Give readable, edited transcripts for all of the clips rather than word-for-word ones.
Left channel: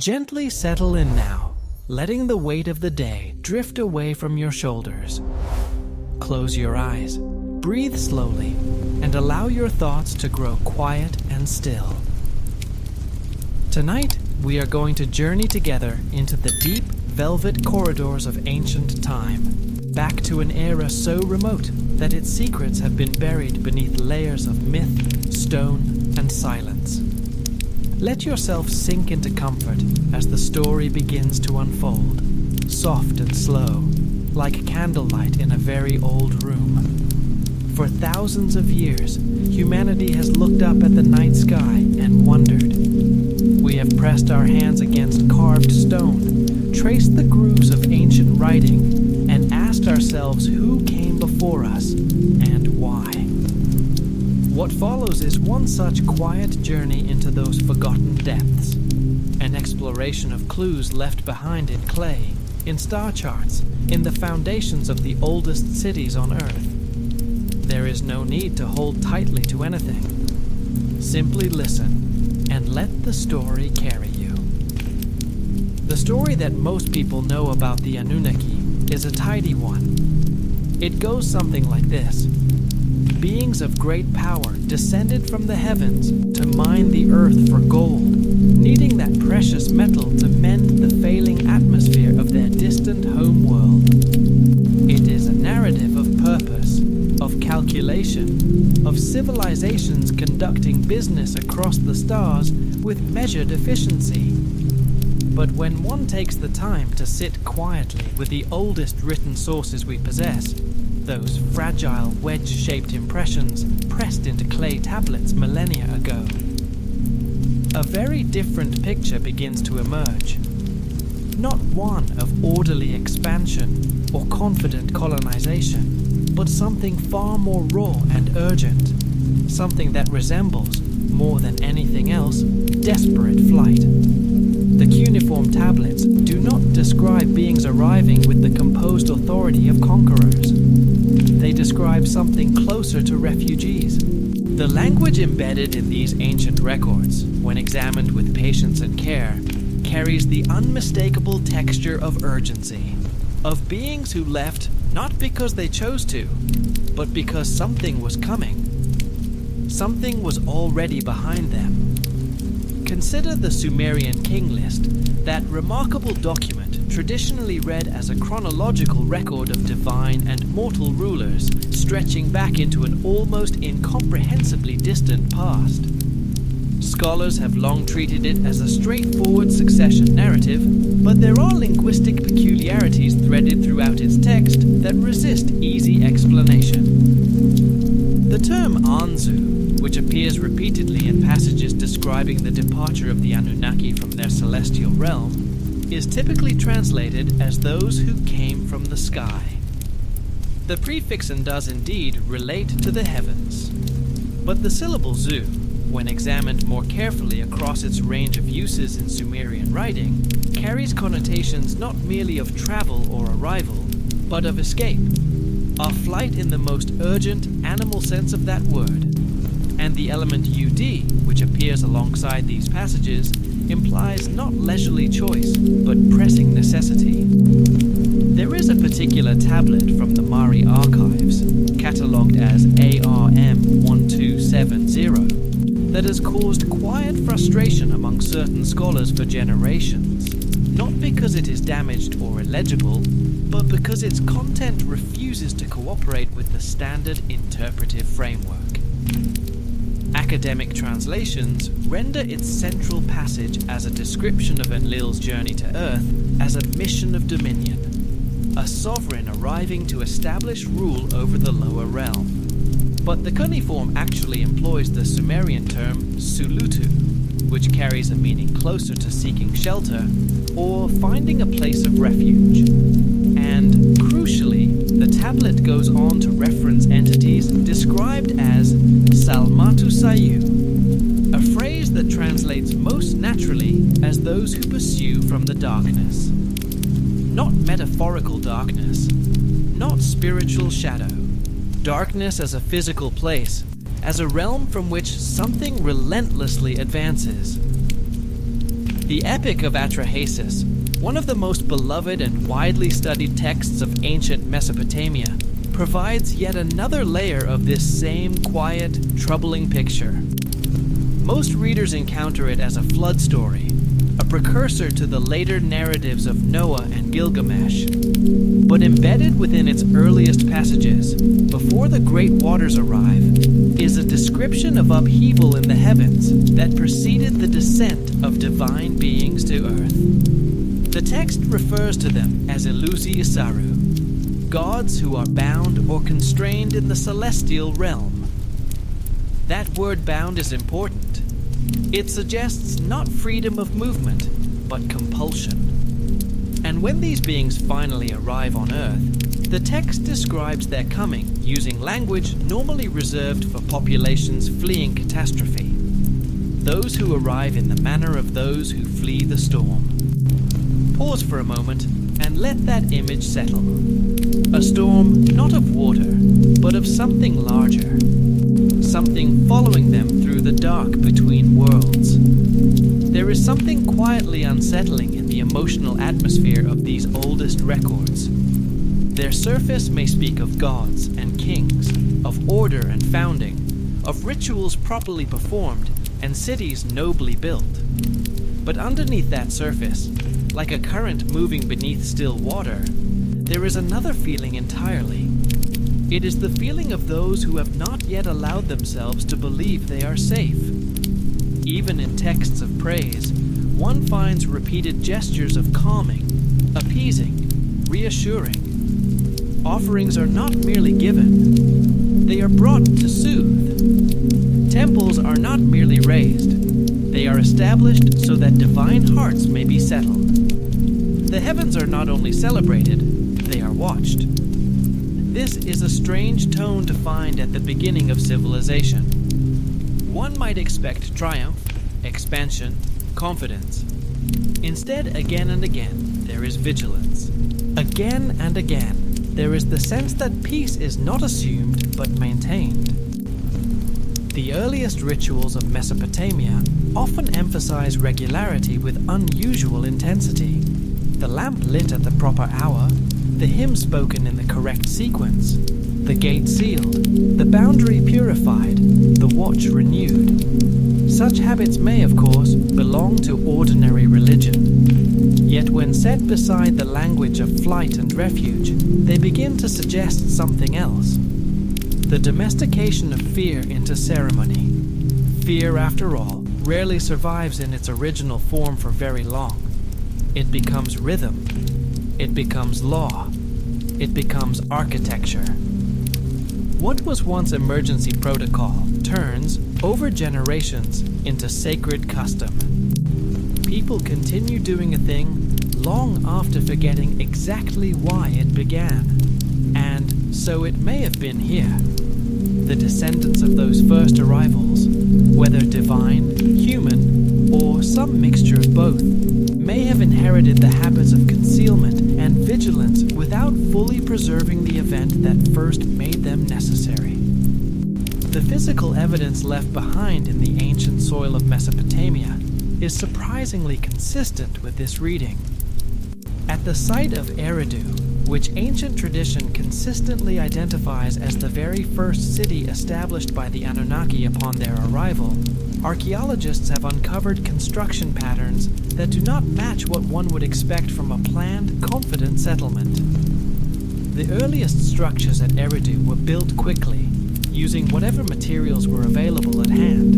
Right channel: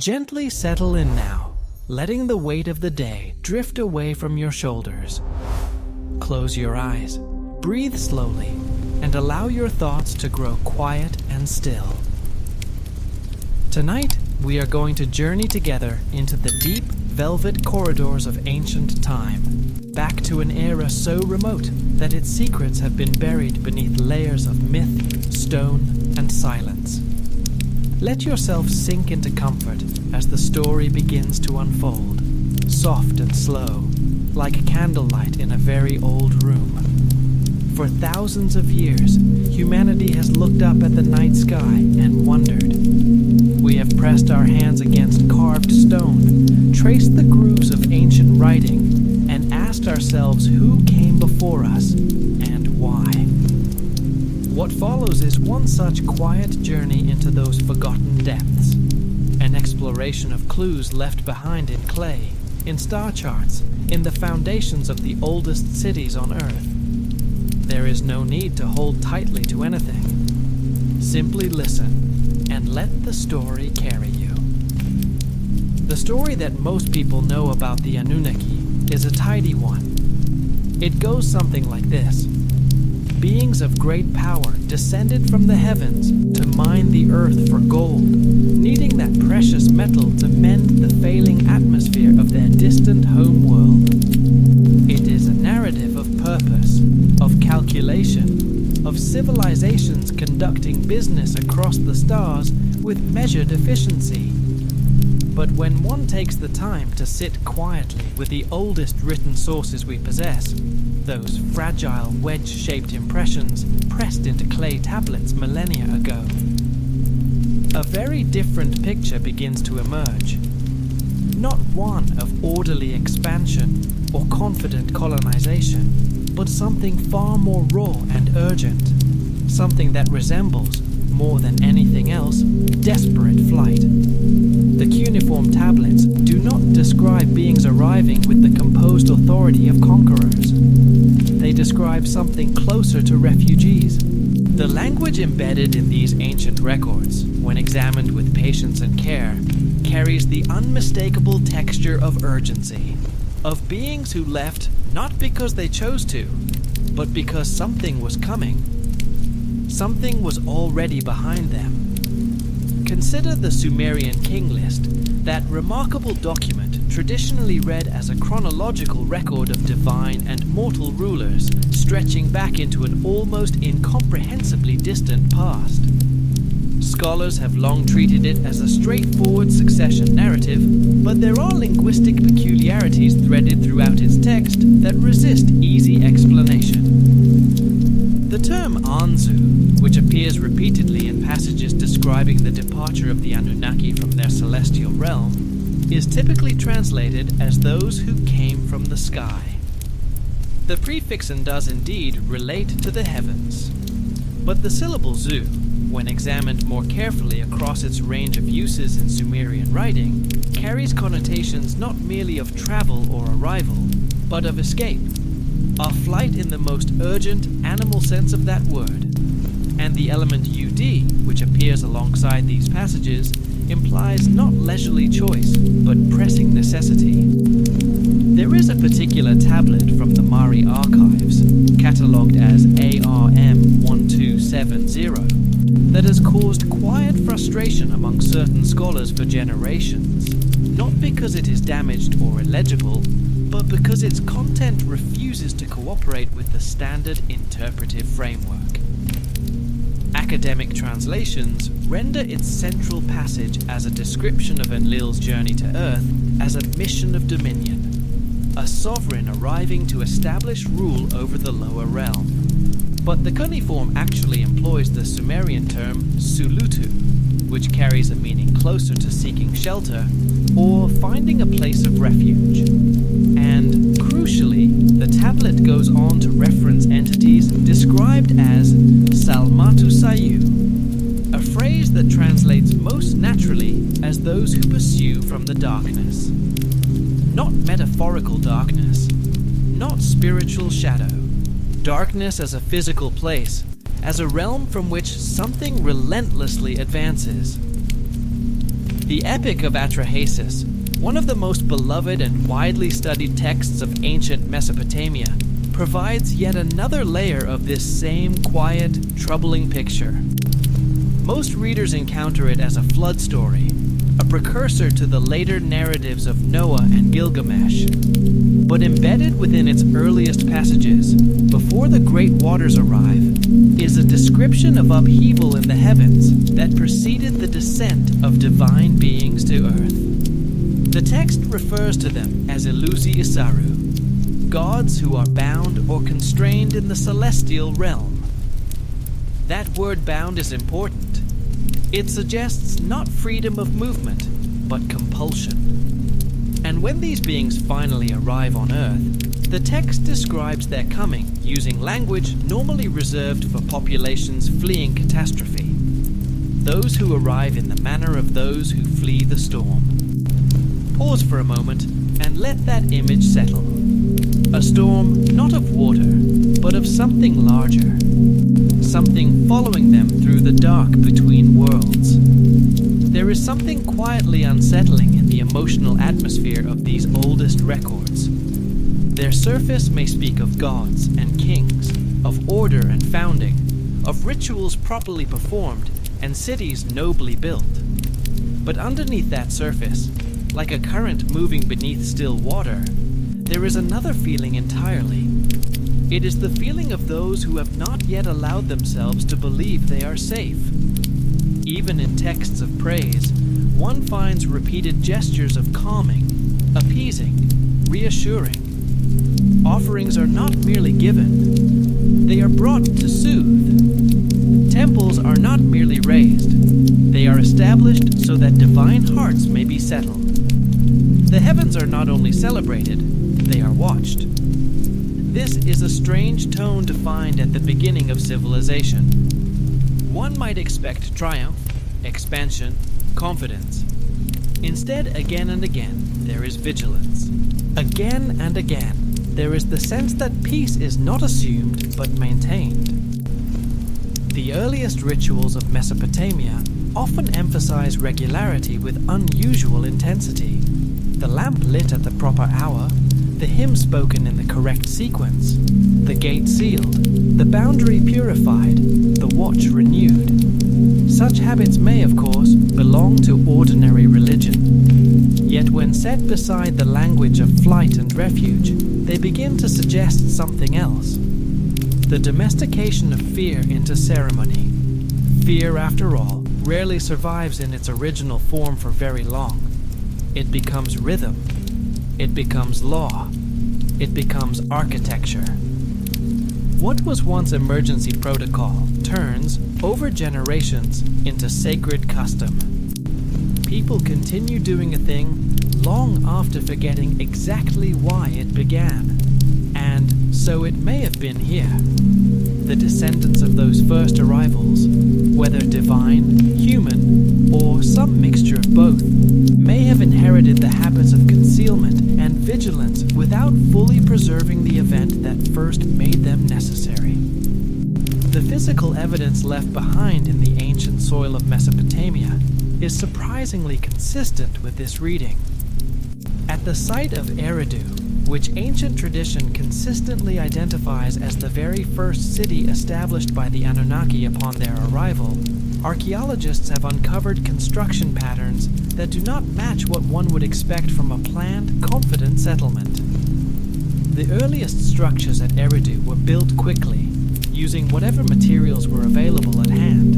Gently settle in now, letting the weight of the day drift away from your shoulders. Close your eyes, breathe slowly, and allow your thoughts to grow quiet and still. Tonight, we are going to journey together into the deep, velvet corridors of ancient time, back to an era so remote that its secrets have been buried beneath layers of myth, stone, and silence. Let yourself sink into comfort as the story begins to unfold, soft and slow, like candlelight in a very old room. For thousands of years, humanity has looked up at the night sky and wondered. We have pressed our hands against carved stone, traced the grooves of ancient writing, and asked ourselves who came before us and why. What follows is one such quiet journey into those forgotten depths, an exploration of clues left behind in clay, in star charts, in the foundations of the oldest cities on Earth. There is no need to hold tightly to anything. Simply listen and let the story carry you. The story that most people know about the Anunnaki is a tidy one. It goes something like this. Beings of great power descended from the heavens to mine the earth for gold, needing that precious metal to mend the failing atmosphere of their distant home world. It is a narrative of purpose, of calculation, of civilizations conducting business across the stars with measured efficiency. But when one takes the time to sit quietly with the oldest written sources we possess, those fragile wedge-shaped impressions pressed into clay tablets millennia ago, a very different picture begins to emerge. Not one of orderly expansion or confident colonization, but something far more raw and urgent, something that resembles, more than anything else, desperate flight. The cuneiform tablets do not describe beings arriving with the composed authority of conquerors. They describe something closer to refugees. The language embedded in these ancient records, when examined with patience and care, carries the unmistakable texture of urgency, of beings who left not because they chose to, but because something was coming. Something was already behind them. Consider the Sumerian king list, that remarkable document traditionally read as a chronological record of divine and mortal rulers, stretching back into an almost incomprehensibly distant past. Scholars have long treated it as a straightforward succession narrative, but there are linguistic peculiarities threaded throughout its text that resist easy explanation. The term Anzu, which appears repeatedly in passages describing the departure of the Anunnaki from their celestial realm, is typically translated as those who came from the sky. The prefixon does indeed relate to the heavens, but the syllable zu, when examined more carefully across its range of uses in Sumerian writing, carries connotations not merely of travel or arrival, but of escape, of flight in the most urgent animal sense of that word. And the element ud, which appears alongside these passages, implies not leisurely choice, but pressing necessity. There is a particular tablet from the Mari archives, catalogued as ARM 1270, that has caused quiet frustration among certain scholars for generations, not because it is damaged or illegible, but because its content refuses to cooperate with the standard interpretive framework. Academic translations render its central passage as a description of Enlil's journey to Earth as a mission of dominion, a sovereign arriving to establish rule over the lower realm. But the cuneiform actually employs the Sumerian term sulutu, which carries a meaning closer to seeking shelter or finding a place of refuge. And, crucially, the tablet goes on to reference entities described as Salmatu Sayu, a phrase that translates most naturally as those who pursue from the darkness. Not metaphorical darkness, not spiritual shadow. Darkness as a physical place, as a realm from which something relentlessly advances. The Epic of Atrahasis, one of the most beloved and widely studied texts of ancient Mesopotamia, provides yet another layer of this same quiet, troubling picture. Most readers encounter it as a flood story, a precursor to the later narratives of Noah and Gilgamesh. But embedded within its earliest passages, before the great waters arrive, is a description of upheaval in the heavens that preceded the descent of divine beings to earth. The text refers to them as Elusi Isaru, gods who are bound or constrained in the celestial realm. That word bound is important. It suggests not freedom of movement, but compulsion. And when these beings finally arrive on Earth, the text describes their coming using language normally reserved for populations fleeing catastrophe. Those who arrive in the manner of those who flee the storm. Pause for a moment and let that image settle. A storm not of water, but of something larger. Something following them through the dark between worlds. There is something quietly unsettling in the emotional atmosphere of these oldest records. Their surface may speak of gods and kings, of order and founding, of rituals properly performed, and cities nobly built. But underneath that surface, like a current moving beneath still water, there is another feeling entirely. It is the feeling of those who have not yet allowed themselves to believe they are safe. Even in texts of praise, one finds repeated gestures of calming, appeasing, reassuring. Offerings are not merely given, they are brought to soothe. Temples are not merely raised, they are established so that divine hearts may be settled. The heavens are not only celebrated, they are watched. This is a strange tone to find at the beginning of civilization. One might expect triumph, expansion, confidence. Instead, again and again, there is vigilance. Again and again, there is the sense that peace is not assumed but maintained. The earliest rituals of Mesopotamia often emphasize regularity with unusual intensity. The lamp lit at the proper hour, the hymn spoken in the correct sequence, the gate sealed, the boundary purified, the watch renewed. Such habits may, of course, belong to ordinary religion. Yet when set beside the language of flight and refuge, they begin to suggest something else. The domestication of fear into ceremony. Fear, after all, rarely survives in its original form for very long. It becomes rhythm. It becomes law. It becomes architecture. What was once emergency protocol turns, over generations, into sacred custom. People continue doing a thing long after forgetting exactly why it began. And so it may have been here. The descendants of those first arrivals, whether divine, human, or some mixture of both, may have inherited the habits of concealment and vigilance without fully preserving the event that first made them necessary. The physical evidence left behind in the ancient soil of Mesopotamia is surprisingly consistent with this reading. At the site of Eridu, which ancient tradition consistently identifies as the very first city established by the Anunnaki upon their arrival, archaeologists have uncovered construction patterns that do not match what one would expect from a planned, confident settlement. The earliest structures at Eridu were built quickly, using whatever materials were available at hand.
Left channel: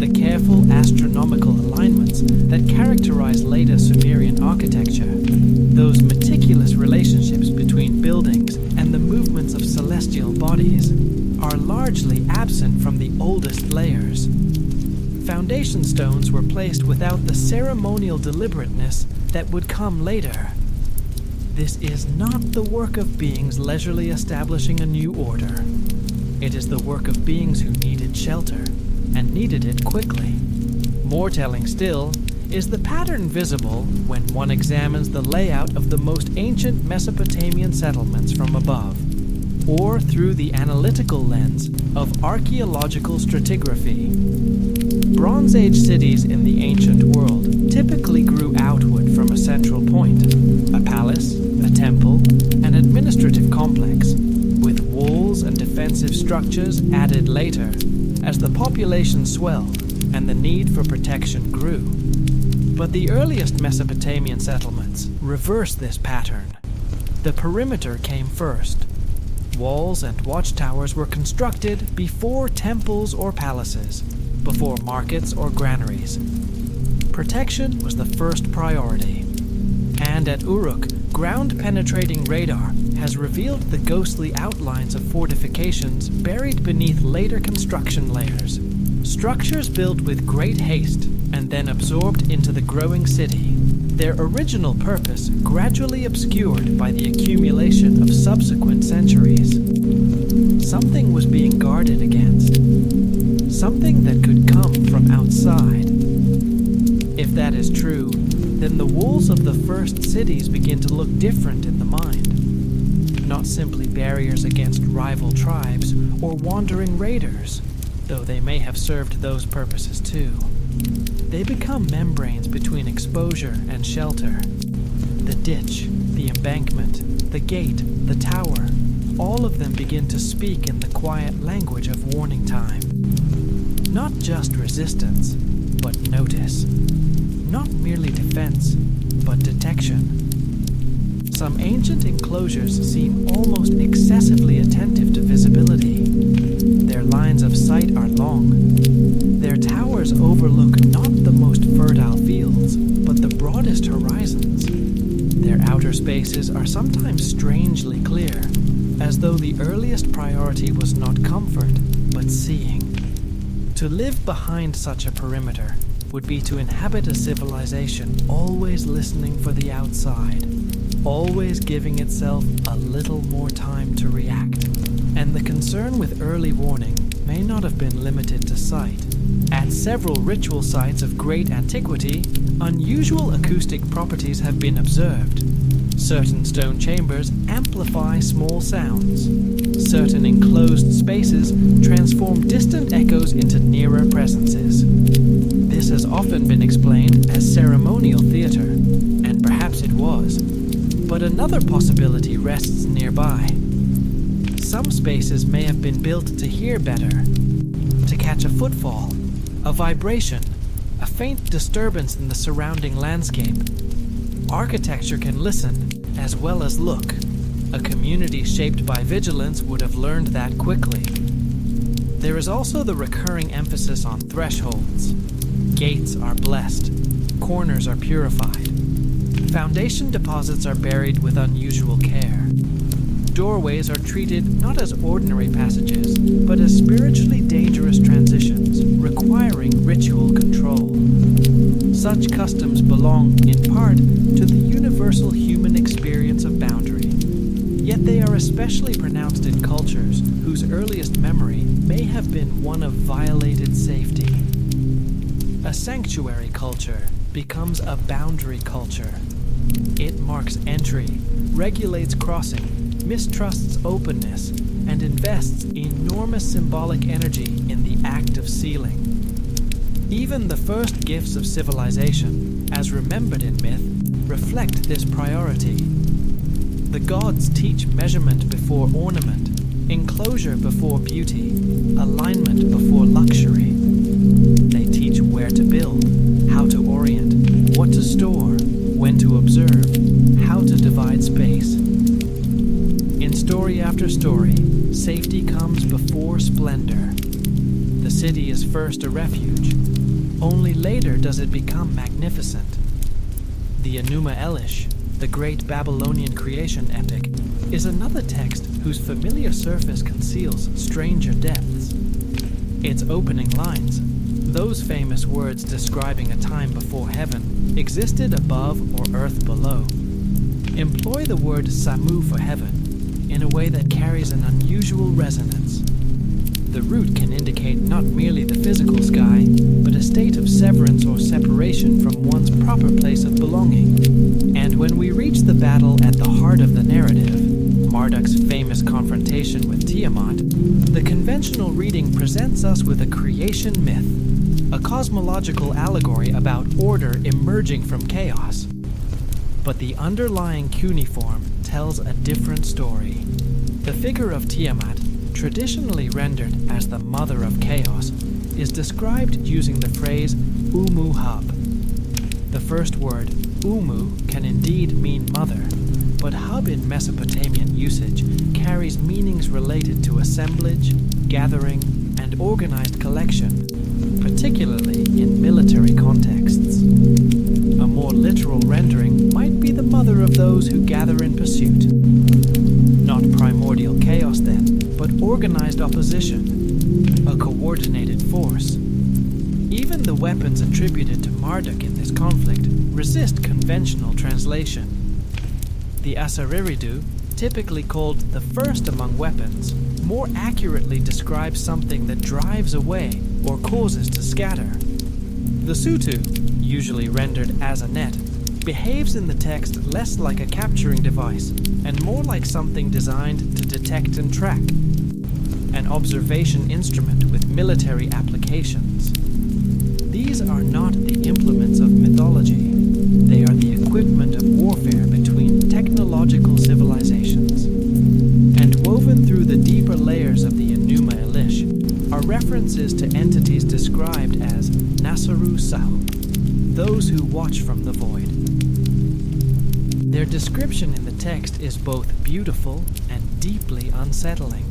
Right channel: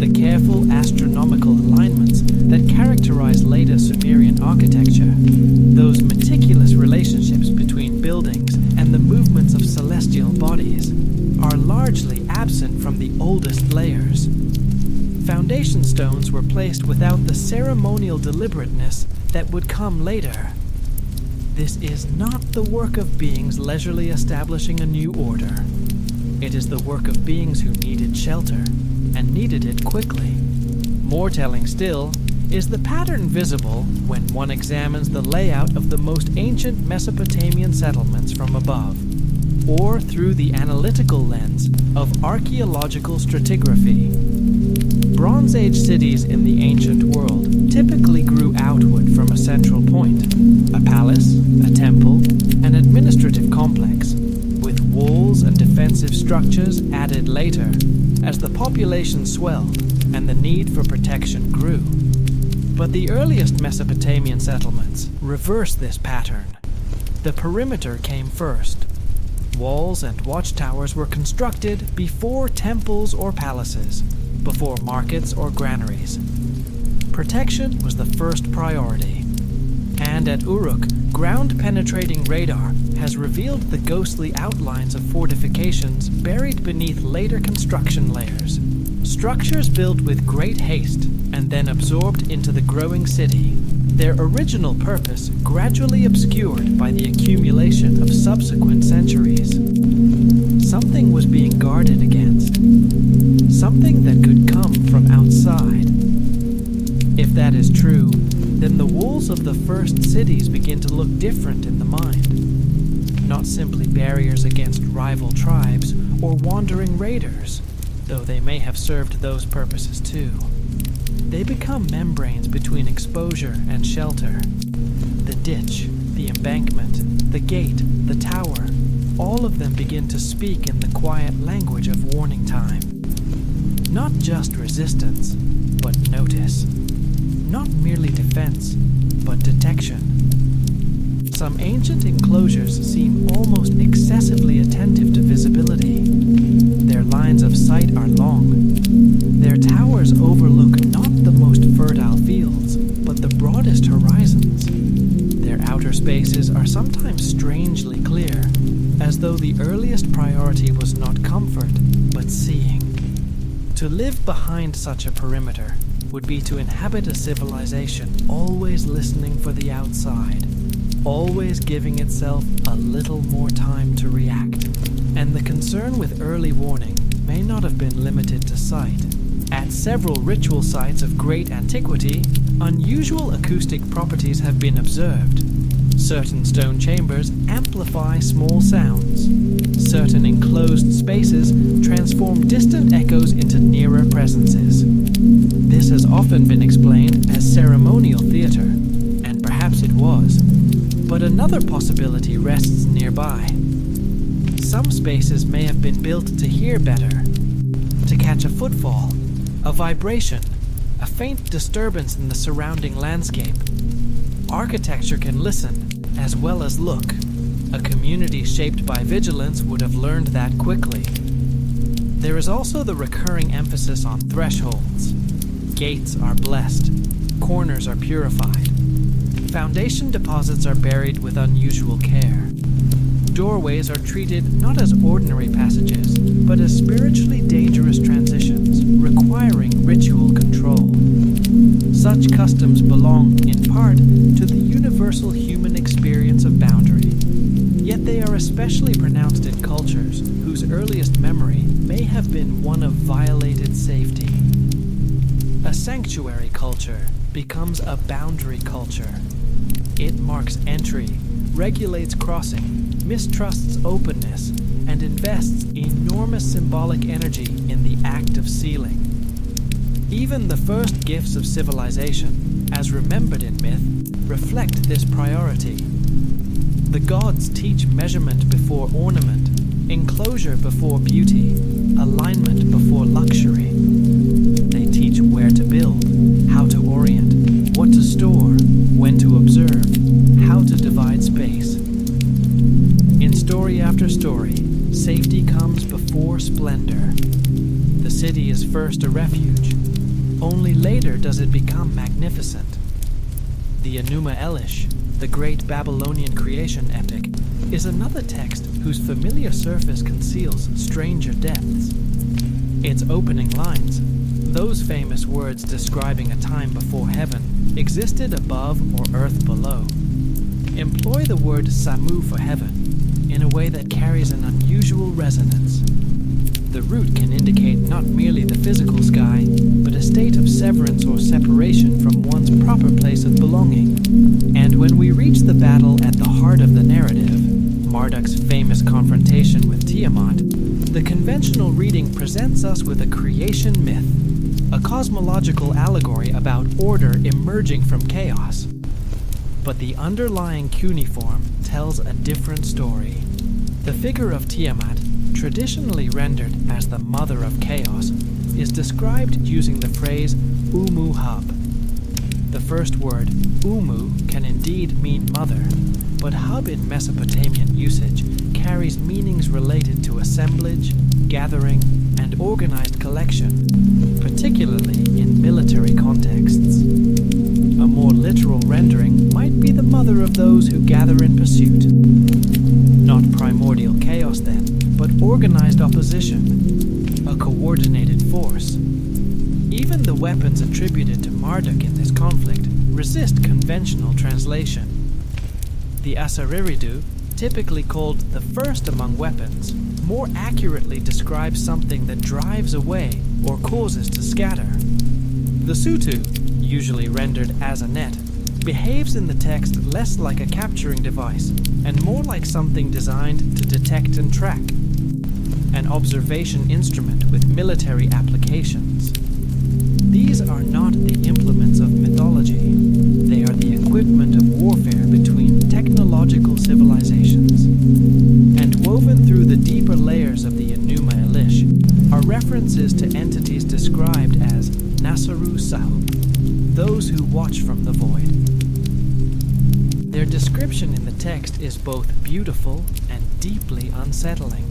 The careful astronomical alignments that characterize later Sumerian architecture, those meticulous relationships between buildings and the movements of celestial bodies, are largely absent from the oldest layers. Foundation stones were placed without the ceremonial deliberateness that would come later. This is not the work of beings leisurely establishing a new order. It is the work of beings who needed shelter, and needed it quickly. More telling still is the pattern visible when one examines the layout of the most ancient Mesopotamian settlements from above, or through the analytical lens of archaeological stratigraphy. Bronze Age cities in the ancient world typically grew outward from a central point, a palace, a temple, an administrative complex, with walls and defensive structures added later as the population swelled and the need for protection grew. But the earliest Mesopotamian settlements reversed this pattern. The perimeter came first. Walls and watchtowers were constructed before temples or palaces, before markets or granaries. Protection was the first priority. And at Uruk, ground-penetrating radar has revealed the ghostly outlines of fortifications buried beneath later construction layers. Structures built with great haste and then absorbed into the growing city, their original purpose gradually obscured by the accumulation of subsequent centuries. Something was being guarded against. Something that could come from outside. If that is true, then the walls of the first cities begin to look different in the mind. Not simply barriers against rival tribes or wandering raiders, though they may have served those purposes too. They become membranes between exposure and shelter. The ditch, the embankment, the gate, the tower, all of them begin to speak in the quiet language of warning time. Not just resistance, but notice. Not merely defense, but detection. Some ancient enclosures seem almost excessively attentive to visibility. Their lines of sight are long. Their towers overlook not the most fertile fields, but the broadest horizons. Their outer spaces are sometimes strangely clear, as though the earliest priority was not comfort, but seeing. To live behind such a perimeter would be to inhabit a civilization always listening for the outside, always giving itself a little more time to react. And the concern with early warning may not have been limited to sight. At several ritual sites of great antiquity, unusual acoustic properties have been observed. Certain stone chambers amplify small sounds. Certain enclosed spaces transform distant echoes into nearer presences. This has often been explained as ceremonial theater, and perhaps it was. But another possibility rests nearby. Some spaces may have been built to hear better, to catch a footfall, a vibration, a faint disturbance in the surrounding landscape. Architecture can listen as well as look. A community shaped by vigilance would have learned that quickly. There is also the recurring emphasis on thresholds. Gates are blessed, corners are purified. Foundation deposits are buried with unusual care. Doorways are treated not as ordinary passages, but as spiritually dangerous transitions, requiring ritual control. Such customs belong, in part, to the universal human experience of boundary. Yet they are especially pronounced in cultures whose earliest memory may have been one of violated safety. A sanctuary culture becomes a boundary culture. It marks entry, regulates crossing, mistrusts openness, and invests enormous symbolic energy in the act of sealing. Even the first gifts of civilization, as remembered in myth, reflect this priority. The gods teach measurement before ornament, enclosure before beauty, alignment before luxury. They teach where to build, how to orient, what to store, when to observe, how to divide space. In story after story, safety comes before splendor. The city is first a refuge. Only later does it become magnificent. The Enuma Elish, the great Babylonian creation epic, is another text whose familiar surface conceals stranger depths. Its opening lines, those famous words describing a time before heaven existed above or earth below, employ the word Samu for heaven in a way that carries an unusual resonance. The root can indicate not merely the physical sky, but a state of severance or separation from one's proper place of belonging. And when we reach the battle at the heart of the narrative, Marduk's famous confrontation with Tiamat, the conventional reading presents us with a creation myth. a cosmological allegory about order emerging from chaos. But the underlying cuneiform tells a different story. The figure of Tiamat, traditionally rendered as the mother of chaos, is described using the phrase Umu Hub. The first word, Umu, can indeed mean mother, but hub in Mesopotamian usage carries meanings related to assemblage, gathering, and organized collection, particularly in military contexts. A more literal rendering might be the mother of those who gather in pursuit. Not primordial chaos then, but organized opposition, a coordinated force. Even the weapons attributed to Marduk in this conflict resist conventional translation. The Asariridu, typically called the first among weapons, more accurately describes something that drives away or causes to scatter. The Sutu, usually rendered as a net, behaves in the text less like a capturing device and more like something designed to detect and track, an observation instrument with military applications. These are not the implements of mythology. They are the equipment of warfare between technological civilizations. And woven through the deeper layers of the Enuma Elish are references to entities described as Nasaru Sahub, those who watch from the void. Their description in the text is both beautiful and deeply unsettling.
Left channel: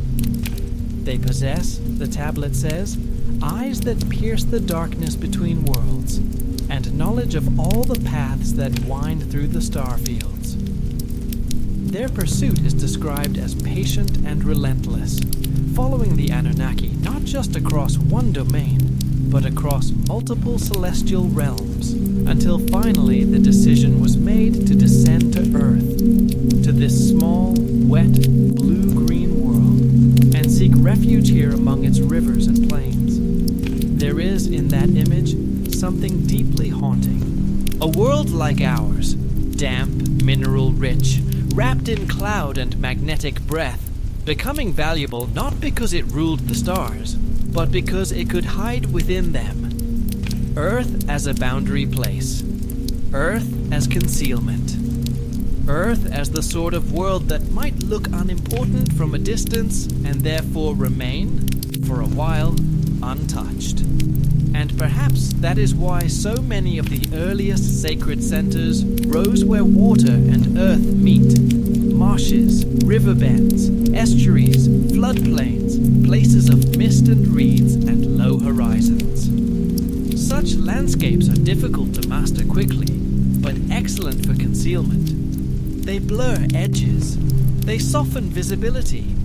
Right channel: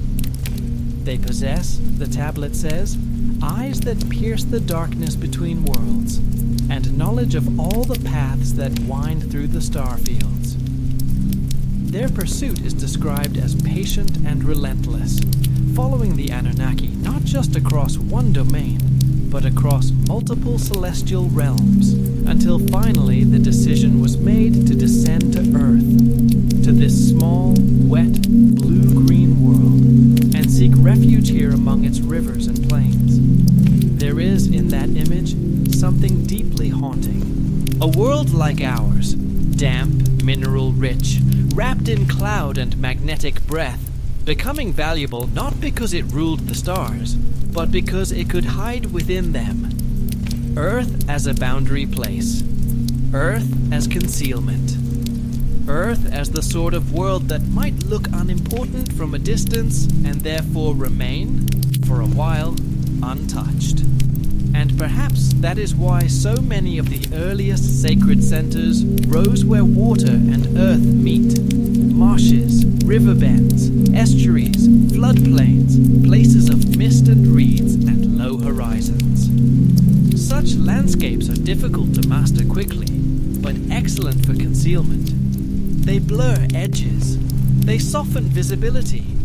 They possess, the tablet says, eyes that pierce the darkness between worlds, and knowledge of all the paths that wind through the star fields. Their pursuit is described as patient and relentless, following the Anunnaki not just across one domain, but across multiple celestial realms, until finally the decision was made to descend to Earth, to this small, wet, blue-green world, and seek refuge here among its rivers and plains. There is, in that image, something deeply haunting. A world like ours, damp, mineral-rich, wrapped in cloud and magnetic breath, becoming valuable not because it ruled the stars, but because it could hide within them. Earth as a boundary place. Earth as concealment. Earth as the sort of world that might look unimportant from a distance and therefore remain, for a while, untouched. And perhaps that is why so many of the earliest sacred centers rose where water and earth meet. Marshes, riverbends, estuaries, floodplains, places of mist and reeds and low horizons. Such landscapes are difficult to master quickly, but excellent for concealment. They blur edges. They soften visibility.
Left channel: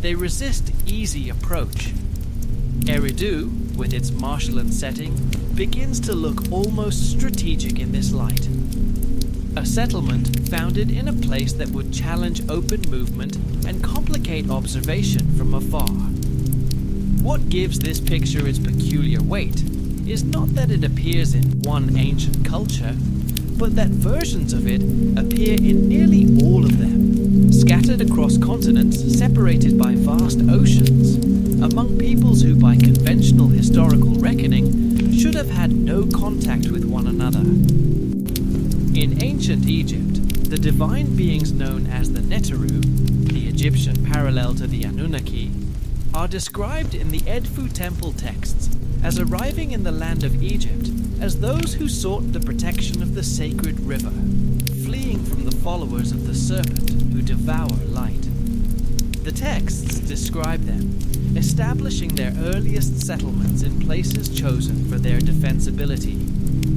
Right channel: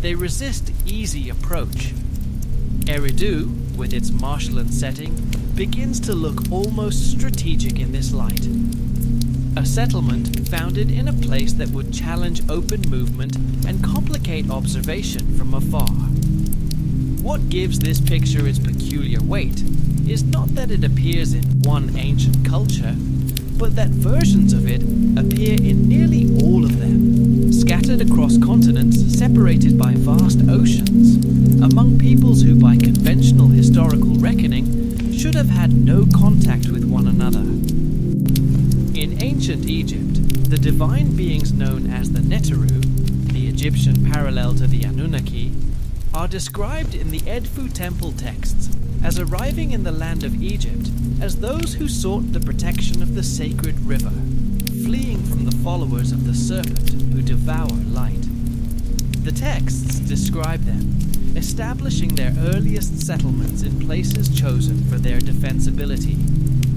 They resist easy approach. Eridu, with its marshland setting, begins to look almost strategic in this light. A settlement founded in a place that would challenge open movement and complicate observation from afar. What gives this picture its peculiar weight is not that it appears in one ancient culture, but that versions of it appear in nearly all of them, scattered across continents separated by vast oceans, among peoples who by conventional historical reckoning should have had no contact with one another. In ancient Egypt, the divine beings known as the Neteru, the Egyptian parallel to the Anunnaki, are described in the Edfu temple texts as arriving in the land of Egypt as those who sought the protection of the sacred river, fleeing from the followers of the serpent who devour light. The texts describe them, establishing their earliest settlements in places chosen for their defensibility,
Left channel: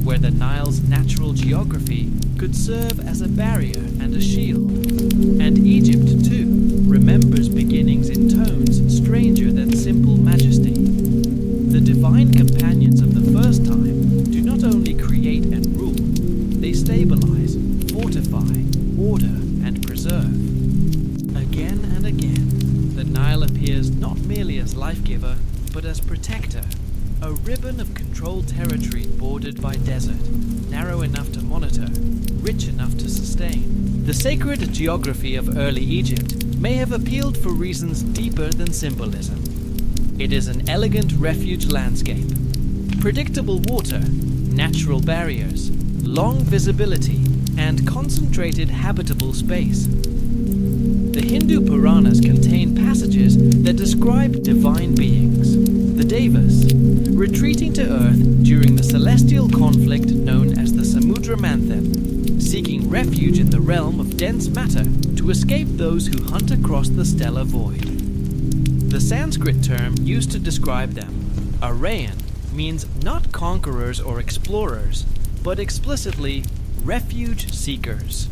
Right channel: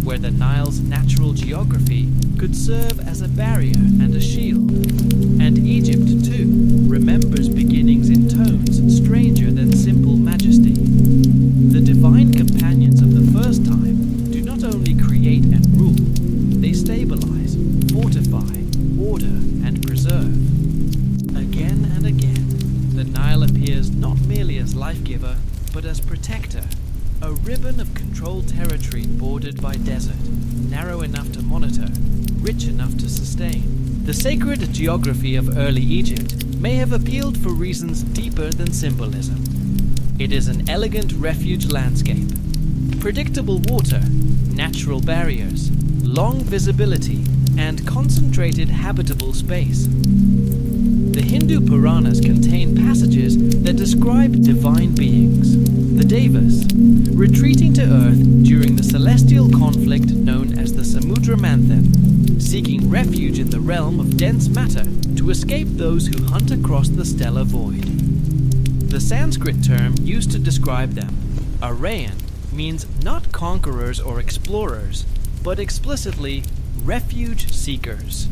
where the Nile's natural geography could serve as a barrier and a shield. And Egypt, too, remembers beginnings in tones stranger than simple majesty. The divine companions of the first time do not only create and rule, they stabilize, fortify, order, and preserve. Again and again, the Nile appears not merely as life-giver, but as protector, a ribbon of controlled territory bordered by desert, narrow enough to monitor, rich enough to sustain. The sacred geography of early Egypt may have appealed for reasons deeper than symbolism. It is an elegant refuge landscape, predictable water, natural barriers, long visibility, and concentrated habitable space. The Hindu Puranas contain passages that describe divine beings, the Devas, retreating to Earth during the celestial conflict known as the Samudra Manthan, seeking refuge in the realm of dense matter to escape those who hunt across the stellar void. The Sanskrit term used to describe them, Aryan, means not conquerors or explorers, but explicitly refuge seekers.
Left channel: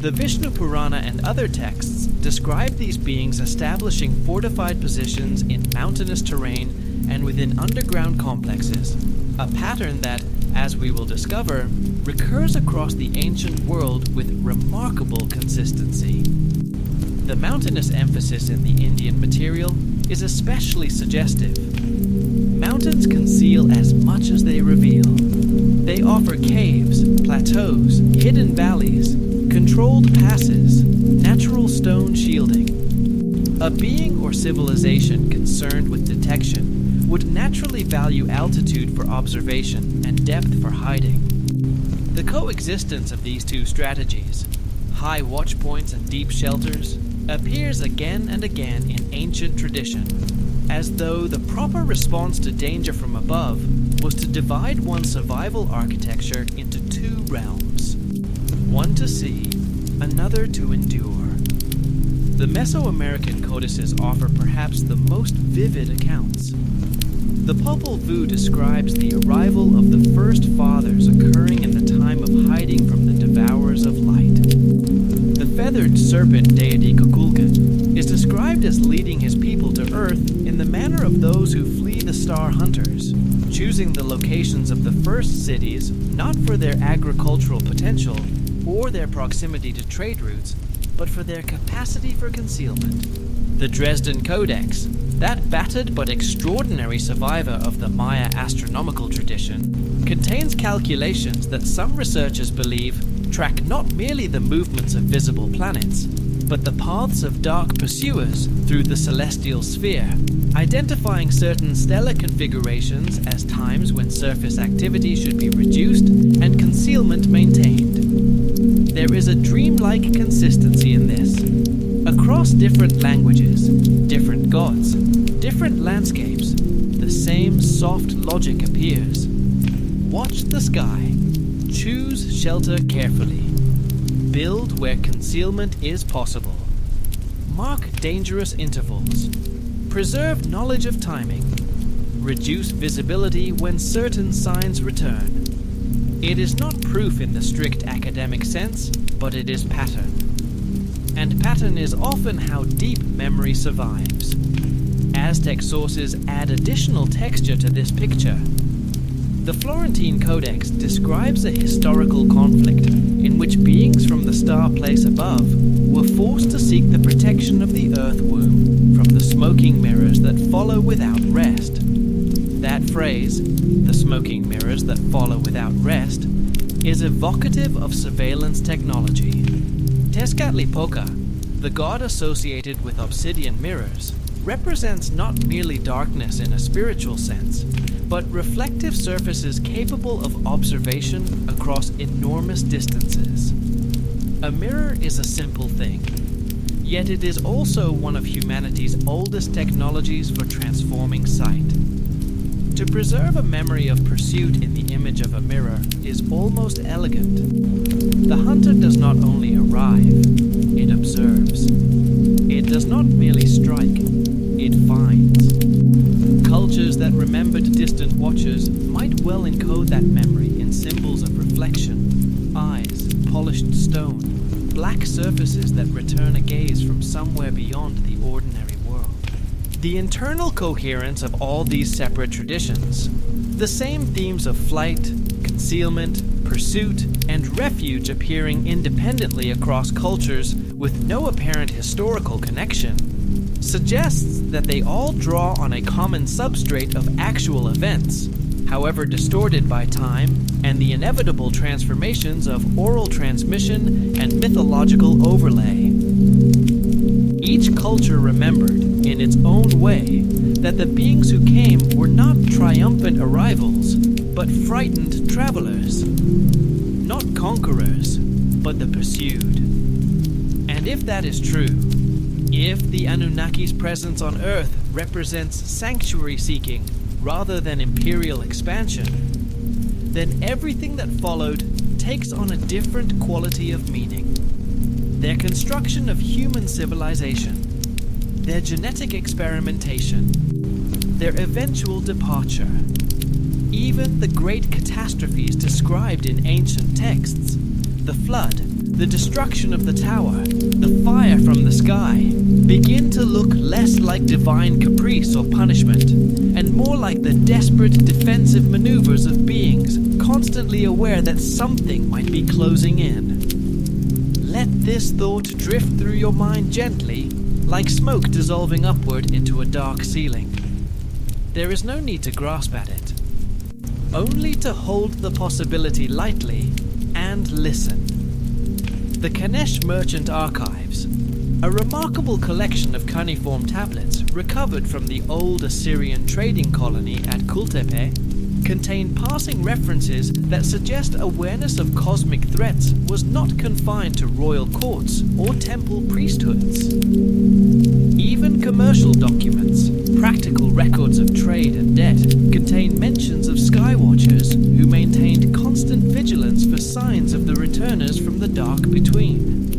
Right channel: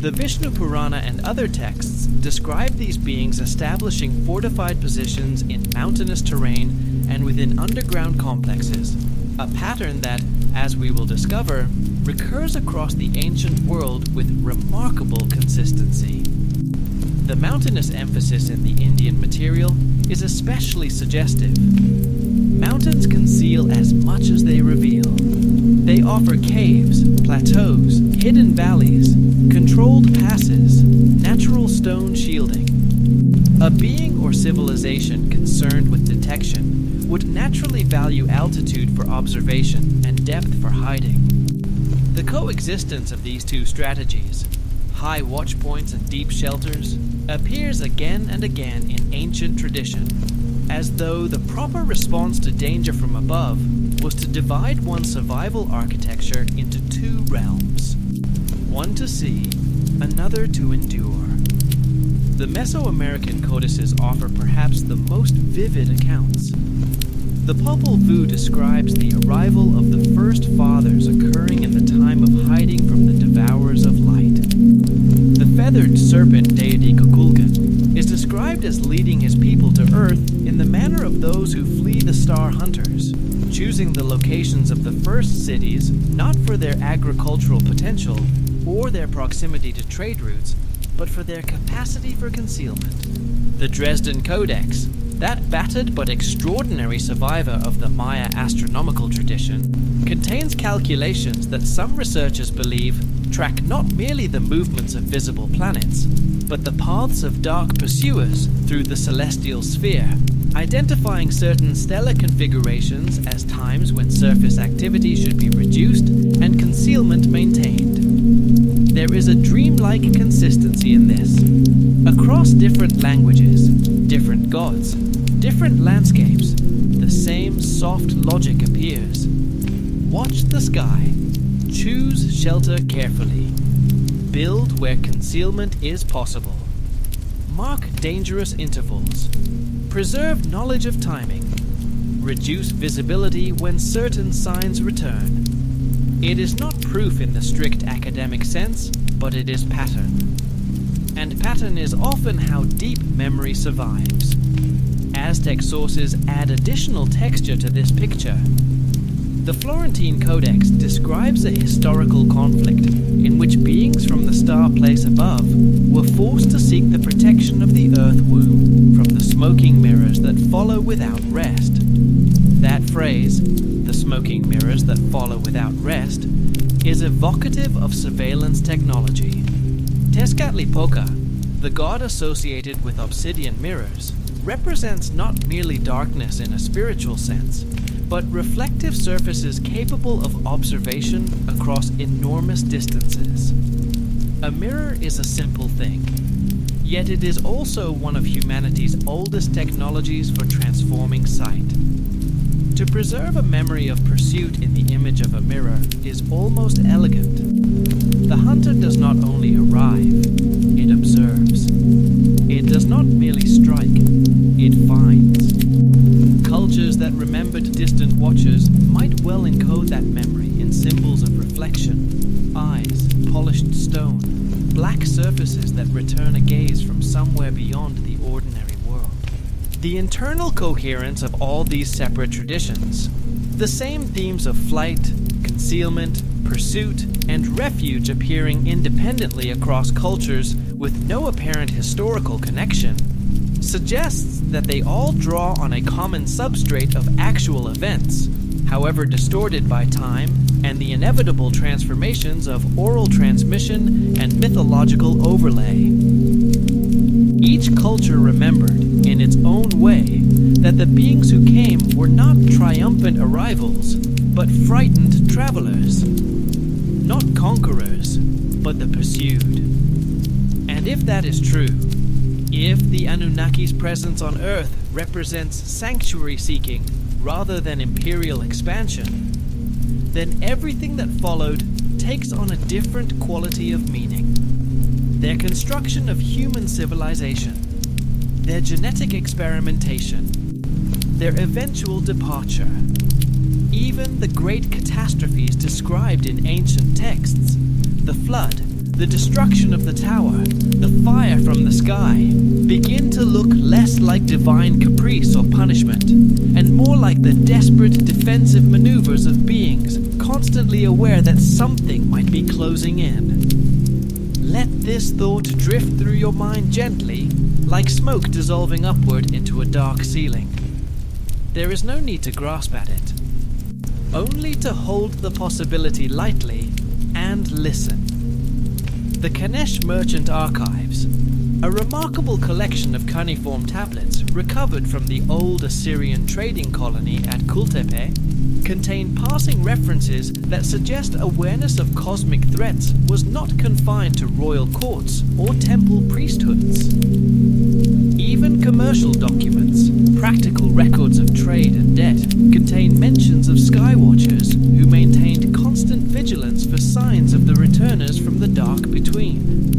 The Vishnu Purana and other texts describe these beings establishing fortified positions in mountainous terrain and within underground complexes, a pattern that, as we will discover, recurs across the ancient world with remarkable consistency. The mountainous emphasis in the Indian material is especially suggestive. Mountains conceal as much as they reveal. They offer caves, plateaus, hidden valleys, controlled passes, natural stone shielding. A being or civilization concerned with detection would naturally value altitude for observation and depth for hiding. The coexistence of these two strategies, high watch points and deep shelters, appears again and again in ancient tradition, as though the proper response to danger from above was to divide one's survival architecture into two realms, one to see, another to endure. The Mesoamerican codices offer perhaps the most vivid accounts. The Popol Vuh describes the arrival of the first fathers occurring in the time of hiding from the devourers of light. The feathered serpent deity Kukulkan is described as leading his people to Earth in the manner of those who flee the star hunters, choosing the locations of the first cities not for their agricultural potential or their proximity to trade routes, but for their capacity for concealment. The Dresden Codex, that battered but extraordinary survivor of the Maya astronomical tradition, contains calculations that some researchers believe track not merely the movements of visible planets, but the paths of dark pursuers through the celestial sphere, identifying certain stellar configurations as times when surface activity should be reduced and concealment maintained. There is a dreamlike consistency in this. Across different languages, different gods, different landscapes, the same soft logic appears. Watch the sky. Choose shelter carefully. Build where concealment is possible. Mark dangerous intervals. Preserve knowledge of timing. Reduce visibility when certain signs return. It is not proof in the strict academic sense, but it is pattern. And pattern is often how deep memory survives. Aztec sources add additional texture to this picture. The Florentine Codex describes a historical conflict in which beings from the star place above were forced to seek the protection of the earth womb from the smoking mirrors that follow without rest. That phrase, the smoking mirrors that follow without rest, is evocative of surveillance technology. Tezcatlipoca, the god associated with obsidian mirrors, represents not merely darkness in a spiritual sense, but reflective surfaces capable of observation across enormous distances. A mirror is a simple thing, yet it is also one of humanity's oldest technologies for transforming sight. To preserve a memory of pursuit in the image of a mirror is almost elegant. The hunter does not only arrive, it observes. It does not merely strike, it finds. Cultures that remembered distant watchers might well encode that memory in symbols of reflection, eyes, polished stone, black surfaces that return a gaze from somewhere beyond the ordinary world. The internal coherence of all these separate traditions, the same themes of flight, concealment, pursuit, and refuge appearing independently across cultures with no apparent historical connection, suggests that they all draw on a common substrate of actual events, however distorted by time and the inevitable transformations of oral transmission and mythological overlay. Each culture remembered, in its own way, that the beings who came were not triumphant arrivals, but frightened travelers. Not conquerors, but the pursued. And if that is true, if the Anunnaki's presence on Earth represents sanctuary seeking rather than imperial expansion, then everything that followed takes on a different quality of meaning. Their construction of human civilization, their genetic experimentation, their eventual departure, even the great catastrophes described in ancient texts, the flood, the destruction of the tower, the fire from the sky, begin to look less like divine caprice or punishment, and more like the desperate defensive maneuvers of beings constantly aware that something might be closing in. Let this thought drift through your mind gently, like smoke dissolving upward into a dark ceiling. There is no need to grasp at it, only to hold the possibility lightly and listen. The Kanesh Merchant Archives, a remarkable collection of cuneiform tablets recovered from the old Assyrian trading colony at Kultepe, contain passing references that suggest awareness of cosmic threats was not confined to royal courts or temple priesthoods. Even commercial documents, practical records of trade and debt, contain mentions of skywatchers who maintained constant vigilance for signs of the returners from the dark between.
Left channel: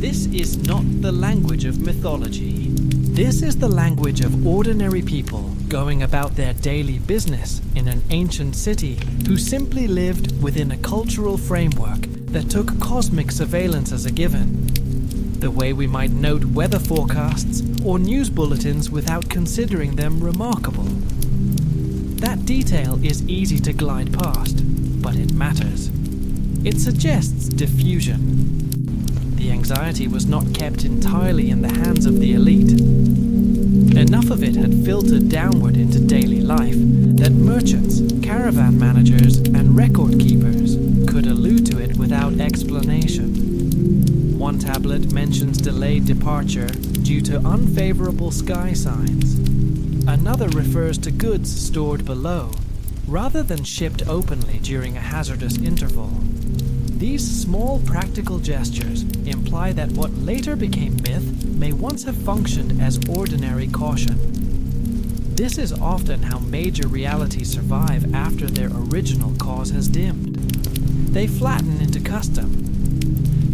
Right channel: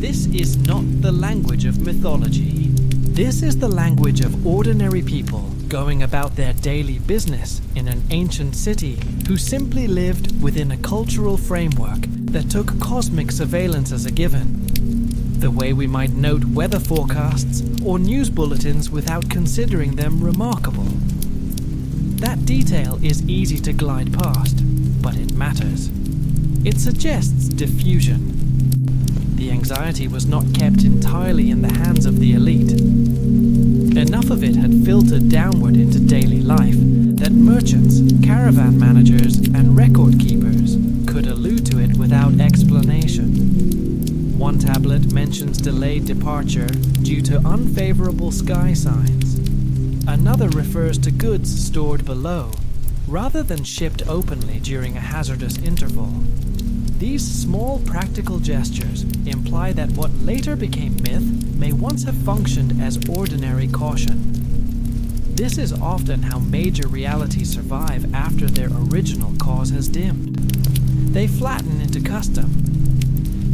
This is not the language of mythology. This is the language of ordinary people going about their daily business in an ancient city who simply lived within a cultural framework that took cosmic surveillance as a given. The way we might note weather forecasts or news bulletins without considering them remarkable. That detail is easy to glide past, but it matters. It suggests diffusion. The anxiety was not kept entirely in the hands of the elite. Enough of it had filtered downward into daily life that merchants, caravan managers, and record keepers could allude to it without explanation. One tablet mentions delayed departure due to unfavorable sky signs. Another refers to goods stored below, rather than shipped openly during a hazardous interval. These small practical gestures imply that what later became myth may once have functioned as ordinary caution. This is often how major realities survive after their original cause has dimmed. They flatten into custom.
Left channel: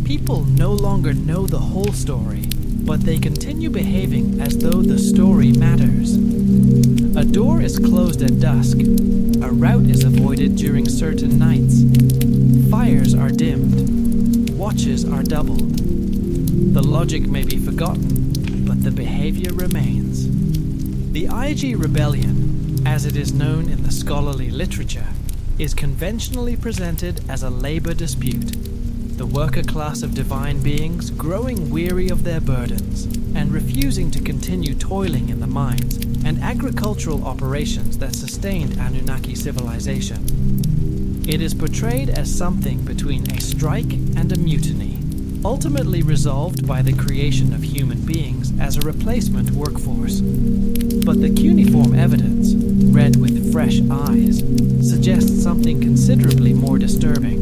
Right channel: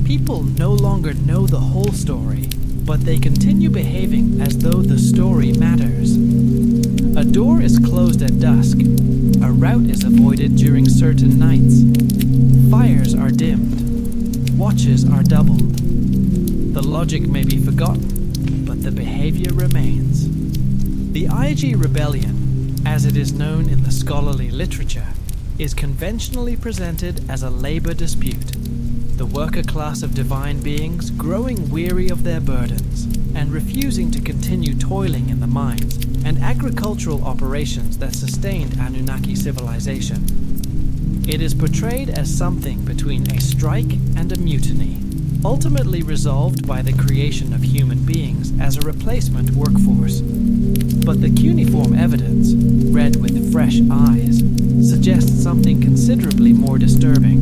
People no longer know the whole story, but they continue behaving as though the story matters. A door is closed at dusk. A route is avoided during certain nights. Fires are dimmed. Watches are doubled. The logic may be forgotten, but the behavior remains. The IG rebellion, as it is known in the scholarly literature, is conventionally presented as a labor dispute. The worker class of divine beings growing weary of their burdens and refusing to continue toiling in the mines and agricultural operations that sustained Anunnaki civilization. It is portrayed as something between a strike and a mutiny, ultimately resolved by the creation of human beings as a replacement workforce. But the cuneiform evidence, read with fresh eyes, suggests something considerably more disturbing.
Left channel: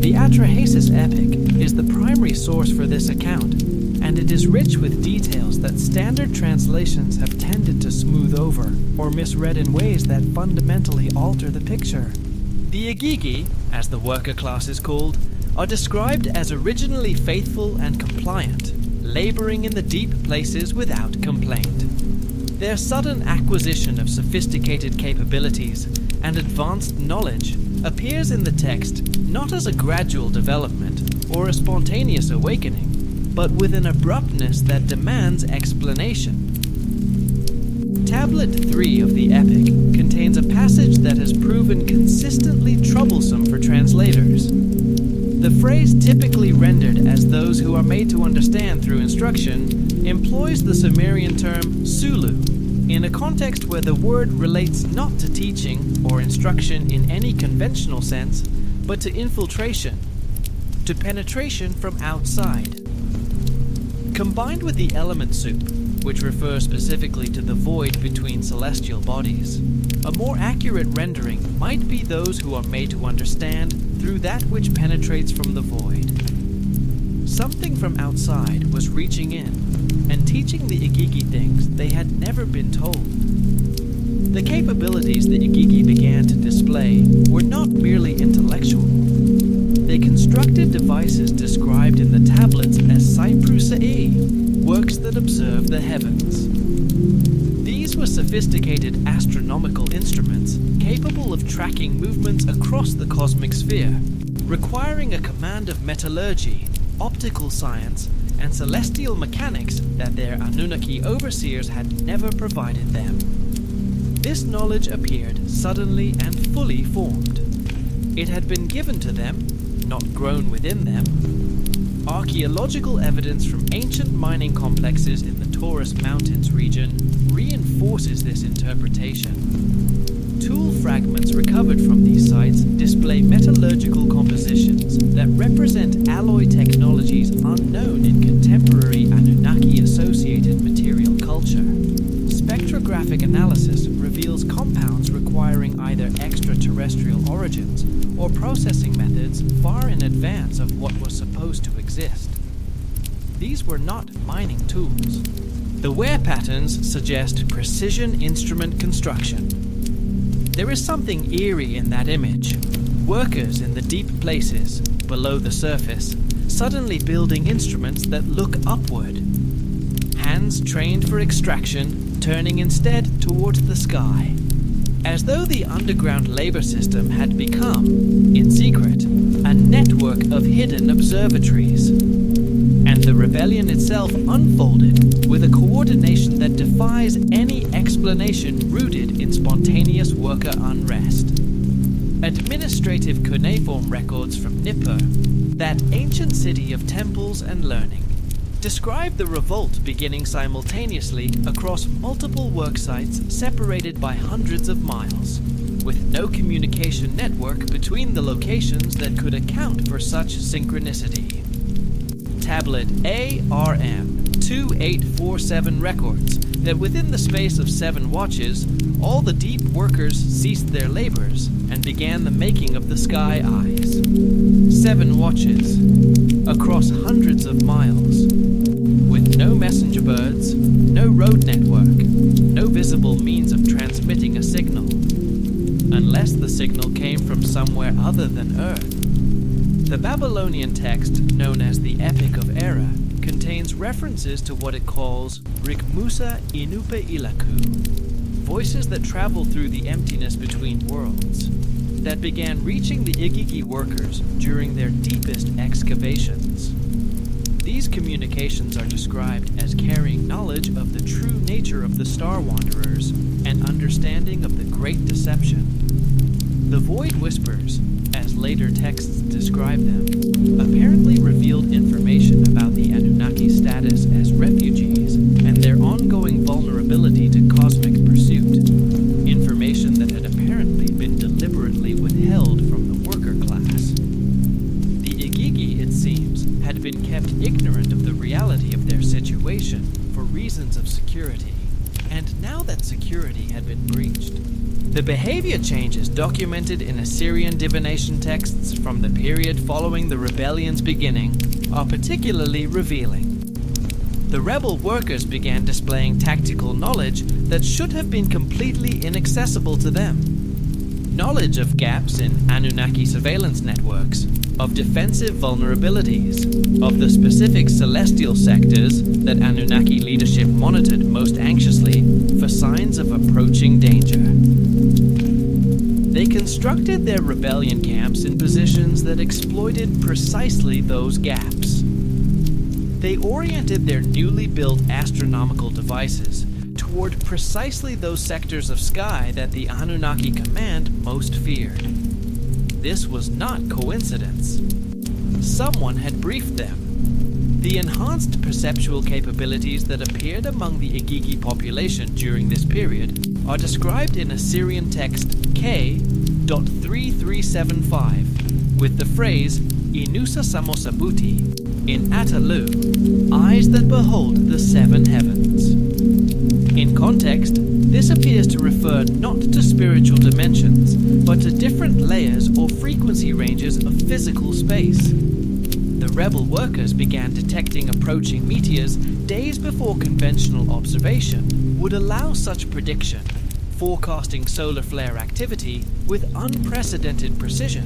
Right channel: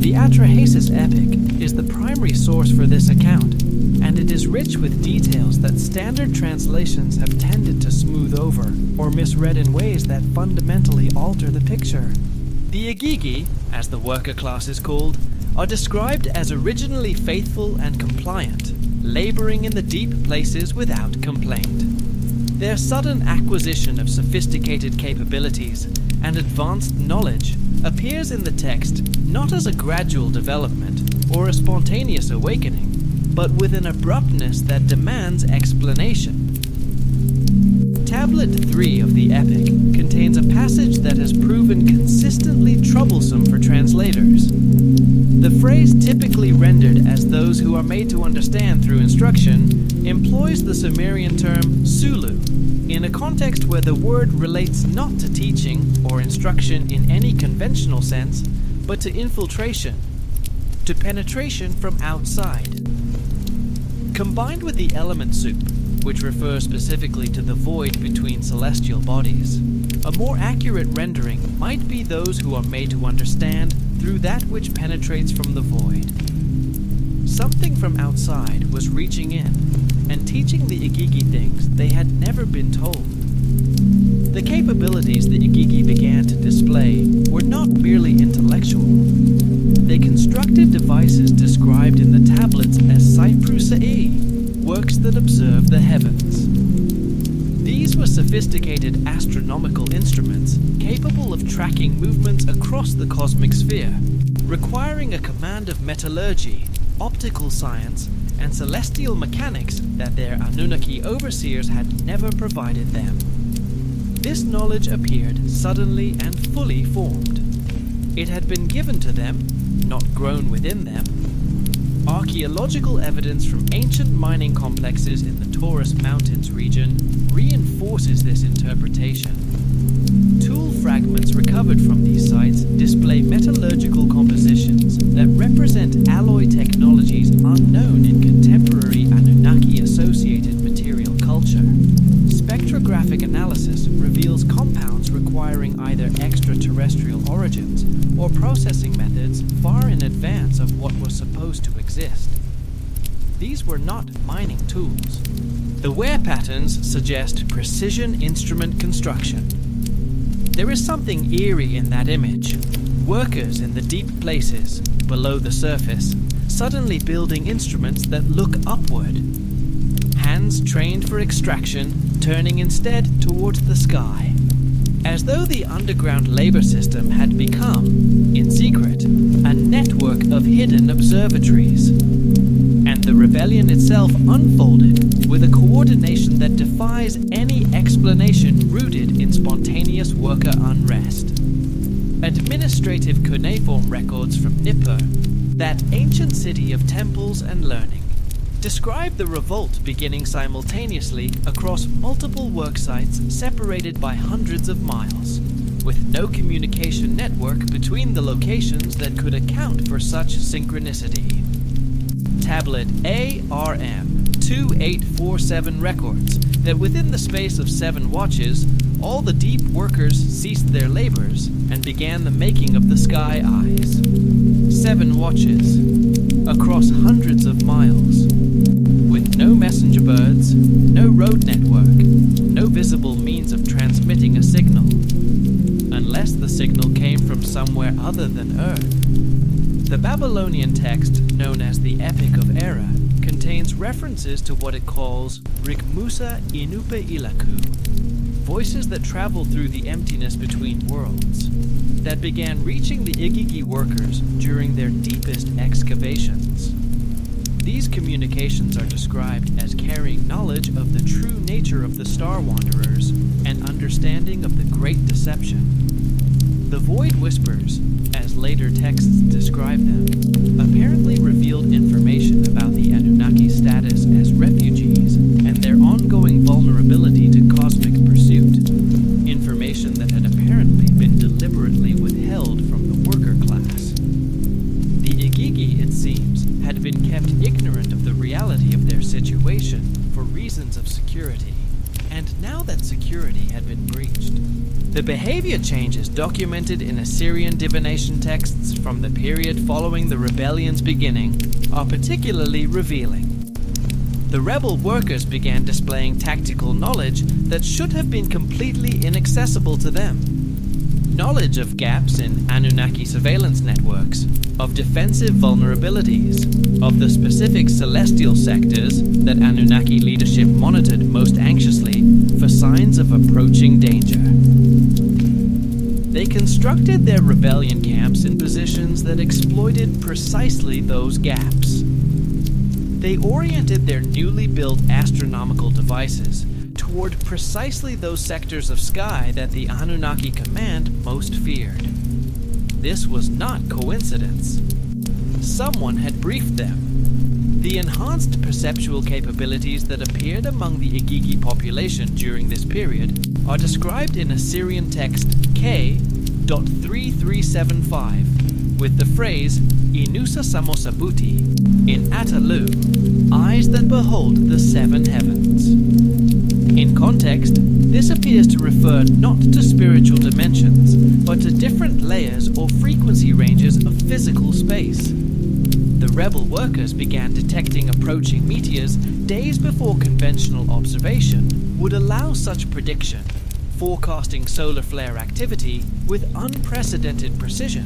The Atrahasis epic is the primary source for this account, and it is rich with details that standard translations have tended to smooth over or misread in ways that fundamentally alter the picture. The Igigi, as the worker class is called, are described as originally faithful and compliant, laboring in the deep places without complaint. Their sudden acquisition of sophisticated capabilities and advanced knowledge appears in the text not as a gradual development or a spontaneous awakening, but with an abruptness that demands explanation. Tablet 3 of the epic contains a passage that has proven consistently troublesome for translators. The phrase typically rendered as those who are made to understand through instruction employs the Sumerian term Sulu, in a context where the word relates not to teaching or instruction in any conventional sense, but to infiltration, to penetration from outside. Combined with the element soup, which refers specifically to the void between celestial bodies, a more accurate rendering might be those who are made to understand through that which penetrates from the void. Something from outside was reaching in and teaching the Igigi things they had never been told. The capabilities the Igigi began to display were not merely intellectual. They constructed devices described in the tablets as Cypru-Sa'i, works that observe the heavens. These were sophisticated astronomical instruments capable of tracking movements across the cosmic sphere, requiring a command of metallurgy, optical science, and celestial mechanics that their Anunnaki overseers had never provided them. This knowledge appeared suddenly and fully formed. It had been given to them, not grown within them. Archaeological evidence from ancient mining complexes in the Taurus Mountains region reinforces this interpretation. Tool fragments recovered from these sites display metallurgical compositions that represent alloy technologies unknown in contemporary Anunnaki-associated material culture. Spectrographic analysis reveals compounds requiring either extraterrestrial origins or processing methods far in advance of what was supposed to exist. These were not mining tools. The wear patterns suggest precision instrument construction. There is something eerie in that image. Workers in the deep places, below the surface, suddenly building instruments that look upward. Hands trained for extraction, turning instead towards the sky. As though the underground labor system had become, in secret, a network of hidden observatories. And the rebellion itself unfolded with a coordination that defies any explanation rooted in spontaneous worker unrest. Administrative cuneiform records from Nippur, that ancient city of temples and learning, describe the revolt beginning simultaneously across multiple work sites separated by hundreds of miles, with no communication network between the locations that could account for such synchronicity. Tablet ARM 2847 records that within the space of 7 watches, all the deep workers ceased their labors and began the making of the sky eyes. 7 watches, across hundreds of miles, with no messenger birds, no road network, no visible means of transmitting a signal, unless the signal came from somewhere other than Earth. The Babylonian text, known as the Epic of Era, contains references to what it calls Rikmusa Inupe Ilaku, voices that travel through the emptiness between worlds, that began reaching the Igigi workers during their deepest excavations. These communications are described as carrying knowledge of the true nature of the Star Wanderers and understanding of the Great Deception. The Void Whispers, as later texts describe them, apparently revealed information about the Anunnaki status as refugees and their ongoing vulnerability to cosmic pursuit, information that had apparently been deliberately withheld from the worker class. The Igigi, it seems, had been kept ignorant of the reality of their situation for reasons of security, and now that security had been breached, the behavior changes documented in Assyrian divination texts from the period following the rebellion's beginning are particularly revealing. The rebel workers began displaying tactical knowledge that should have been completely inaccessible to them. Knowledge of gaps in Anunnaki surveillance networks, of defensive vulnerabilities, of the specific celestial sectors that Anunnaki leadership monitored most anxiously for signs of approaching danger. They constructed their rebellion camps in positions that exploited precisely those gaps. They oriented their newly built astronomical devices toward precisely those sectors of sky that the Anunnaki command most feared. This was not coincidence. Someone had briefed them. The enhanced perceptual capabilities that appeared among the Igigi population during this period are described in Assyrian text K.3375, with the phrase Inusa Samosabuti, in Atalu, eyes that behold the seven heavens. In context, this appears to refer not to spiritual dimensions, but to different layers or frequency ranges of physical space. The rebel workers began detecting approaching meteors days before conventional observation would allow such prediction, forecasting solar flare activity with unprecedented precision,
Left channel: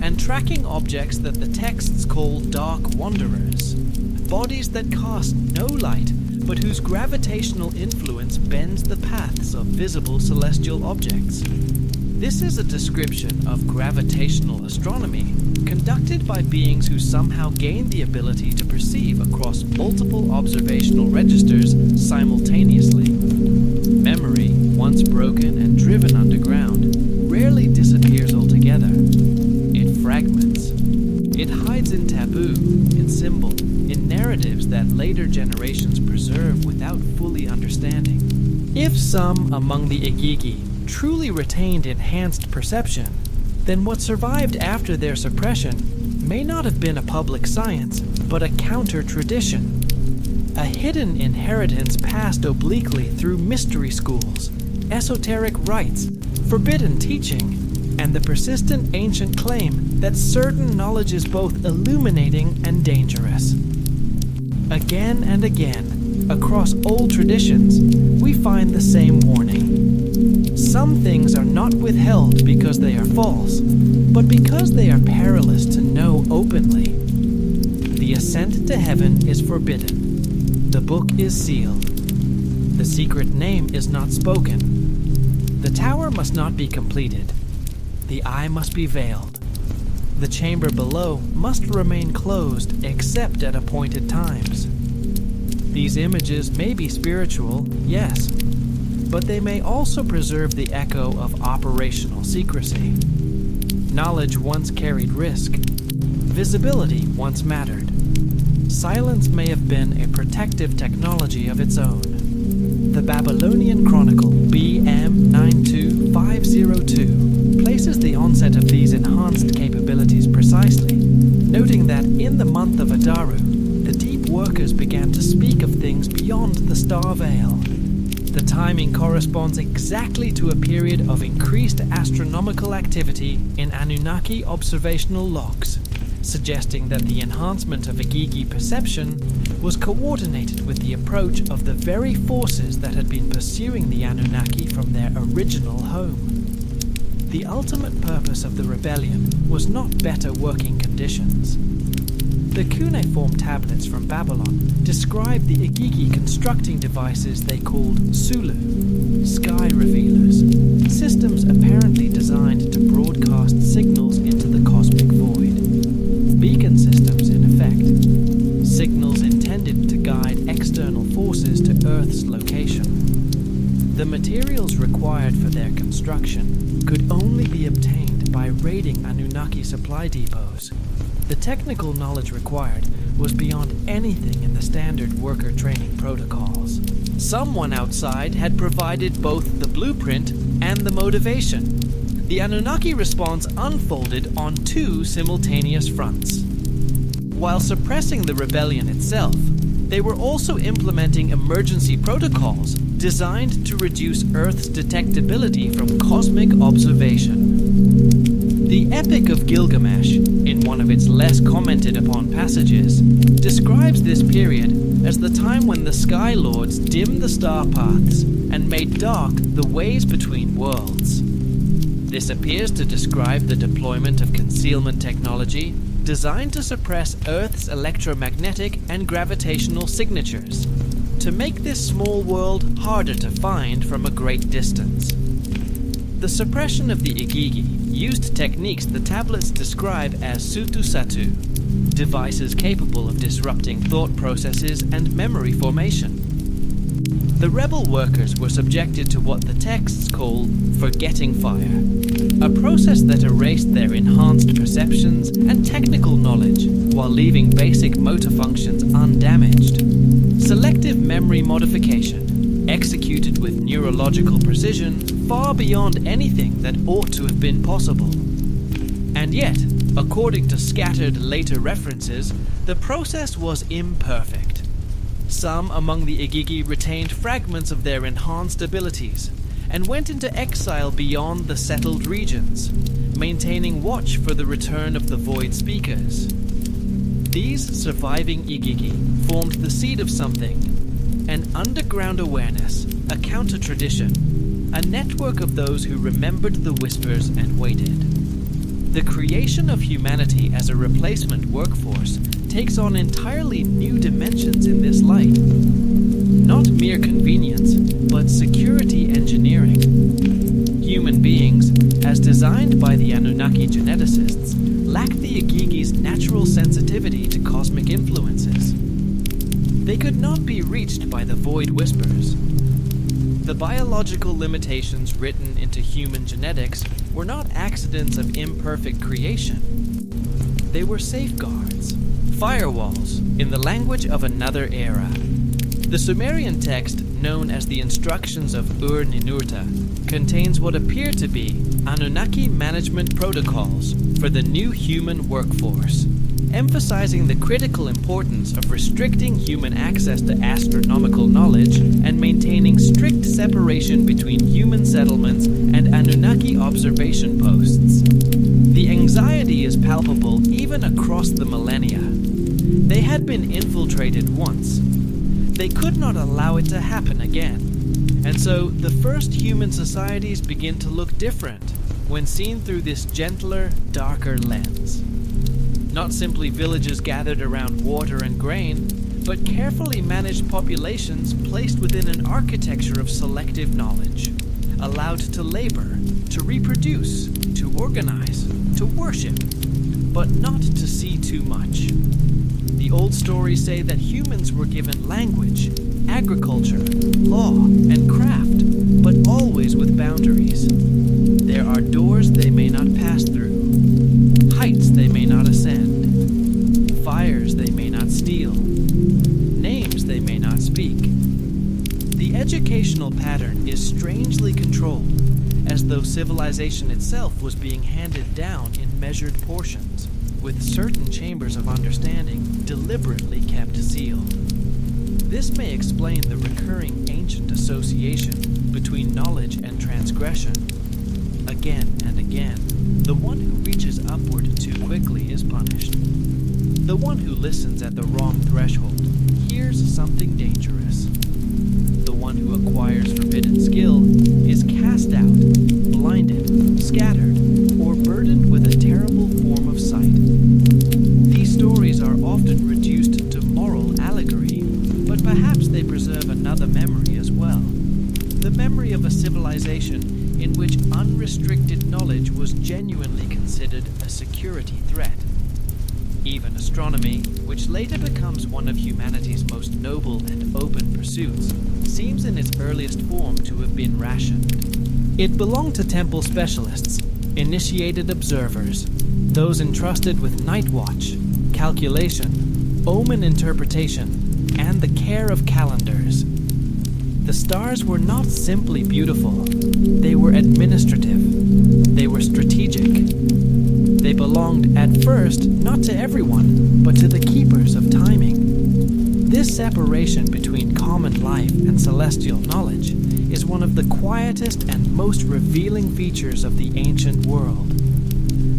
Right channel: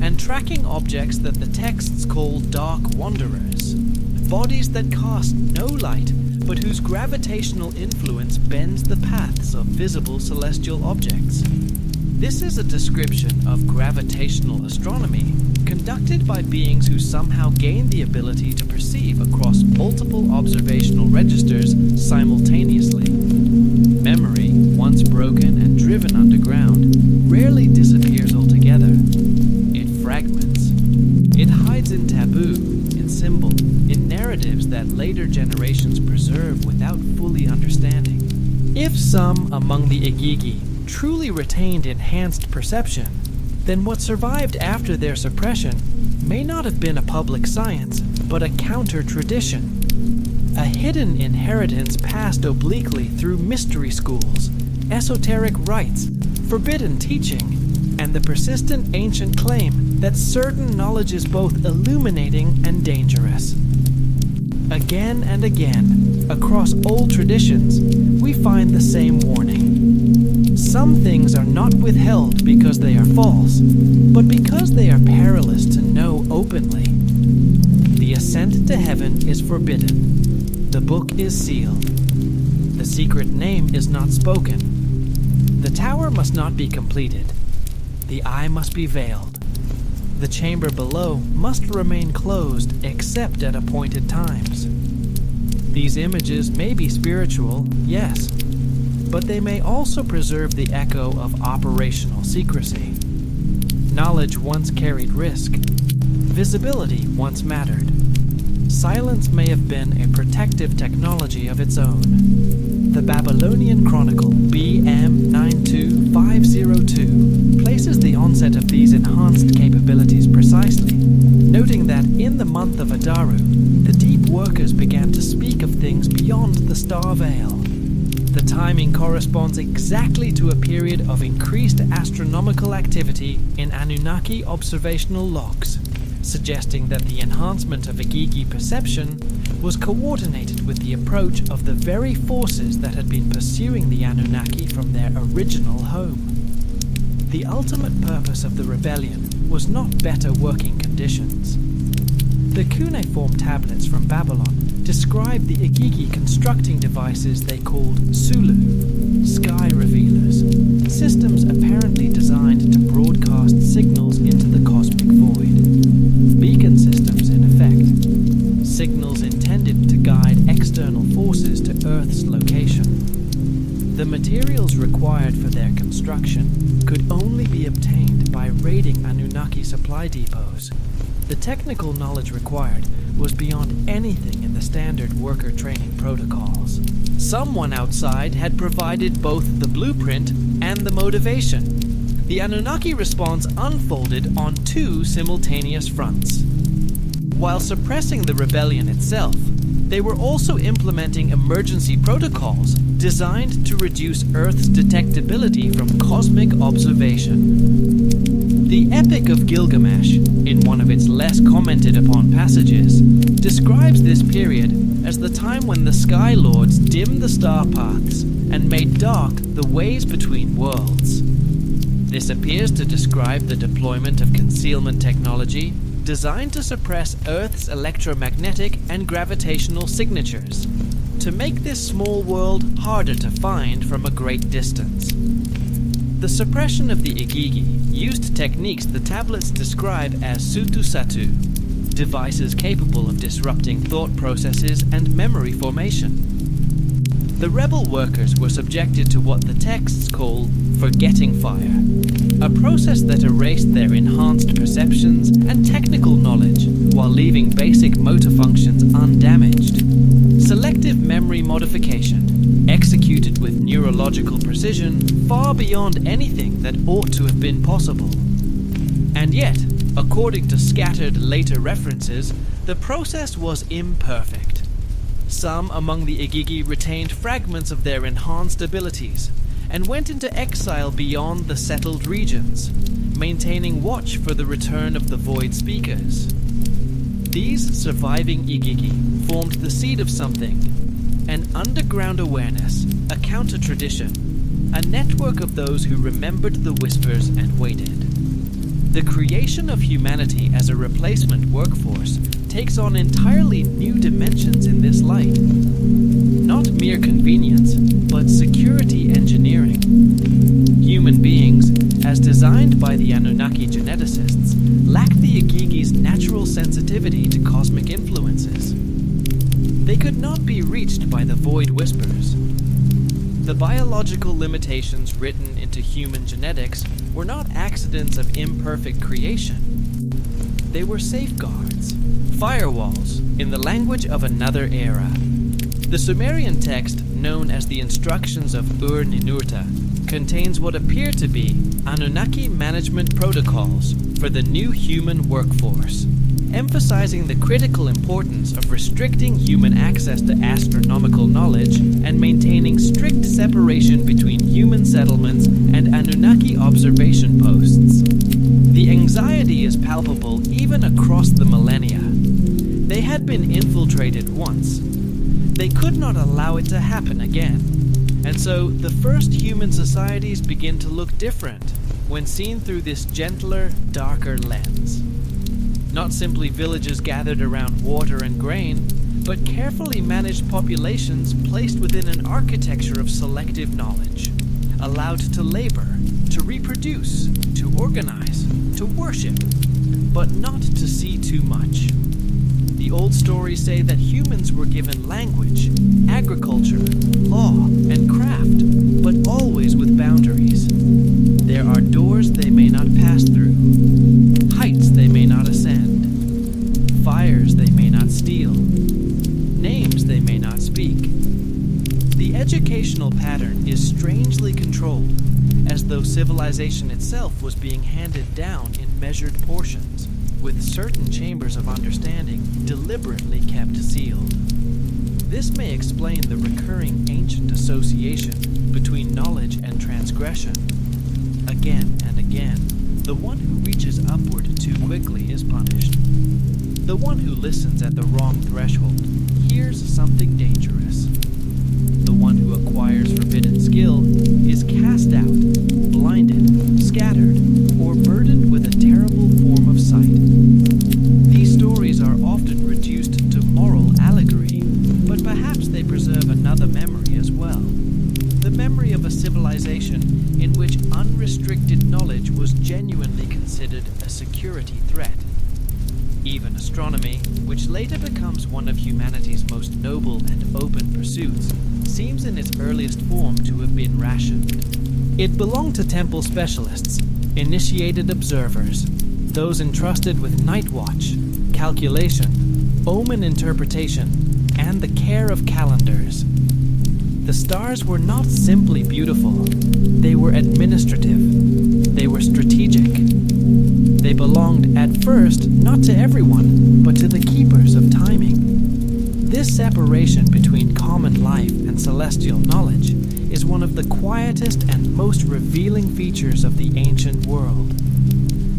and tracking objects that the texts call dark wanderers, bodies that cast no light but whose gravitational influence bends the paths of visible celestial objects. This is a description of gravitational astronomy conducted by beings who somehow gain the ability to perceive across multiple observational registers simultaneously. Memory, once broken and driven underground, rarely disappears altogether. It fragments. It hides in taboo, in symbol, in narratives that later generations preserve without fully understanding. If some among the Igigi truly retained enhanced perception, then what survived after their suppression may not have been a public science, but a counter-tradition. A hidden inheritance passed obliquely through mystery schools, esoteric rites, forbidden teaching, and the persistent ancient claim that certain knowledge is both illuminating and dangerous. Again and again, across old traditions, we find the same warning. Some things are not withheld because they are false, but because they are perilous to know openly. The ascent to heaven is forbidden. The book is sealed. The secret name is not spoken. The tower must not be completed. The eye must be veiled. The chamber below must remain closed except at appointed times. These images may be spiritual, yes, but they may also preserve the echo of operational secrecy. Knowledge once carried risk. Visibility once mattered. Silence may have been a protective technology of its own. The Babylonian Chronicle BM 92502 places the onset of these enhanced capabilities precisely, noting that in the month of Adaru, the deep workers began to speak of things beyond the star veil. The timing corresponds exactly to a period of increased astronomical activity in Anunnaki observational logs, suggesting that the enhancement of Igigi perception was coordinated with the approach of the very forces that had been pursuing the Anunnaki from their original home. The ultimate purpose of the rebellion was not better working conditions. The cuneiform tablets from Babylon describe the Igigi constructing devices they called Sulu, sky revealers, systems apparently designed to broadcast signals into the cosmic void. Beacon systems, in effect. Signals intended to guide external forces to Earth's location. The materials required for their construction could only be obtained by raiding Anunnaki supply depots. The technical knowledge required was beyond anything in the standard worker training protocols. Someone outside had provided both the blueprint and the motivation. The Anunnaki response unfolded on two simultaneous fronts. While suppressing the rebellion itself, they were also implementing emergency protocols designed to reduce Earth's detectability from cosmic observation. The Epic of Gilgamesh, in one of its less commented upon passages, describes this period as the time when the Sky Lords dimmed the star paths and made dark the ways between worlds. This appears to describe the deployment of concealment technology designed to suppress Earth's electromagnetic and gravitational signatures, to make this small world harder to find from a great distance. The suppression of the Igigi used techniques the tablets describe as Sutusatu, devices capable of disrupting thought processes and memory formation. The rebel workers were subjected to what the texts call forgetting fire, a process that erased their enhanced perceptions and technical knowledge while leaving basic motor functions undamaged. Selective memory modification, executed with neurological precision far beyond anything that ought to have been possible. And yet, According to scattered later references, the process was imperfect. Some among the Igigi retained fragments of their enhanced abilities and went into exile beyond the settled regions, maintaining watch for the return of the Void Speakers. These surviving Igigi formed the seed of something, an underground awareness, a counter-tradition, a network of those who remembered the whispers and waited. The creation of humanity as a replacement workforce takes on entirely new dimensions in this light. Not mere convenience, but security engineering. Human beings, as designed by the Anunnaki geneticists, lack the Igigi's natural sensitivity to cosmic influences. They could not be reached by the Void Whispers. The biological limitations written into human genetics were not accidents of imperfect creation. They were safeguards, firewalls, in the language of another era. The Sumerian text, known as the Instructions of Ur-Ninurta, contains what appear to be Anunnaki management protocols for the new human workforce, emphasizing the critical importance of restricting human access to astronomical knowledge and maintaining strict separation between human settlements and Anunnaki observation posts. The anxiety is palpable even across the millennia. They had been infiltrated once. They could not allow it to happen again, and so the first human societies begin to look different when seen through this gentler, darker lens. Not simply villages gathered around water and grain, but carefully managed populations placed within an architecture of selective knowledge, allowed to labor, to reproduce, to organize, to worship, but not to see too much. The old stories say that humans were given language, agriculture, law, and craft, but always with boundaries. There are doors they may not pass through, heights they may not ascend, fires they may not steal, names they may not speak. The educational pattern is strangely controlled, as though civilization itself was being handed down in measured portions, with certain chambers of understanding deliberately kept sealed. This may explain the recurring ancient association between knowledge and transgression. Again and again, the one who reaches upward too quickly is punished. The one who listens at the wrong threshold hears something dangerous. The one who acquires forbidden skill is cast out, blinded, scattered, or burdened with a terrible form of sight. These stories are often reduced to moral allegory, but perhaps they preserve another memory as well. The memory of a civilization in which unrestricted knowledge was genuinely considered a security threat. Even astronomy, which later becomes one of humanity's most noble and open pursuits, seems in its earliest form to have been rationed. It belonged to temple specialists, initiated observers, those entrusted with night watch, calculation, omen interpretation, and the care of calendars. The stars were not simply beautiful, they were administrative, they were strategic. They belonged at first not to everyone, but to the keepers of timing. This separation between common life and celestial knowledge is one of the quietest and most revealing features of the ancient world.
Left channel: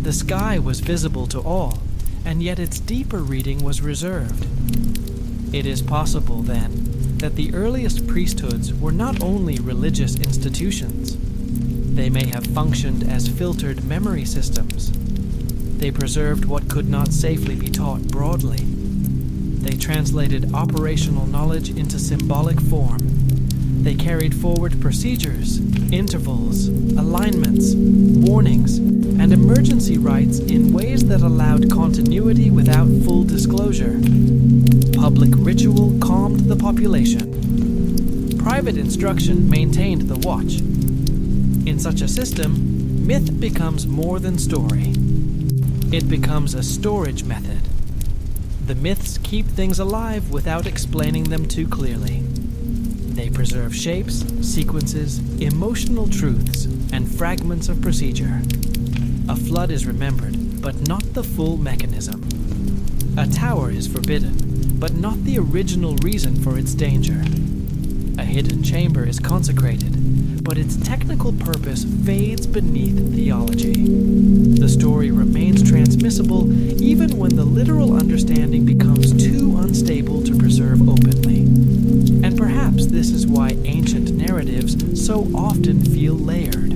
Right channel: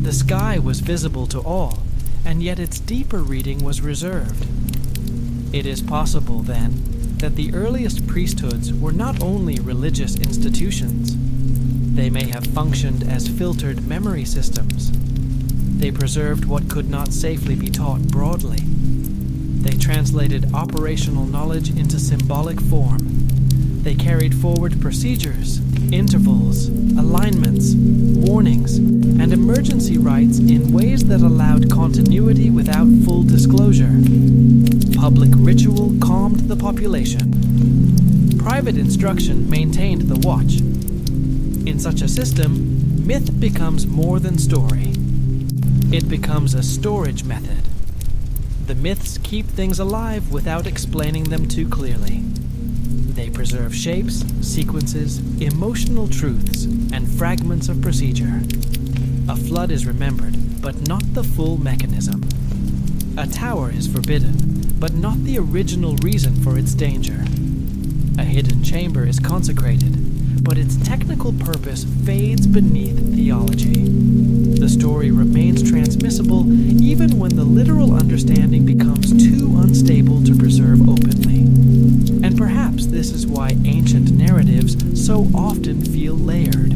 The sky was visible to all, and yet its deeper reading was reserved. It is possible, then, that the earliest priesthoods were not only religious institutions. They may have functioned as filtered memory systems. They preserved what could not safely be taught broadly. They translated operational knowledge into symbolic form. They carried forward procedures, intervals, alignments, warnings, and emergency rites in ways that allowed continuity without full disclosure. Public ritual calmed the population. Private instruction maintained the watch. In such a system, myth becomes more than story. It becomes a storage method. The myths keep things alive without explaining them too clearly. They preserve shapes, sequences, emotional truths, and fragments of procedure. A flood is remembered, but not not the full mechanism. A tower is forbidden, but not the original reason for its danger. A hidden chamber is consecrated, but its technical purpose fades beneath theology. The story remains transmissible even when the literal understanding becomes too unstable to preserve openly. And perhaps this is why ancient narratives so often feel layered.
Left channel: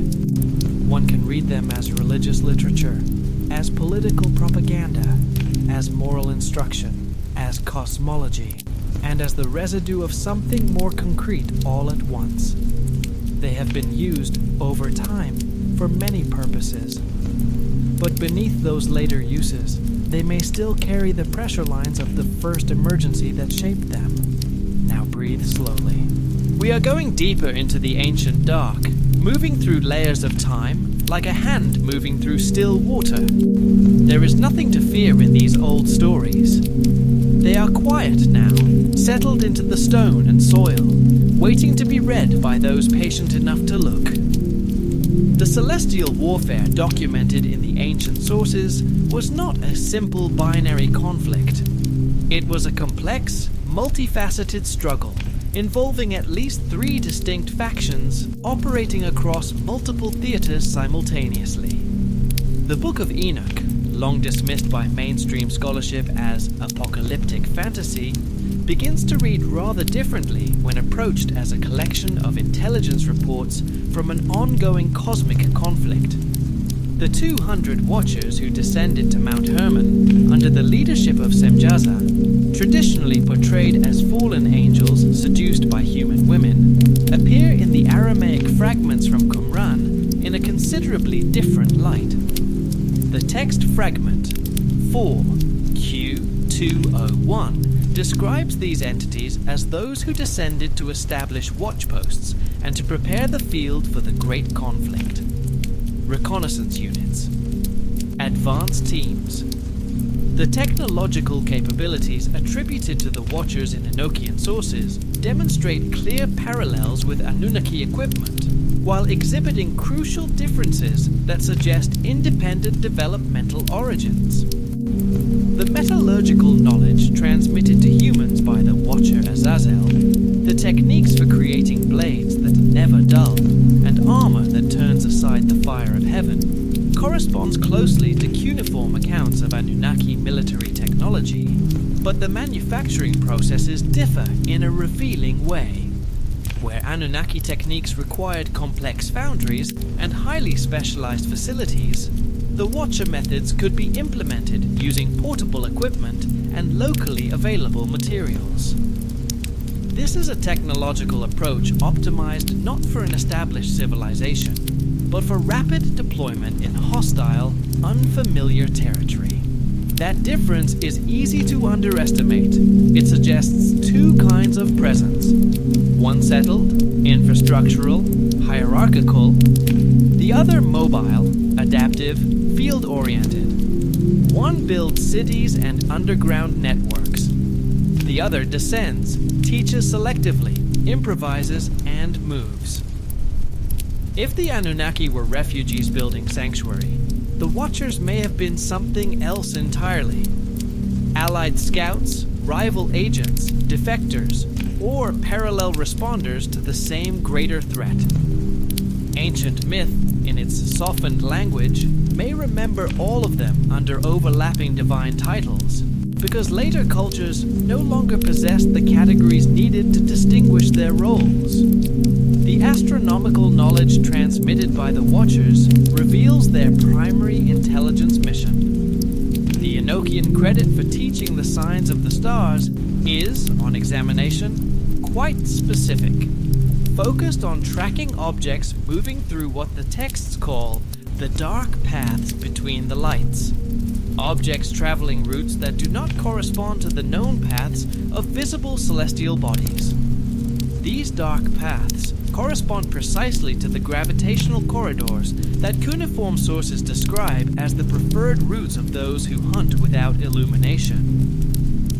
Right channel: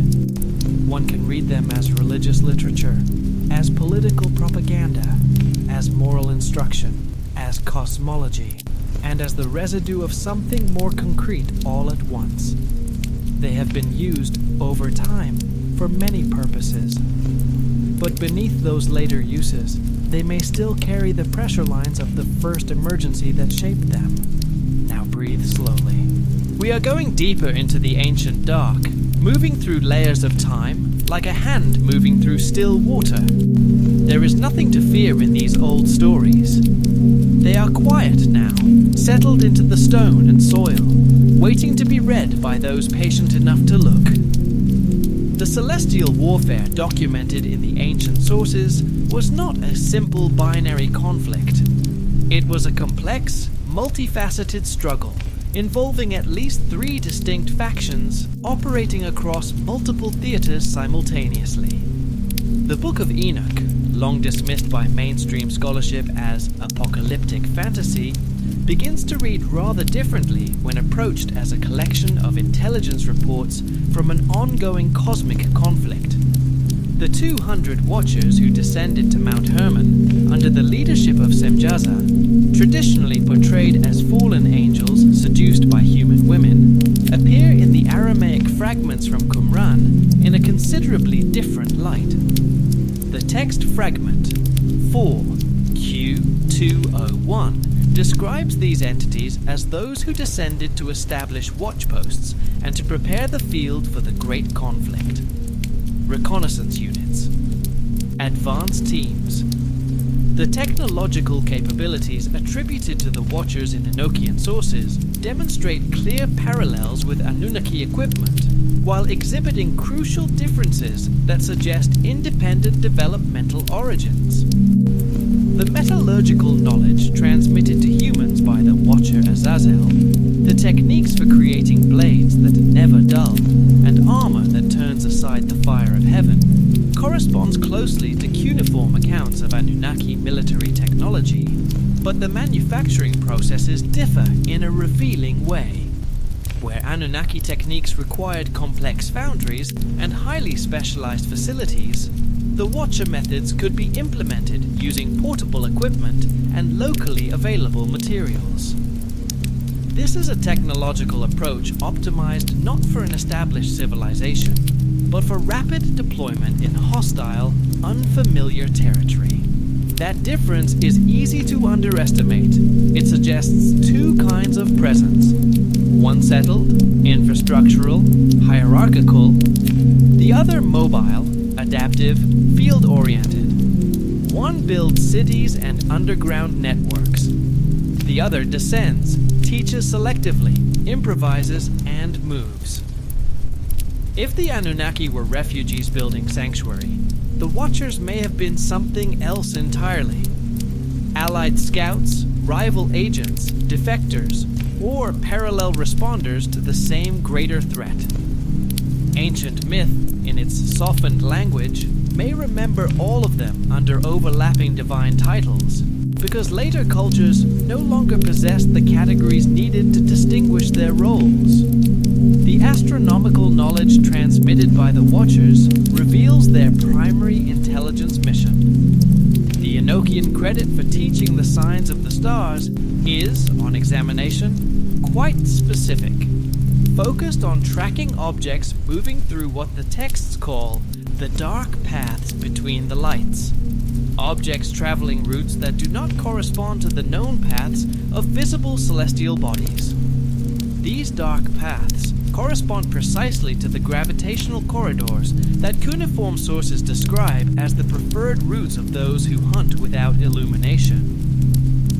One can read them as religious literature, as political propaganda, as moral instruction, as cosmology, and as the residue of something more concrete all at once. They have been used, over time, for many purposes. But beneath those later uses, they may still carry the pressure lines of the first emergency that shaped them. Now breathe slowly. We are going deeper into the ancient dark, moving through layers of time, like a hand moving through still water. There is nothing to fear in these old stories. They are quiet now, settled into the stone and soil, waiting to be read by those patient enough to look. The celestial warfare documented in the ancient sources was not a simple binary conflict. It was a complex, multifaceted struggle involving at least 3 distinct factions operating across multiple theaters simultaneously. The Book of Enoch, long dismissed by mainstream scholarship as apocalyptic fantasy, begins to read rather differently when approached as a collection of intelligence reports from an ongoing cosmic conflict. The 200 watchers who descended to Mount Hermon under the leadership of Semjaza, traditionally portrayed as fallen angels seduced by human women, appear in the Aramaic fragments from Qumran in a considerably different light. The text fragment 4Q201 describes these entities as those who descended to establish watchposts and to prepare the field for the great conflict. Reconnaissance units, advanced teams. The technological capabilities attributed to the Watchers in Enochian sources demonstrate clear parallels with Anunnaki equipment, while exhibiting crucial differences that suggest independent developmental origins. The metallurgical knowledge transmitted to humans by the Watcher Azazel, the techniques for creating blades that never dull, and armor that turns aside the fire of heaven, corresponds closely to cuneiform accounts of Anunnaki military technology, but the manufacturing processes differ in a revealing way. Where Anunnaki techniques required complex foundries and highly specialized facilities, the Watcher methods could be implemented using portable equipment and locally available materials. This is a technological approach optimized not for an established civilization, but for rapid deployment in hostile, unfamiliar territory. That difference is easy to underestimate. It suggests 2 kinds of presence. One settled, infrastructural, hierarchical. The other mobile, adaptive, field-oriented. One builds cities and underground networks. The other descends, teaches selectively, improvises, and moves. If the Anunnaki were refugees building sanctuary, the Watchers may have been something else entirely. Allied scouts, rival agents, defectors, or parallel responders to the same greater threat. Ancient myth, in its softened language, may remember all of them under overlapping divine titles, because later cultures no longer possessed the categories needed to distinguish their roles. The astronomical knowledge transmitted by the Watchers reveals their primary intelligence mission. The Enochian credit for teaching the signs of the stars is, on examination, quite specific, focused on tracking objects moving through what the texts call the dark paths between the lights. Objects traveling routes that do not correspond to the known paths of visible celestial bodies. These dark paths correspond precisely to the gravitational corridors that cuneiform sources describe as the preferred routes of those who hunt without illumination.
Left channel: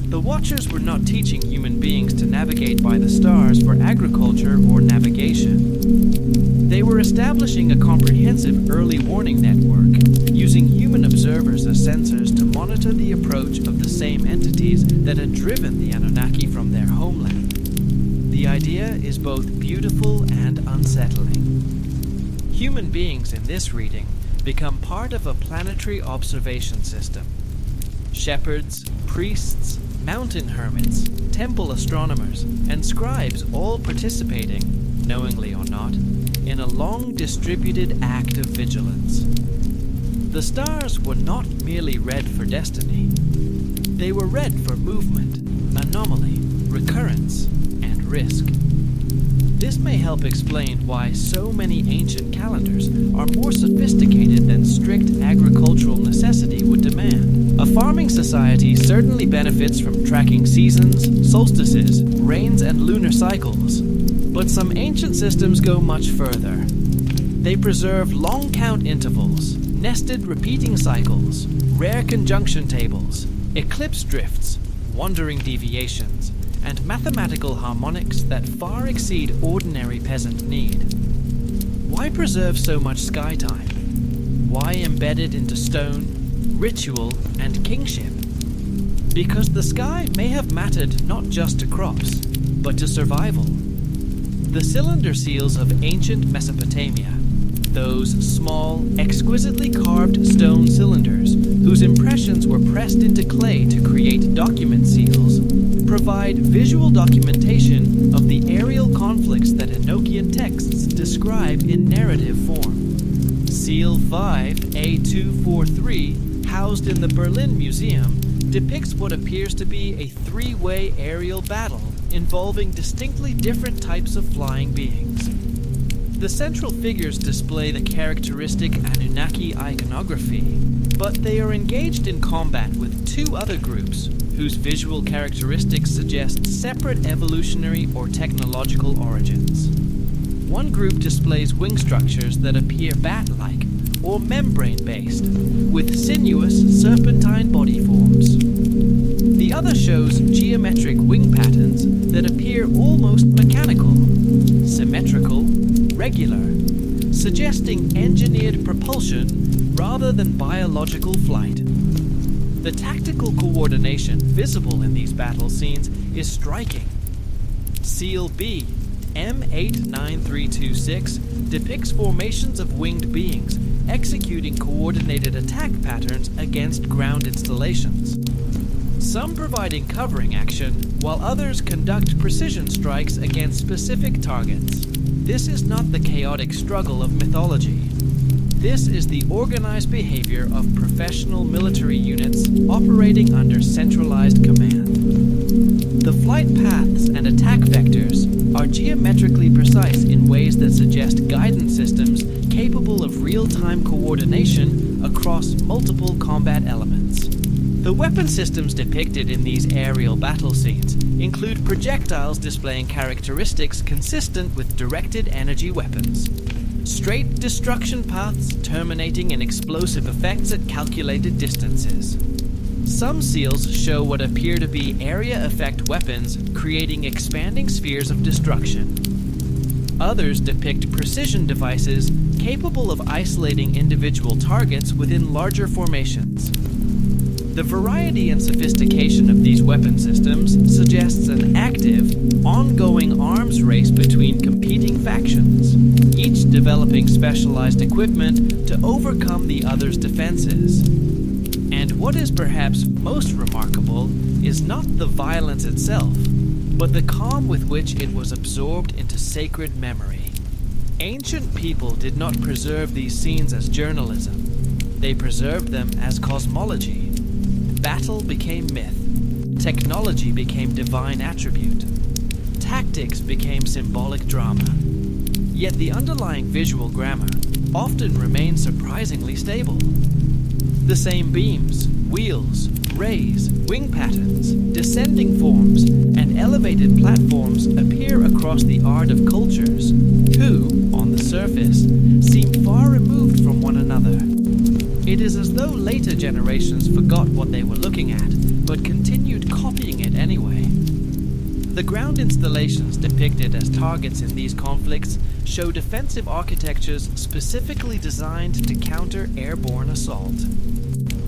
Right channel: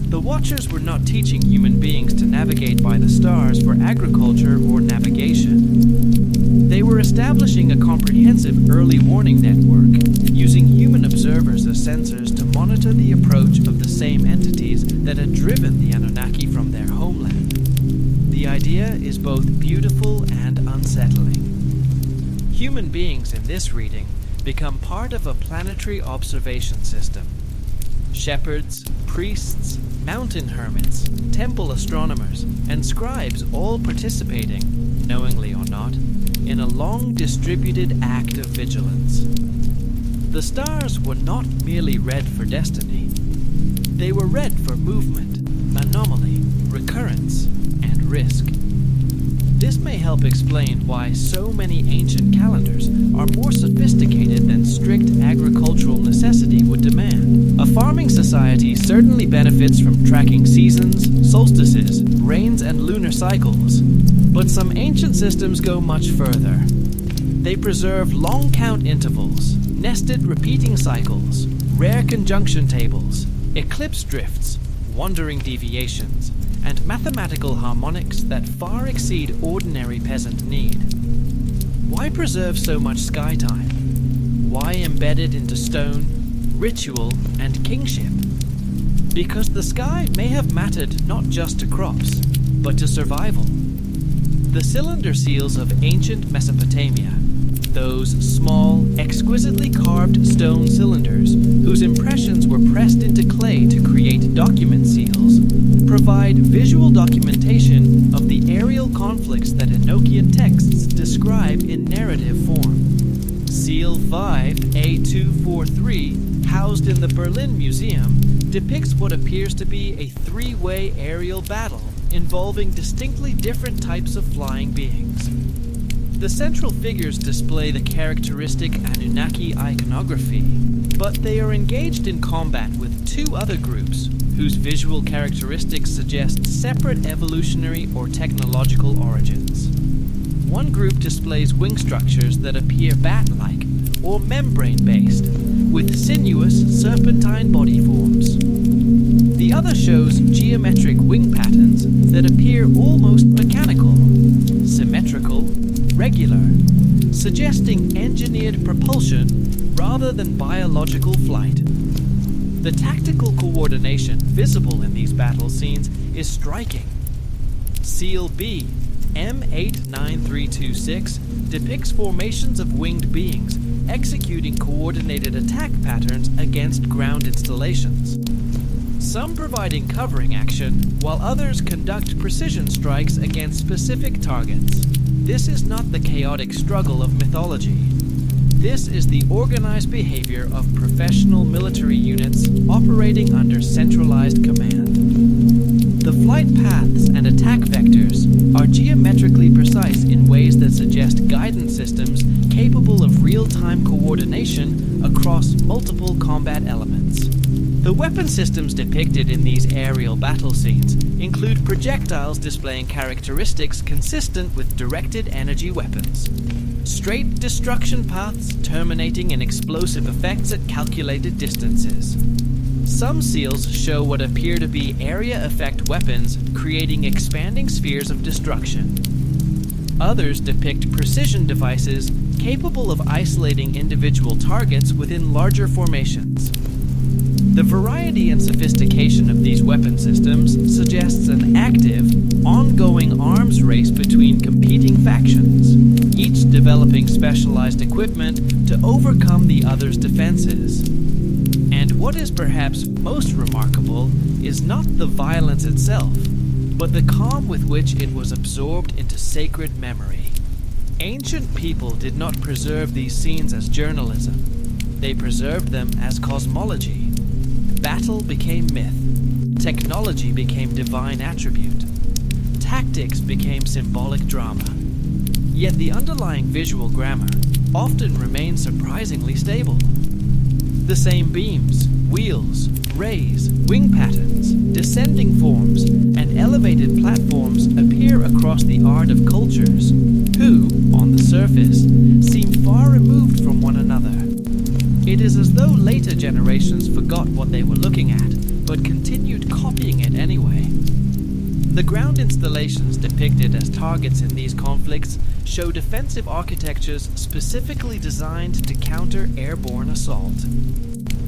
The Watchers were not teaching human beings to navigate by the stars for agriculture or navigation. They were establishing a comprehensive early warning network, using using human observers as sensors to monitor the approach of the same entities that had driven the Anunnaki from their homeland. The idea is both beautiful and unsettling. Human beings in this reading become part of a planetary observation system. Shepherds, priests, mountain hermits, temple astronomers, and scribes all participating, knowingly or not, in a long distributed act of vigilance. The stars were not merely read for destiny. They were read for movement, anomaly, recurrence, and risk. This may help explain why so many ancient calendars are more sophisticated than strict agricultural necessity would demand. A farming society certainly benefits from tracking seasons, solstices, rains, and lunar cycles. But some ancient systems go much further. They preserve long count intervals, nested repeating cycles, rare conjunction tables, eclipse drifts, wandering deviations, and mathematical harmonics that far exceed ordinary peasant need. Why preserve so much sky time? Why embed it into stone, ritual, and kingship? Because the sky may have mattered not just to crops, but to survival. The cylinder seals of ancient Mesopotamia, those small, exquisitely carved stone cylinders whose impressions were pressed into clay to create document seals, provide visual documentation of the aerial conflicts that Enochian texts describe in narrative form. Seal 5A243, housed in the Berlin Museum, depicts what appears to be a three-way aerial battle involving distinctly different types of flying beings. The central figures display the characteristic Anunnaki iconography, but they are engaged in combat with two other groups whose visual characteristics suggest separate evolutionary or technological origins. One group displays wing structures that appear bat-like or membrane-based, with sinuous serpentine body forms. The other shows geometric wing patterns that appear almost mechanical, symmetrical, regular, suggesting engineered propulsion rather than biological flight. The tactical coordination visible in these battle scenes is striking. Seal B, M89326, depicts formations of winged beings executing coordinated attack patterns against ground installations. Some providing covering action, while others conduct precision strikes against specific targets. This is not the chaotic struggle of mythology. This is the organized behavior of professional military units operating under centralized command. The flight paths and attack vectors are geometrically precise in ways that suggest guidance systems capable of real-time coordination across multiple combat elements. The weapon systems depicted in these aerial battle scenes include projectiles displaying characteristics consistent with directed energy weapons. Straight destruction paths terminating in explosive effects at calculated distances. Some seals show what appear to be area effect weapons creating expanding spheres of destruction. Others depict precision devices capable of isolating individual targets within larger formations. The variety and sophistication of these weapon systems suggests an active, ongoing arms race between competing factions, each developing specialized equipment to overcome the other's defenses. And what is perhaps most remarkable is not the violence itself, but the calm with which it was absorbed into sacred memory. Ancient people did not preserve these scenes as journalism. They preserved them as cosmology. Battle became myth. Technology became divine attribute. Tactics became symbolic drama. Yet the underlying visual grammar often remains surprisingly stable. The same beams, wheels, rays, wing patterns, descending forms, and elevated platforms appear across the art of cultures who, on the surface, seem far removed from one another. It is as though later generations forgot what they were looking at, but continued copying it anyway. The ground installations depicted as targets in these conflicts show defensive architectures specifically designed to counter airborne assault.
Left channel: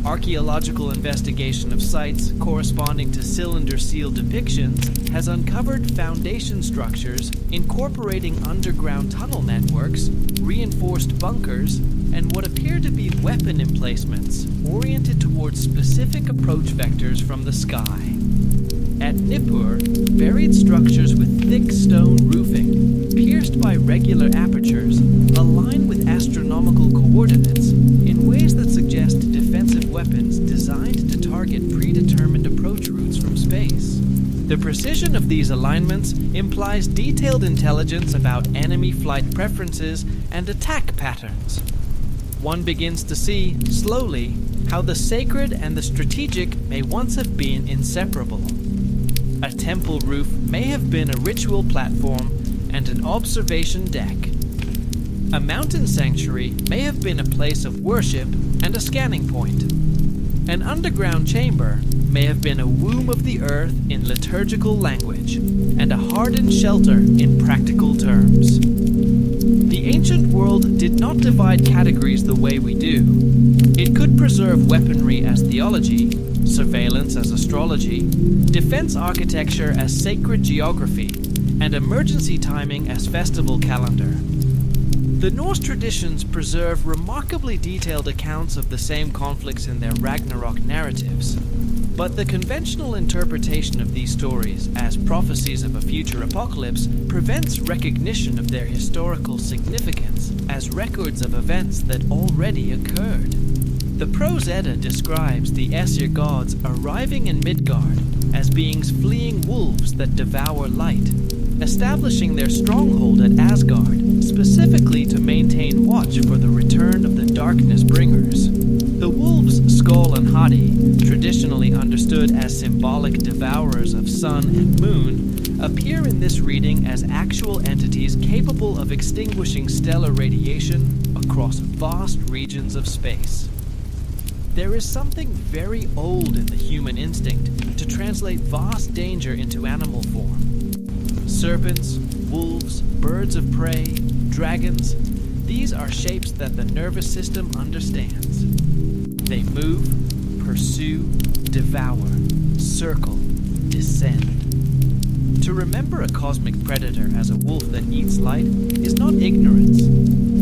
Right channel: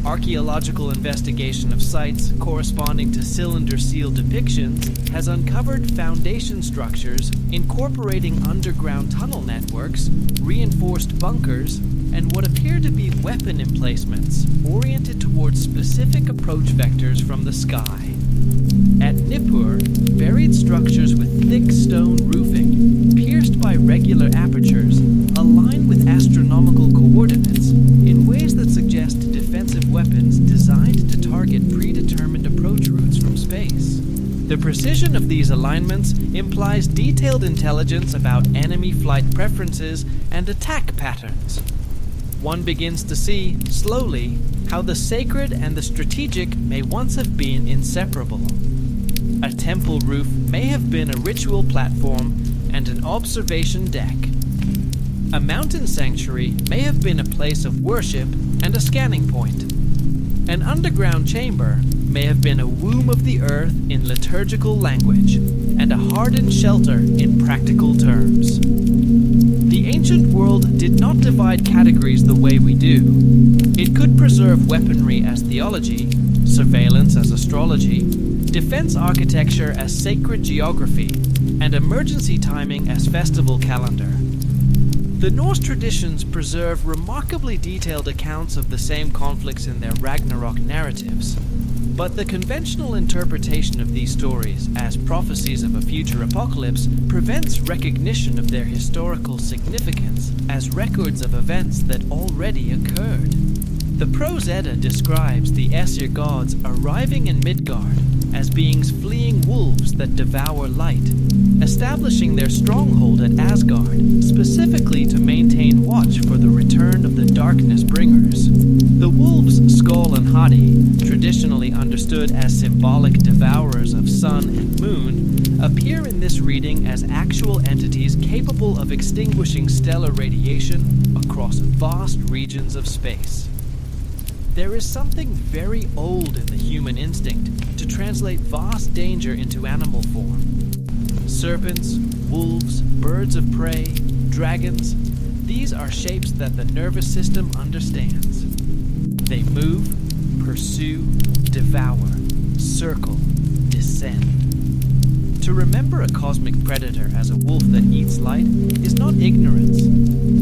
Archaeological investigation of sites corresponding to cylinder seal depictions has uncovered foundation structures incorporating underground tunnel networks, reinforced bunkers, and what appear to be weapon emplacements oriented towards specific approach vectors from the sky. At Nippur, buried structures with thick stone roofing, pierced by regular apertures, align with astronomical coordinates in ways that suggest defensive weapons designed to target predetermined approach routes from space. The precision of these alignments implies detailed intelligence about enemy flight preferences and attack patterns. One begins to see, slowly, how the sacred and the strategic may once have been inseparable. A temple roof may have been a ritual platform and an observation deck. A mountain sanctuary may have been a place of worship and a scanning point. An underground chamber may have been a womb of the earth in liturgical language, and a hardened shelter in practical terms. The ancient world did not divide categories the way we do. It could preserve weaponry as theology, surveillance as astrology, defense architecture as sacred geography, and emergency timing as festival calendar. The Norse traditions preserve remarkably detailed accounts of the same conflicts in their Ragnarok narratives, but the conventional interpretation of these stories as prophecies of a future apocalypse prevents recognition of their historical significance as records of events that already occurred. The Prose Edda describes the Aesir gods arriving in Midgard as beings fleeing wolves that devour light, establishing their stronghold at Asgard, specifically to maintain watch for the return of the darkness bringers. The wolves Skoll and Hati, traditionally understood as symbolic devourers of sun and moon, appear in this reading as actual entities capable of extinguishing stellar radiation across vast regions of space. There is something very old in the human instinct to translate vast danger into animal form. Serpents, wolves, birds of prey, dragons, these are shapes that the nervous system understands. They move, pursue, devour, circle, descend. To remember a cosmic predator as a wolf that eats light is not ignorance.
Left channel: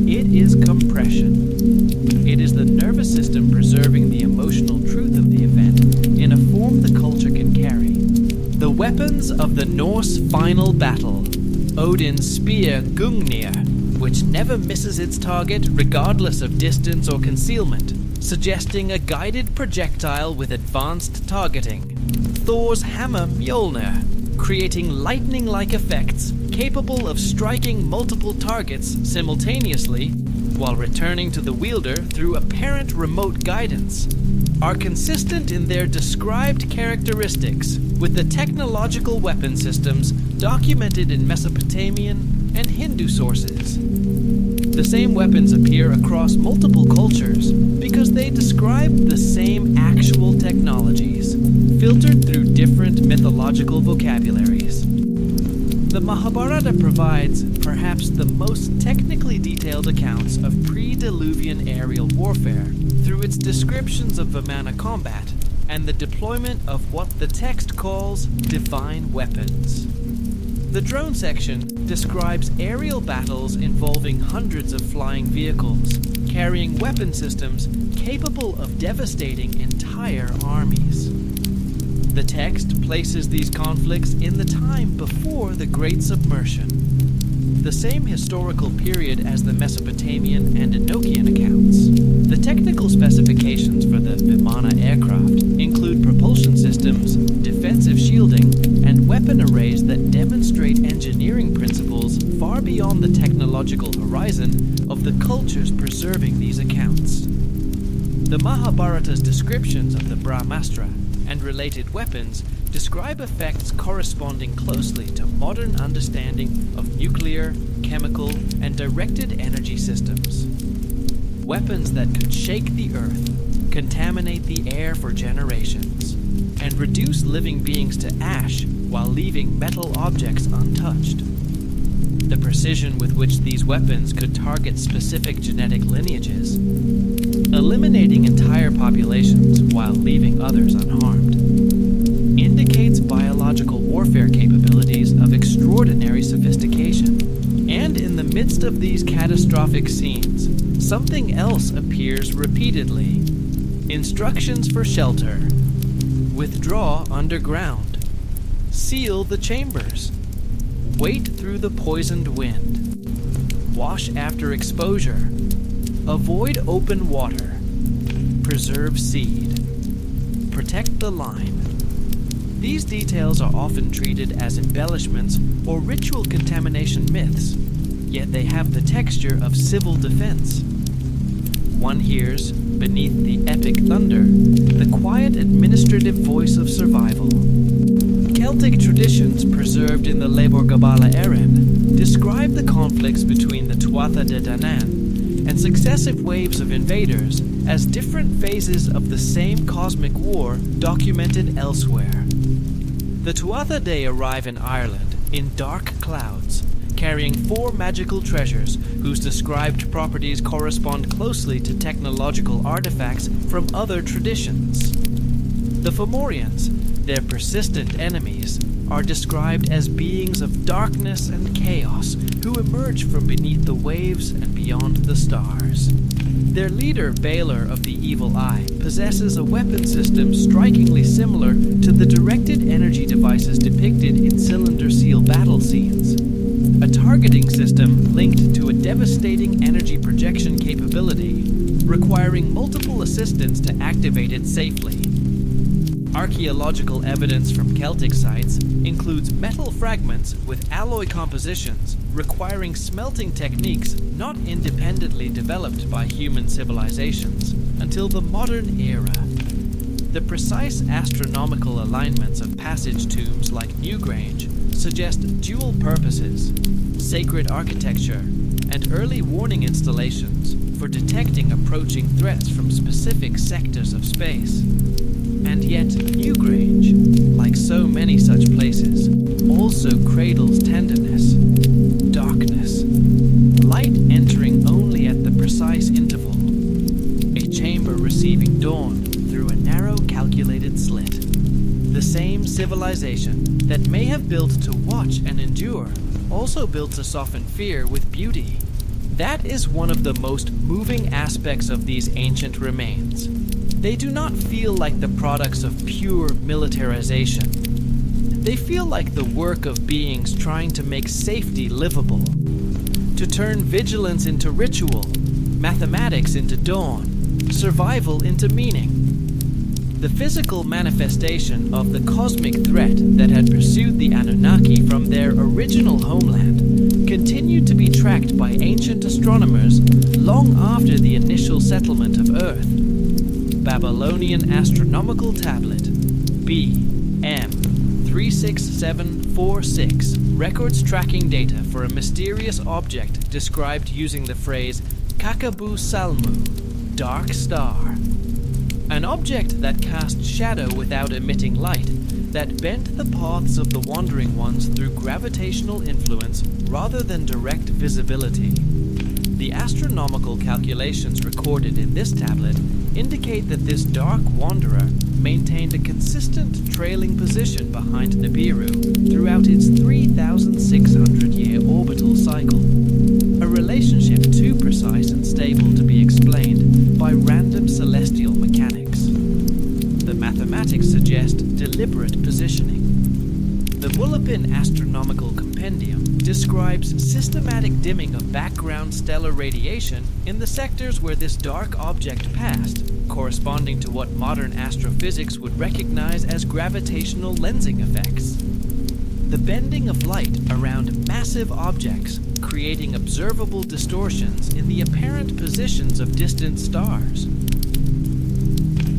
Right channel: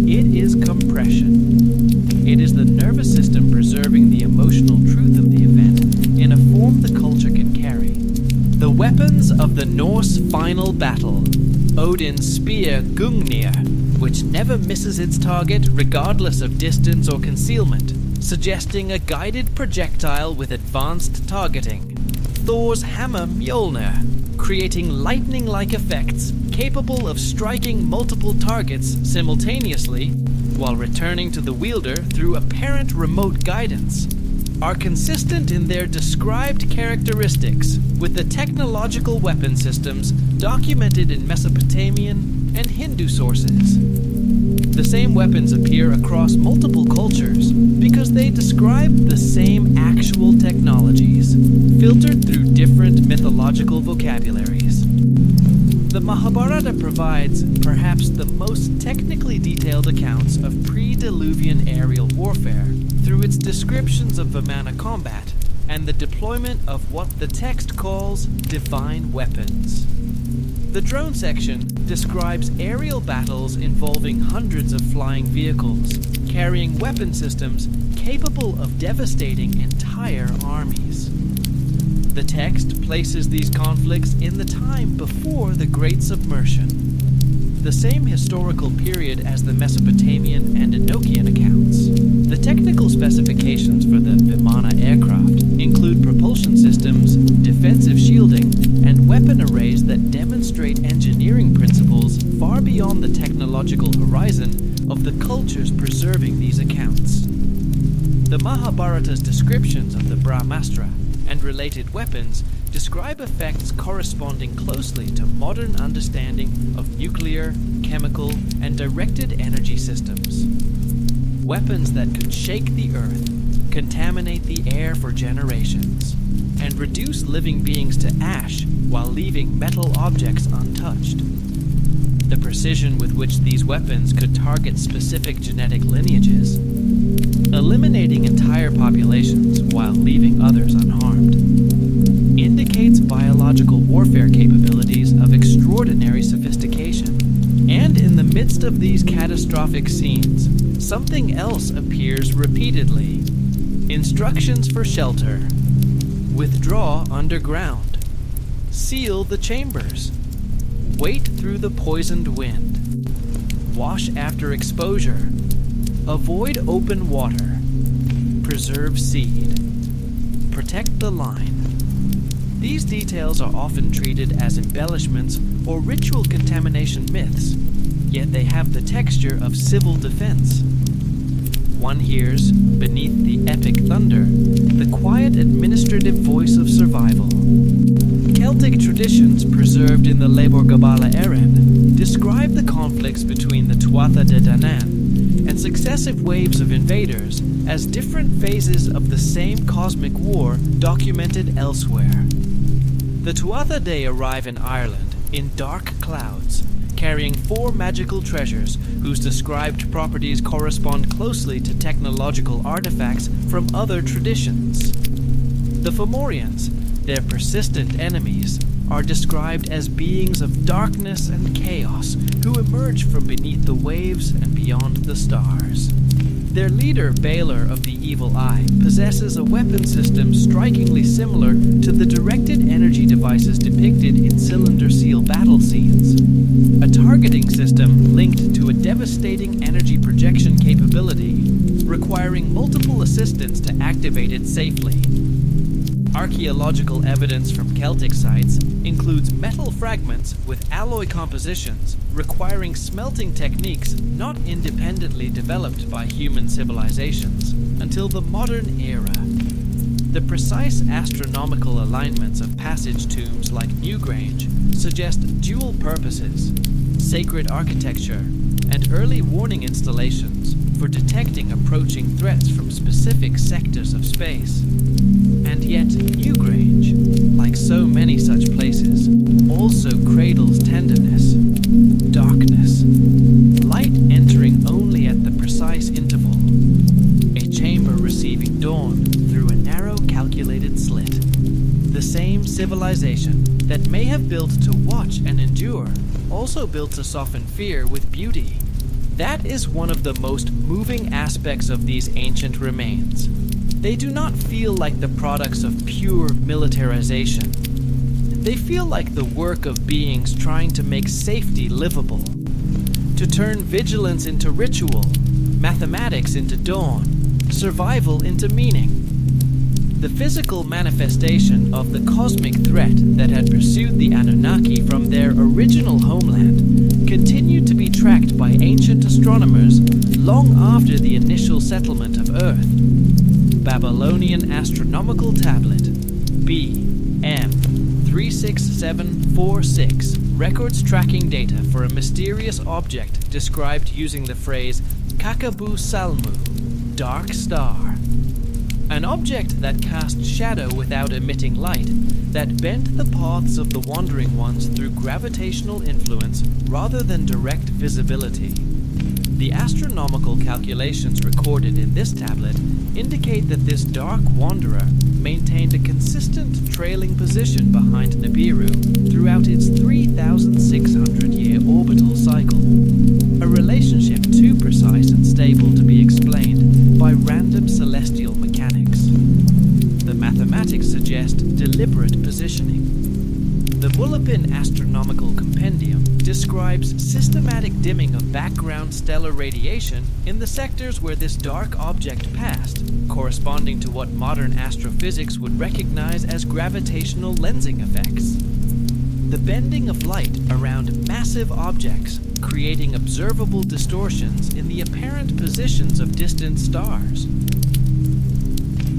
It is compression. It is the nervous system preserving the emotional truth of the event in a form the culture can carry. The weapons of the Norse final battle. Odin's spear Gungnir, which never misses its target regardless of distance or concealment, suggesting a guided projectile with advanced targeting. Thor's hammer Mjolnir, creating lightning-like effects capable of striking multiple targets simultaneously while returning to the wielder through apparent remote guidance, are consistent in their described characteristics with the technological weapon systems documented in Mesopotamian and Hindu sources. The same weapons appear across multiple cultures because they describe the same actual technologies, filtered through different mythological vocabularies. The Mahabharata provides perhaps the most technically detailed accounts of pre-Diluvian aerial warfare through its descriptions of Vimana combat and the deployment of what the text calls divine weapons. The drone section describes aerial battles involving hundreds of flying vehicles, carrying weapon systems capable of devastating entire armies. The text places these conflicts in the time before the Great Submersion, the same historical period as the Mesopotamian and Enochian accounts. The technical specifications for the Vimana aircraft include propulsion systems, defensive shielding, and weapon arrays that demonstrate engineering principles far beyond the technological horizon of the cultures preserving these accounts. The Mahabharata's descriptions of the Brahmastra and related weapons describe effects corresponding closely to modern understanding of nuclear, chemical, and directed energy systems. Weapons that could shake the earth, contaminate the air for generations, and reduce living beings to ash while leaving metal objects untouched. the precision with which these weapons could target specific genetic lineages, eliminating entire populations while leaving others unharmed, indicates biological warfare capabilities of extraordinary sophistication. And in the midst of these catastrophic scenes, something else appears repeatedly. Instructions for shelter. Withdraw underground. Seal the chambers. Wait through the poisoned wind. Wash after exposure. Avoid open water. Preserve seed. Protect the line. These details are often treated as embellishments or ritual contamination myths, yet they have the texture of civil defense. One hears, beneath the epic thunder, the quiet administrative voice of survival. Celtic traditions preserved in the Lebor Gabála Érenn describe the conflicts between the Tuatha De Danann and successive waves of invaders as different phases of the same cosmic war documented elsewhere. The Tuatha De arrive in Ireland in dark clouds, carrying 4 magical treasures whose described properties correspond closely to technological artifacts from other traditions. The Fomorians, their persistent enemies, are described as beings of darkness and chaos who emerge from beneath the waves and beyond the stars. Their leader, Balor of the Evil Eye, possesses a weapon system strikingly similar to the directed energy devices depicted in cylinder seal battle scenes. A targeting system linked to a devastating energy projection capability, requiring multiple assistants to activate it safely. Archaeological evidence from Celtic sites includes metal fragments with alloy compositions requiring smelting techniques not independently developed by human civilizations until the modern era. The precise astronomical alignments of passage tombs like Newgrange suggest dual purposes, sacred architecture, and early warning installations for detecting approaching threats from specific sectors of space. And yet, Newgrange, like so many such places, also cradles tenderness, darkness, light entering only at the precise interval, a chamber receiving dawn through a narrow calculated slit. The same civilization that may have built to watch and endure, also built to soften fear with beauty. That is one of the most moving aspects of these ancient remains. They do not feel like the products of pure militarization. They feel like the work of beings trying to make safety livable, to turn vigilance into ritual, mathematics into dawn, survival into meaning. The physical manifestation of the cosmic threat that had pursued the Anunnaki from their original homeland continued to be tracked by ancient astronomers long after the initial settlement of Earth. Babylonian Astronomical Tablet BM 36746 records tracking data for a mysterious object described using the phrase Kakabu Salmu, dark star. An object that cast shadow without emitting light, that bent the paths of the wandering ones through gravitational influence rather than direct visibility. The astronomical calculations recorded in this tablet indicate that this dark wanderer maintained a consistent trailing position behind Nibiru throughout its 3,600-year orbital cycle, a relationship too precise and stable to be explained by random celestial mechanics. The mathematics suggest deliberate positioning. The Mulopin Astronomical Compendium describes systematic dimming of background stellar radiation in the sectors where this dark object passed, corresponding to what modern astrophysics would recognize as gravitational lensing effects. The bending of light around massive objects, creating observable distortions in the apparent positions of distant stars.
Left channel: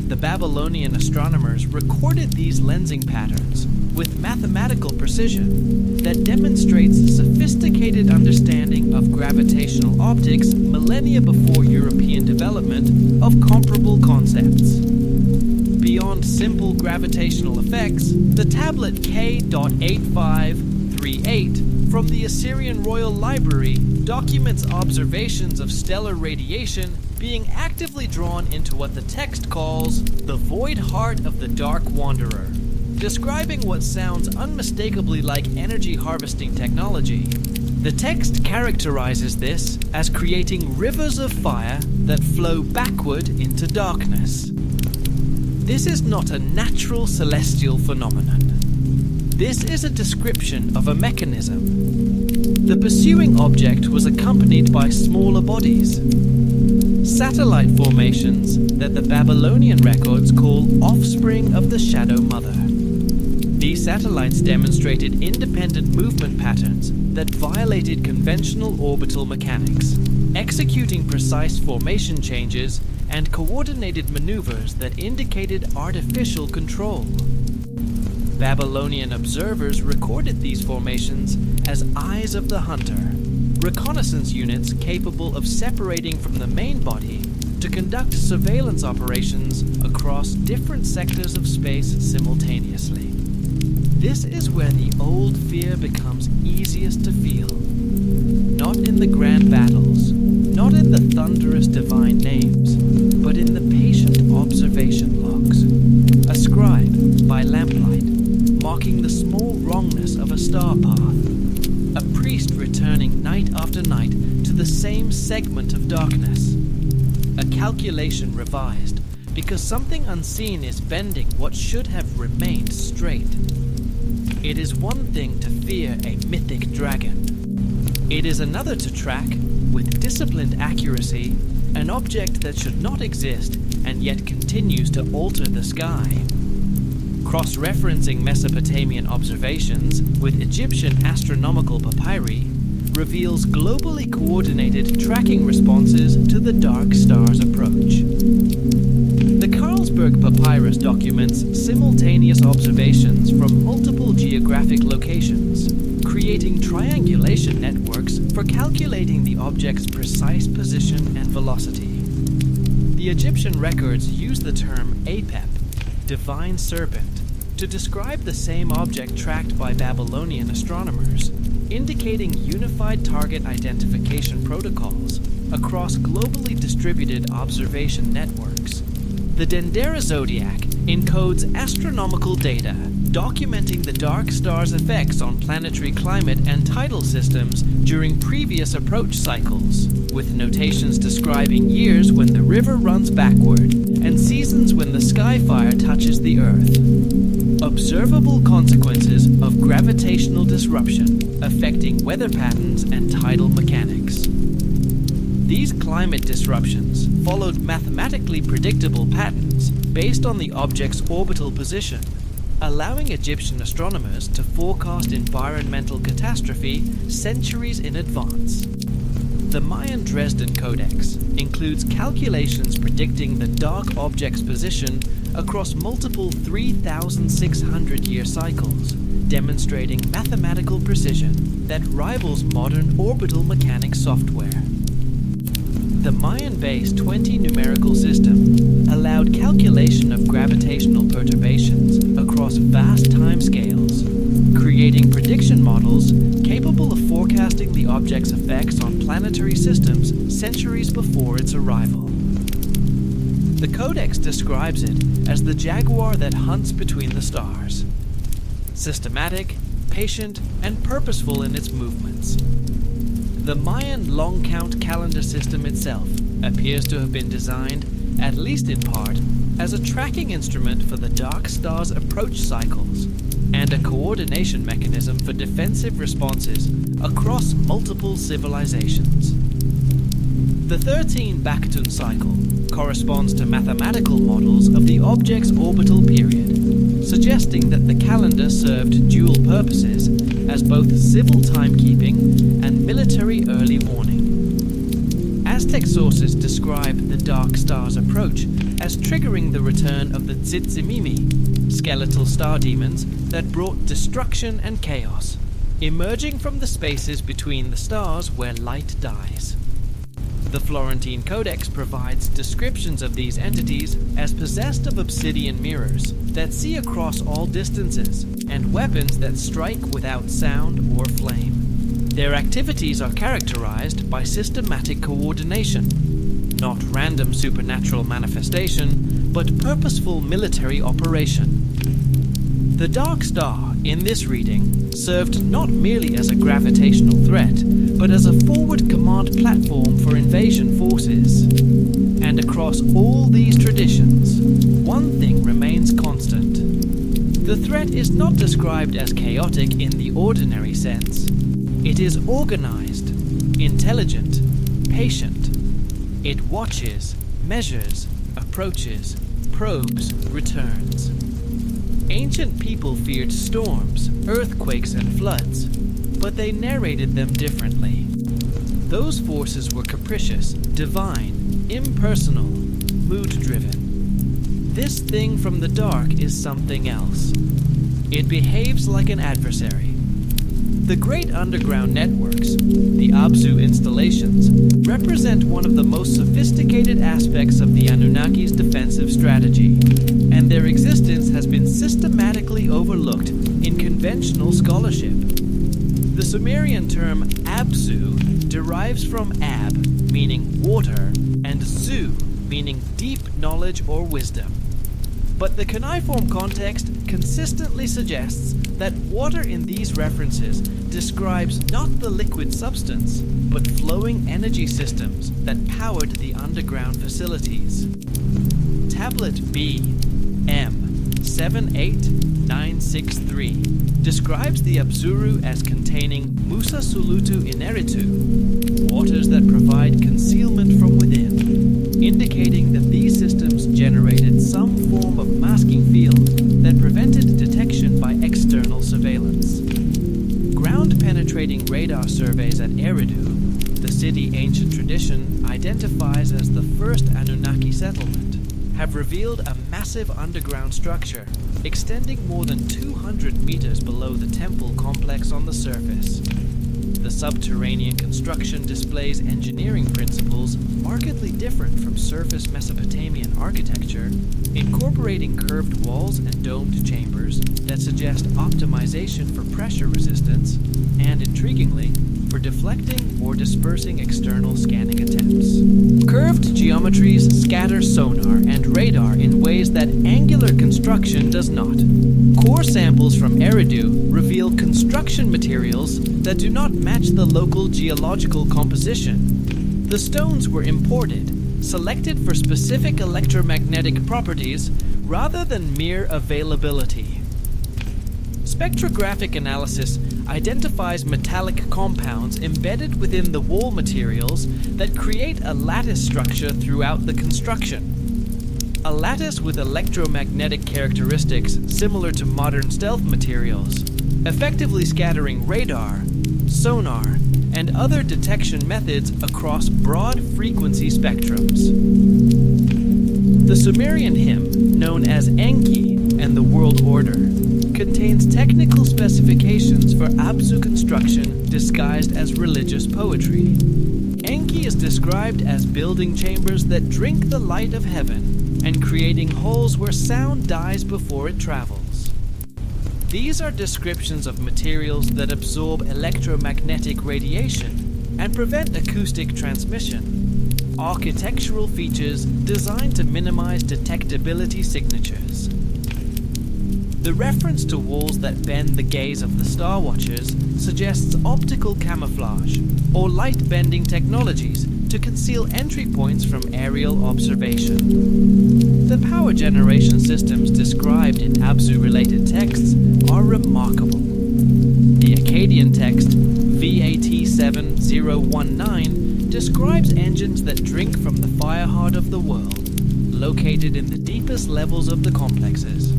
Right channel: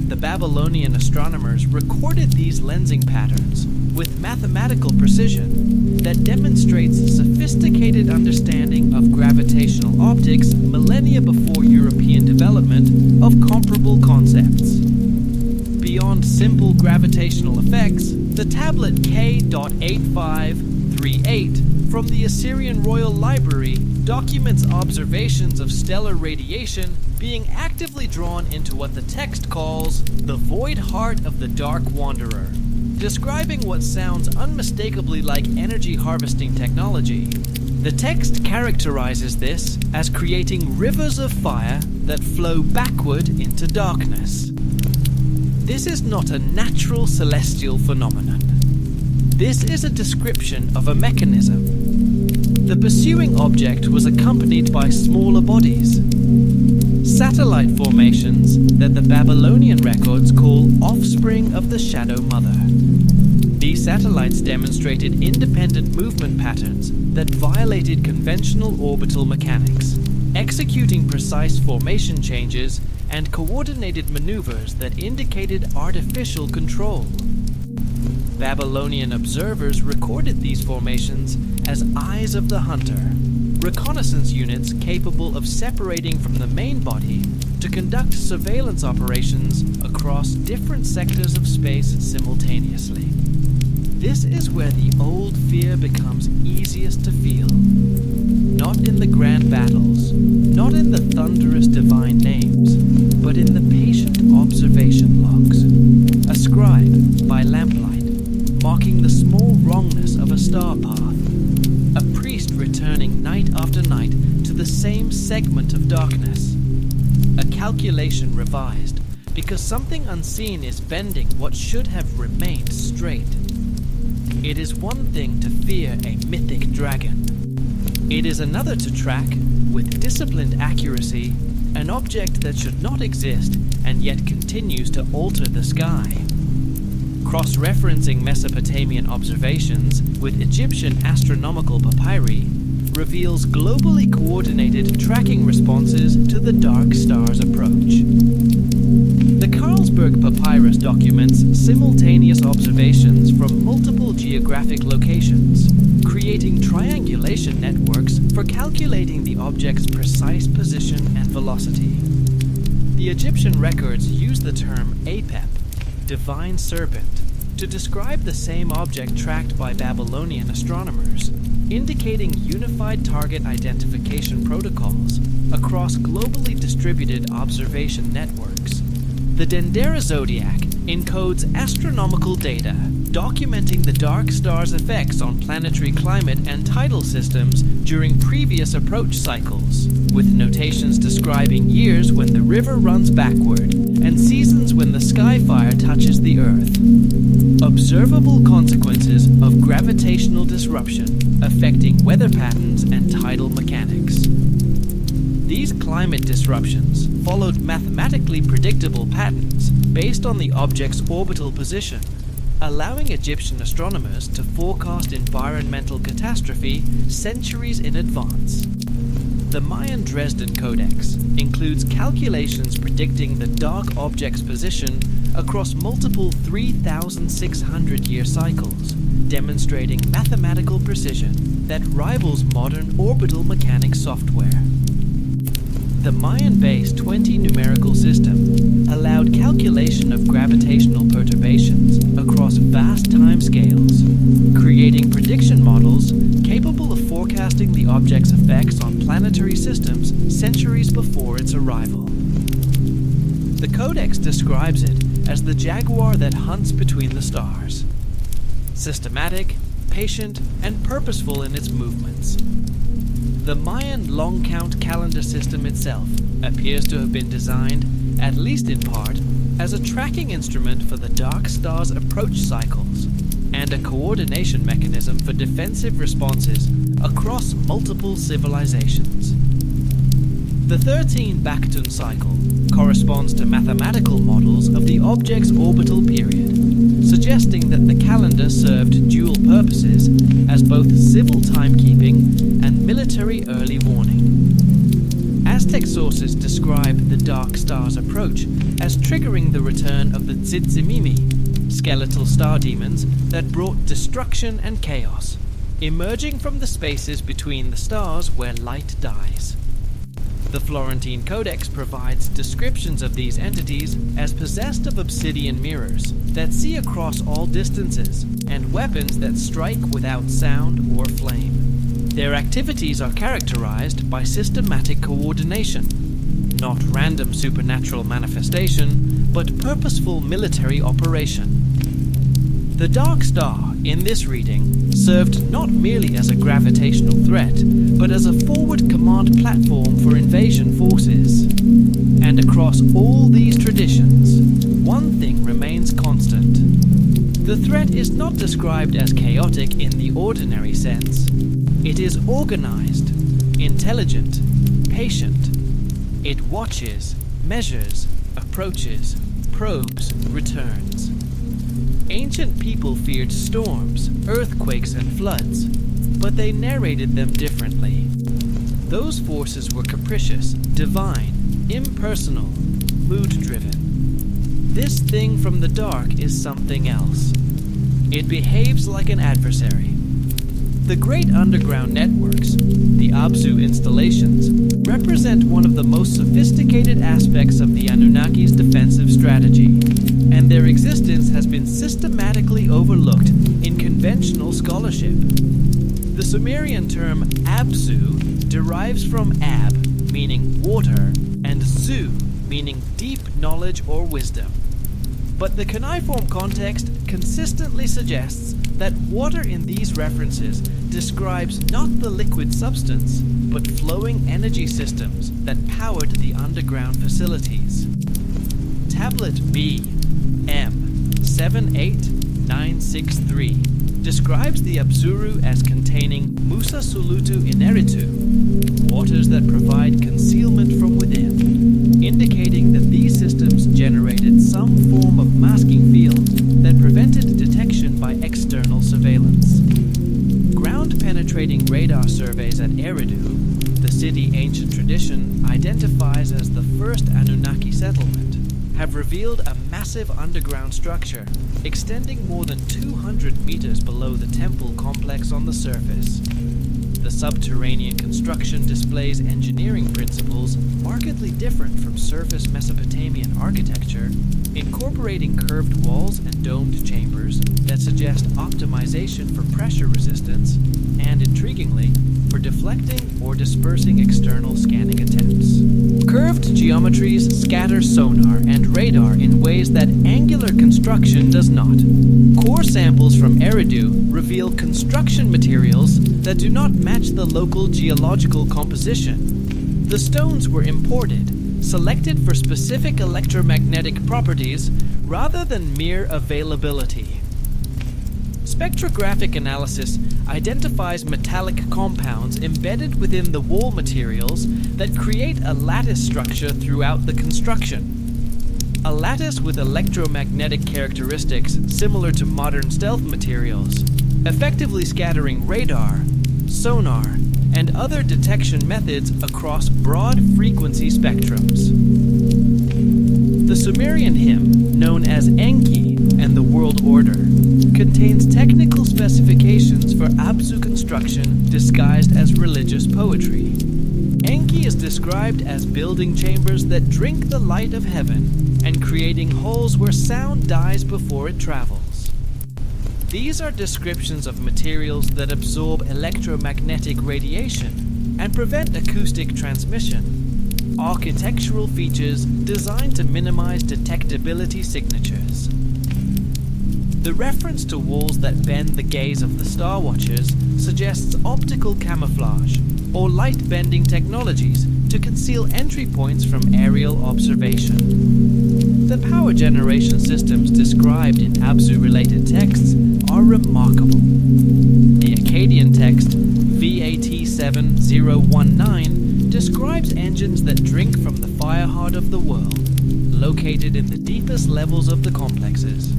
The Babylonian astronomers recorded these lensing patterns with mathematical precision that demonstrates sophisticated understanding of gravitational optics millennia before European development of comparable concepts. Beyond simple gravitational effects, the tablet K.8538 from the Assyrian Royal Library documents observations of stellar radiation being actively drawn into what the text calls the void heart of the Dark Wanderer, describing what sounds unmistakably like energy harvesting technology. The text characterizes this as creating rivers of fire that flow backward into darkness. This is not a natural celestial phenomenon. This is a description of a mechanism. The pursuing object was accompanied by smaller bodies, satellite formations that the Babylonian records call offspring of the Shadow Mother. These satellites demonstrated independent movement patterns that violated conventional orbital mechanics, executing precise formation changes and coordinated maneuvers that indicated artificial control. Babylonian observers recorded these formations as eyes of the hunter, reconnaissance units capable of separating from the main body to conduct surveillance operations across different sectors of space simultaneously. This is where the old fear becomes easiest to feel. Not in the grand battles, not in the thunderous divine names, but in the patient observation logs, a scribe by lamplight, marking the small wrongness of a star path, a priest returning night after night to the same segment of darkness, a calculation revised because something unseen is bending what should have remained straight. It is one thing to fear a mythic dragon. It is another to track, with disciplined accuracy, an object that should not exist and yet continues to alter the sky. Cross-referencing Mesopotamian observations with Egyptian astronomical papyri reveals globally coordinated tracking responses to the dark star's approach. The Carlsberg Papyrus documents simultaneous observations from multiple geographic locations, creating triangulation networks for calculating the object's precise position and velocity. The Egyptian records use the term Apep, divine serpent, to describe the same object tracked by Babylonian astronomers, indicating unified target identification protocols across globally distributed observation networks. The Dendera zodiac encodes astronomical data documenting the dark star's effects on planetary climate and tidal systems during previous approach cycles, with notations describing years when the river runs backward and seasons when the sky fire touches the Earth. Observable consequences of gravitational disruption affecting weather patterns and tidal mechanics. These climate disruptions followed mathematically predictable patterns based on the object's orbital position, allowing Egyptian astronomers to forecast environmental catastrophe centuries in advance. The Mayan Dresden Codex includes calculations predicting the dark object's position across multiple 3,600-year cycles, demonstrating mathematical precision that rivals modern orbital mechanics software. The Mayan-based 20-numerical system allowed calculation of gravitational perturbations across vast timescales, creating prediction models capable of forecasting the object's effects on planetary systems centuries before its arrival. The Codex describes it as the jaguar that hunts between the stars, systematic, patient, and purposeful in its movements. The Mayan long count calendar system itself appears to have been designed, at least in part, as a tracking instrument for the dark star's approach cycles and a coordination mechanism for defensive responses across multiple civilizations. The 13 Baktun cycle corresponds to mathematical models of the object's orbital period, suggesting that the calendar served dual purposes as both civil timekeeping and military early warning. Aztec sources describe the dark star's approach as triggering the return of the Tzitzimimi, skeletal star demons that brought destruction and chaos, emerging from the spaces between the stars where light dies. The Florentine Codex provides descriptions of these entities as possessed of obsidian mirrors that see across all distances and weapons that strike without sound or flame. Their activities are characterized by systematic coordination, not random supernatural manifestation, but purposeful military operation. The Dark Star, in this reading, served not merely as a gravitational threat, but as a forward command platform for invasion forces. And across all these traditions, one thing remains constant. The threat is not described as chaotic in the ordinary sense. It is organized, intelligent, patient. It watches, measures, approaches, probes, returns. Ancient people feared storms, earthquakes, and floods, but they narrated them differently. Those forces were capricious, divine, impersonal, mood-driven. This thing from the dark is something else. It behaves like an adversary. The great underground networks, the Abzu installations, represent one of the most sophisticated aspects of the Anunnaki's defensive strategy, and their existence has been systematically overlooked in conventional scholarship. The Sumerian term Abzu derives from Ab, meaning water, and Zu, meaning deep knowledge or wisdom. But the cuneiform context consistently suggests that water in these references describes not the liquid substance, but flowing energy systems that powered the underground facilities. Tablet B, M 78963 describes the Abzuru as containing Musa Sulutu Ineritu, waters that provide concealment from within, indicating that these systems generated some form of masking field that prevented detection by external surveillance. Ground-penetrating radar surveys at Eridu, the city ancient tradition identifies as the first Anunnaki settlement, have revealed a massive underground structure extending more than 200 meters below the temple complex on the surface. The subterranean construction displays engineering principles markedly different from surface Mesopotamian architecture, incorporating curved walls and domed chambers that suggest optimization for pressure resistance and, intriguingly, for deflecting or dispersing external scanning attempts. Curved geometries scatter sonar and radar in ways that angular construction does not. Core samples from Eridu reveal construction materials that do not match the local geological composition. The stones were imported, selected for specific electromagnetic properties rather than mere availability. Spectrographic analysis identifies metallic compounds embedded within the wall materials that create a lattice structure throughout the construction. A lattice with electromagnetic characteristics similar to modern stealth materials, effectively scattering radar, sonar, and other detection methods across broad frequency spectrums. The Sumerian hymn, known as Enki and the World Order, contains technical specifications for Abzu construction disguised as religious poetry. Enki is described as building chambers that drink the light of heaven and creating holes where sound dies before it travels. These are descriptions of materials that absorb electromagnetic radiation and prevent acoustic transmission, architectural features designed to minimize detectability signatures. The reference to walls that bend the gaze of the Star Watchers suggests optical camouflage or light-bending technologies to conceal entry points from aerial observation. The power generation systems described in Abzu-related texts are remarkable. The Akkadian text VAT7019 describes engines that drink from the fire heart of the world, located in the deepest levels of the complexes.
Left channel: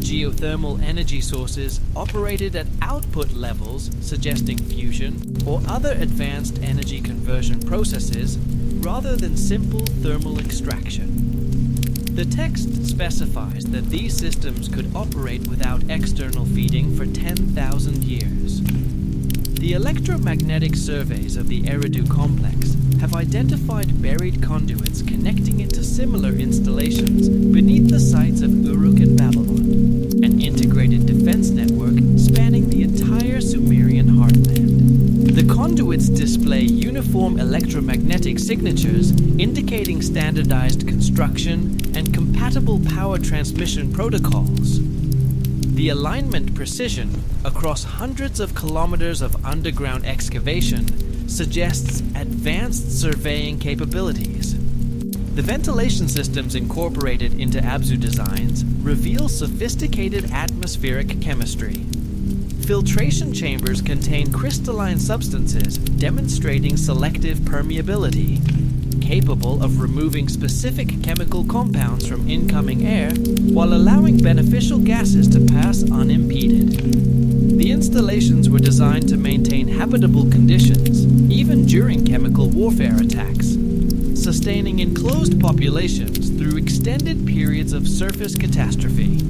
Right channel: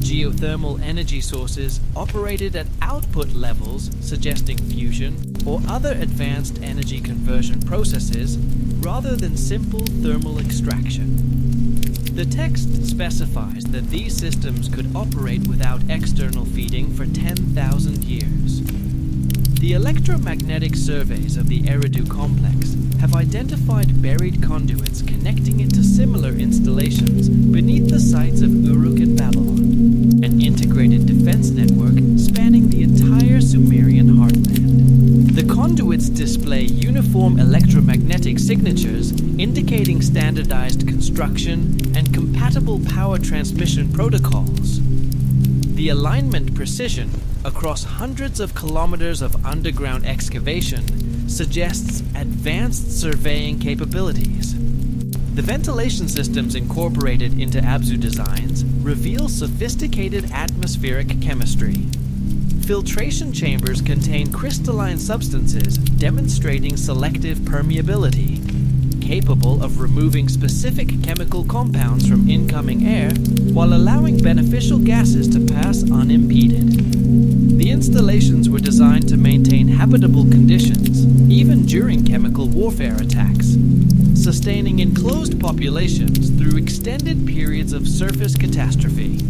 Geothermal energy sources operated at output levels suggesting fusion or other advanced energy conversion processes rather than simple thermal extraction. The text specifies that these systems could operate without external feeding for 10,000 years. The electromagnetic surveys of the Eridu complex have identified buried conduits connecting it to similar installations beneath the sites of Uruk and Babylon, an integrated defense network spanning the entire Sumerian heartland. conduits display uniform electromagnetic signatures indicating standardized construction and compatible power transmission protocols. The alignment precision across hundreds of kilometers of underground excavation suggests advanced surveying capabilities. The ventilation systems incorporated into Abzu designs reveal sophisticated atmospheric chemistry. Filtration chambers contain crystalline substances demonstrating selective permeability, capable of removing specific chemical compounds from incoming air while allowing beneficial gases to pass unimpeded. The installations were designed to maintain habitable conditions, even during chemical warfare attacks, sustaining enclosed populations through extended periods of surface catastrophe.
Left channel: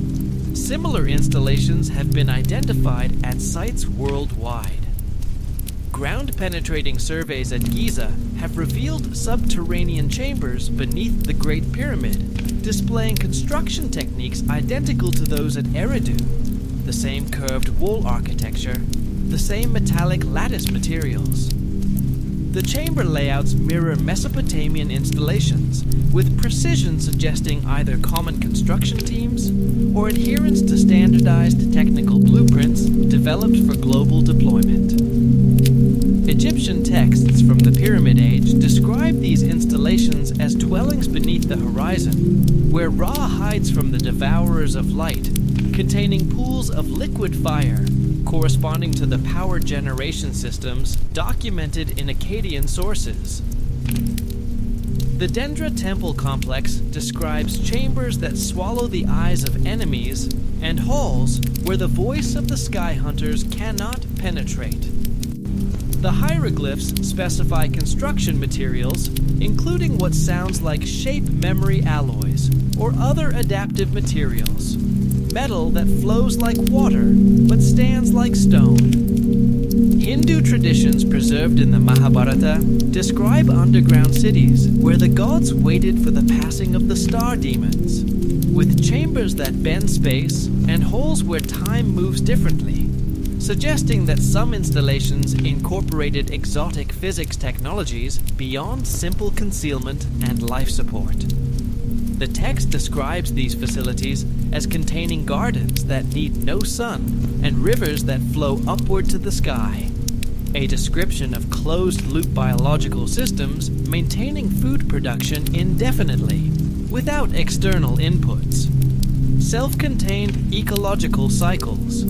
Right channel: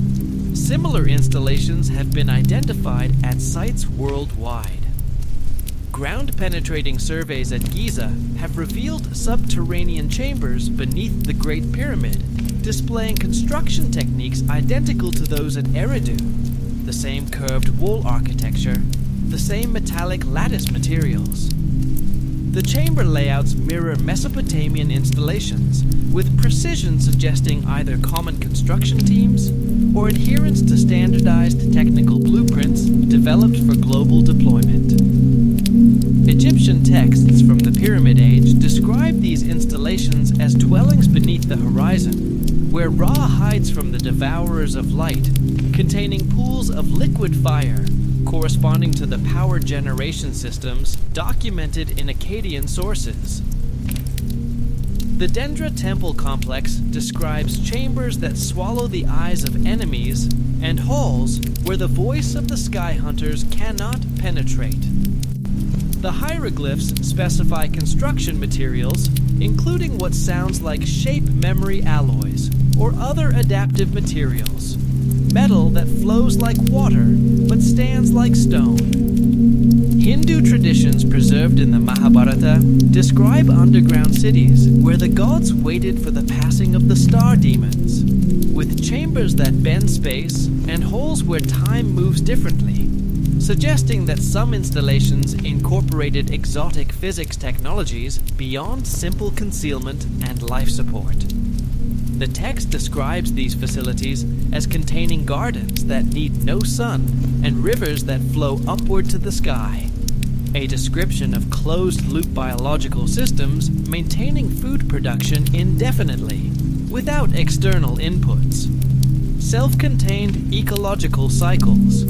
Similar installations have been identified at sites worldwide. Ground-penetrating surveys at Giza have revealed subterranean chambers beneath the Great Pyramid, displaying construction techniques identical to those at Eridu. The same curved wall architecture, the same metallic lattice materials. The chamber layouts mirror Mesopotamian installations, with precision suggesting either common construction teams or adherence to standardized technical blueprints developed for global deployment. Egyptian texts from the Pyramid Age describe these installations as dwellings beneath the horizon, where Ra hides from the devourers of light, containing pools of liquid fire corresponding to the power generation systems documented in Akkadian sources. The Dendra Temple complex describes chambers that swallow the eyes of enemies and halls where the voice of the sky hunters cannot penetrate. The hieroglyphs specify construction materials, including what sounds like shape memory alloys or other adaptive materials. Metal that flows like water but stands like stone. Hindu traditions preserved in the Mahabharata describe underground cities where the gods waited for the passing of the star demons, with chambers that bend space and holes where time moves differently, suggesting that some installations incorporated exotic physics technologies beyond simple concealment and life support. The text describes these facilities as containing gardens that need no sun and rivers that flow upward to the sky, a description of closed-loop biological systems maintaining food production indefinitely, without external inputs. Self-contained ecological cycles.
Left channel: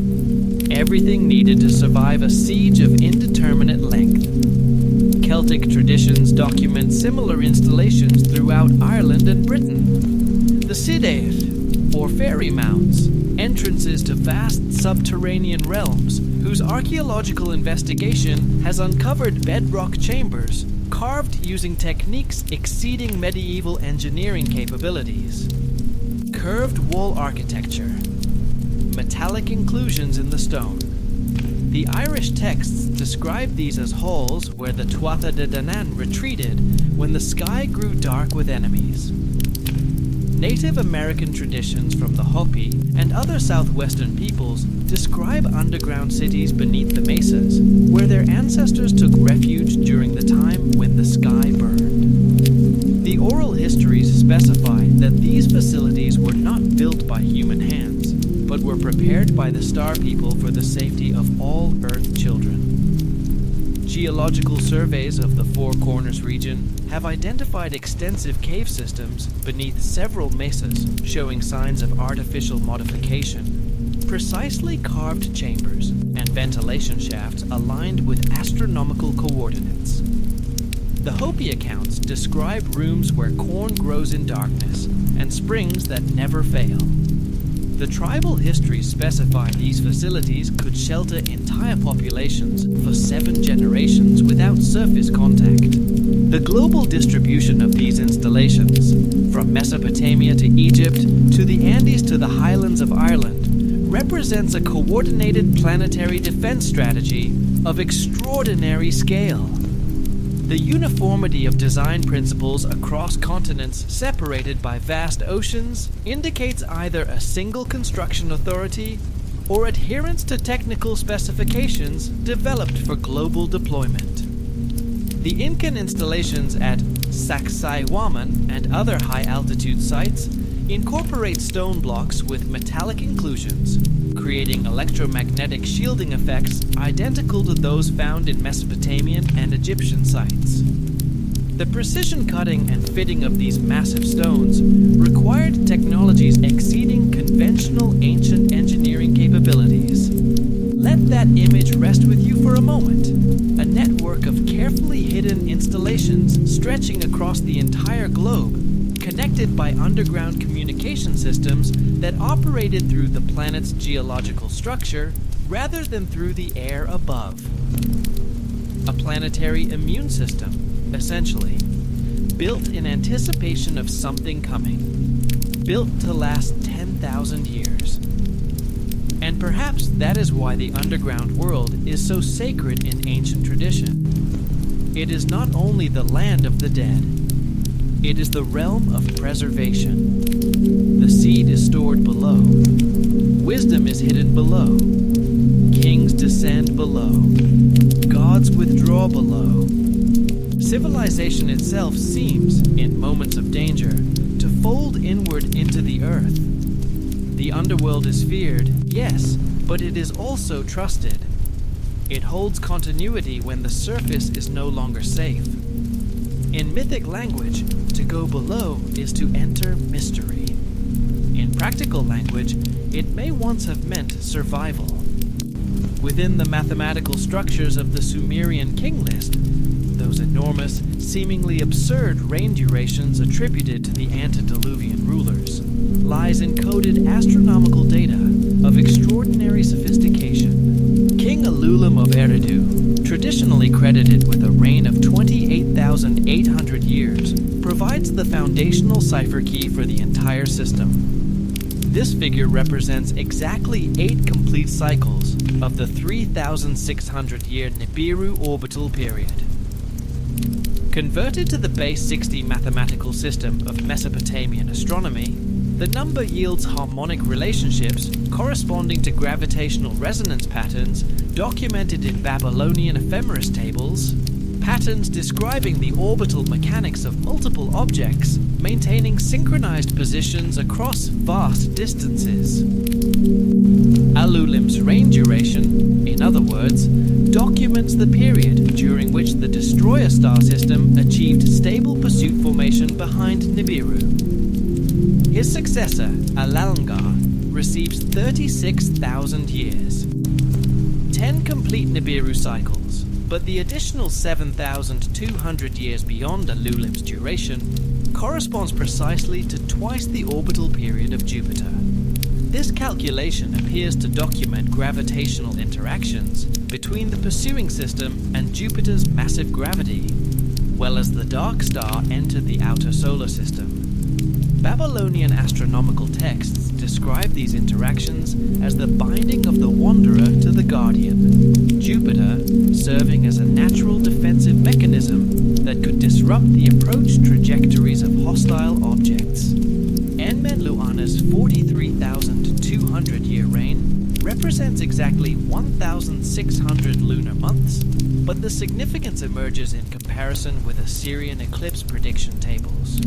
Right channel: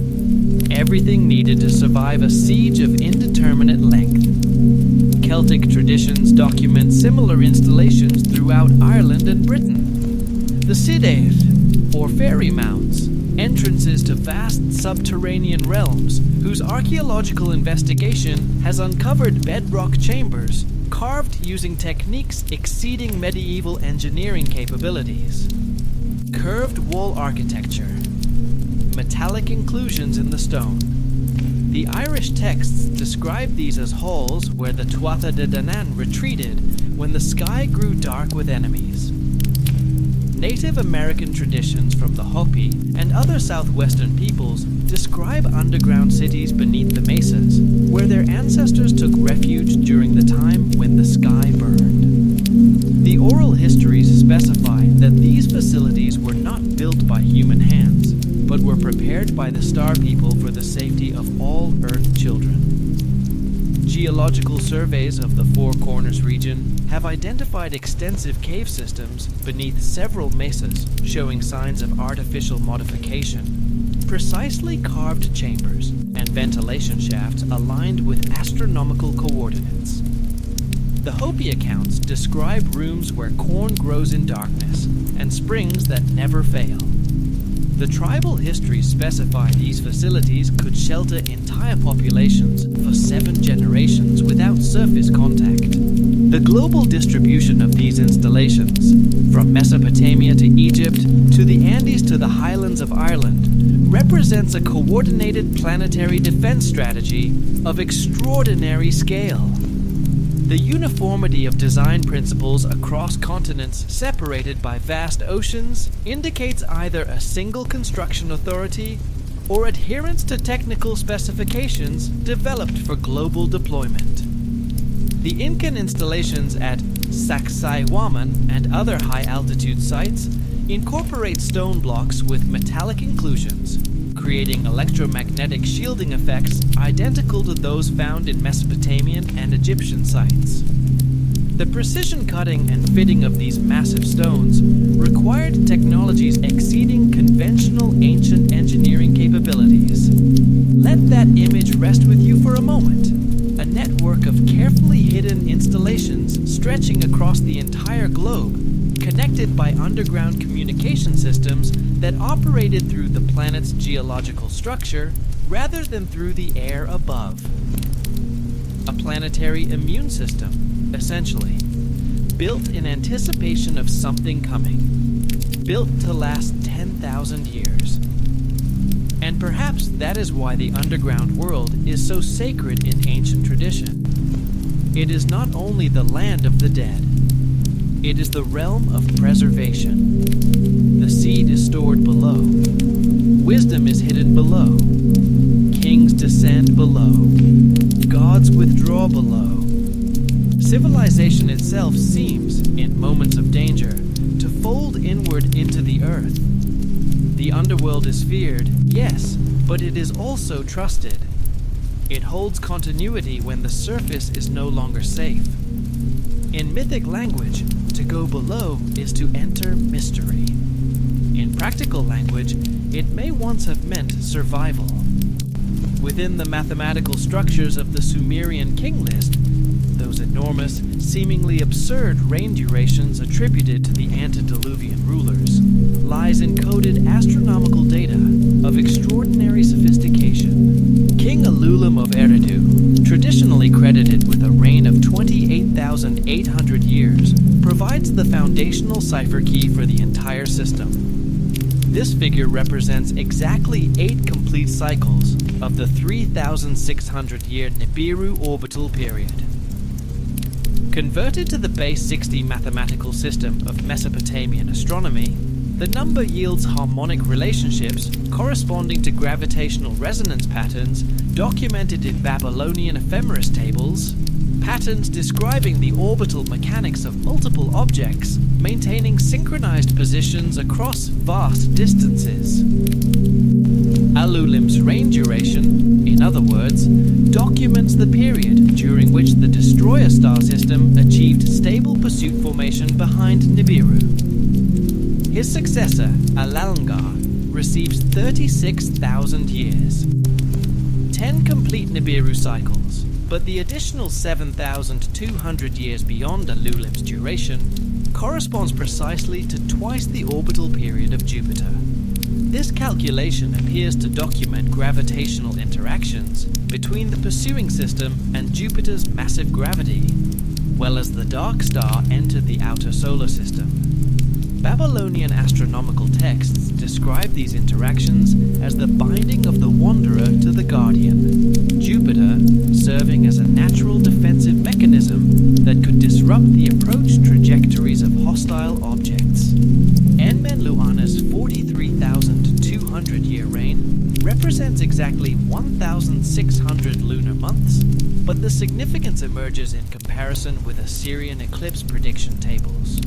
Everything needed to survive a siege of indeterminate length. Celtic traditions document similar installations throughout Ireland and Britain. The Sidair, or fairy mounds, entrances to vast subterranean realms whose archaeological investigation has uncovered bedrock chambers carved using techniques exceeding medieval engineering capabilities. Curved wall architecture. Metallic inclusions in the stone. The Irish texts describe these as halls where the Tuatha De Danann retreated when the sky grew dark with enemies. Native American traditions from the Hopi and other southwestern peoples describe underground cities beneath the mesas, where their ancestors took refuge during the time when the sky burned. The oral histories specify that these facilities were not built by human hands, but were prepared by the Star People for the safety of all Earth children. Geological surveys of the Four Corners region have identified extensive cave systems beneath several mesas showing signs of artificial modification, precisely carved chambers and ventilation shafts aligned with astronomical coordinates. The Hopi accounts describe rooms where corn grows in darkness and springs that never fail. The tribal histories specify these facilities could shelter entire populations for 7 generations without surface contact. The global distribution of these installations, from Mesopotamia to Egypt to the Andes to the highlands of Ireland, represents a coordinated planetary defense strategy of extraordinary scale. The uniformity of design principles across continents separated by vast oceans indicates either a single construction authority or adherence to technical specifications developed for global deployment. The Incan installations at Sacsayhuaman and other high-altitude sites incorporate stone blocks with metallic inclusions, creating electromagnetic shielding effects identical to those found in Mesopotamian and Egyptian sites. The precision cutting and fitting of these massive stones required technologies exceeding conventional ancient engineering capabilities. Let that image rest with you for a moment. A network of carefully hidden installations stretching across the entire globe, connected by underground communication systems that operated through the planet's geological structure rather than through the air above. A planetary immune system, essentially, built in anticipation of something coming, built to last 10,000 years. And perhaps that is why the underground world is so sacred in ancient tradition. It is not only the land of the dead, it is the realm of preservation. The seed is stored below. Wisdom is hidden below. Kings descend below. Gods withdraw below. Civilization itself seems, in moments of danger, to fold inward into the earth. The underworld is feared, yes, but it is also trusted. It holds continuity when the surface is no longer safe. In mythic language, to go below is to enter mystery. In practical language, it may once have meant survival. Within the mathematical structures of the Sumerian king list, those enormous, seemingly absurd reign durations attributed to the antediluvian rulers, lies encoded astronomical data of extraordinary sophistication. King Alulim of Eridu, traditionally credited with a reign of 28,800 years, provides the foundational cipher key for the entire system. This figure represents exactly 8 complete cycles of the 3,600-year Nibiru orbital period. Converted to the base 60 mathematical system of Mesopotamian astronomy, the number yields harmonic relationships corresponding to gravitational resonance patterns documented in Babylonian ephemeris tables, patterns describing the orbital mechanics of multiple objects, maintaining synchronized positions across vast distances. Alulim's reign duration, in other words, documents the period during which the destroyer star system achieved stable pursuit formation behind Nibiru. His successor, Alalngar, receives 36,000 years. 10 complete Nibiru cycles, but the additional 7,200 years beyond Alulim's duration corresponds precisely to twice the orbital period of Jupiter. This calculation appears to document gravitational interactions between the pursuing system and Jupiter's massive gravity, well as the dark star entered the outer solar system. Babylonian astronomical texts describe these interactions as the binding of the wanderer to the guardian, Jupiter serving as a natural defensive mechanism that could disrupt the approach trajectories of hostile objects. Enmenluana's 43,200-year reign represents exactly 1,600 lunar months, but the significance emerges in comparison with Assyrian eclipse prediction tables.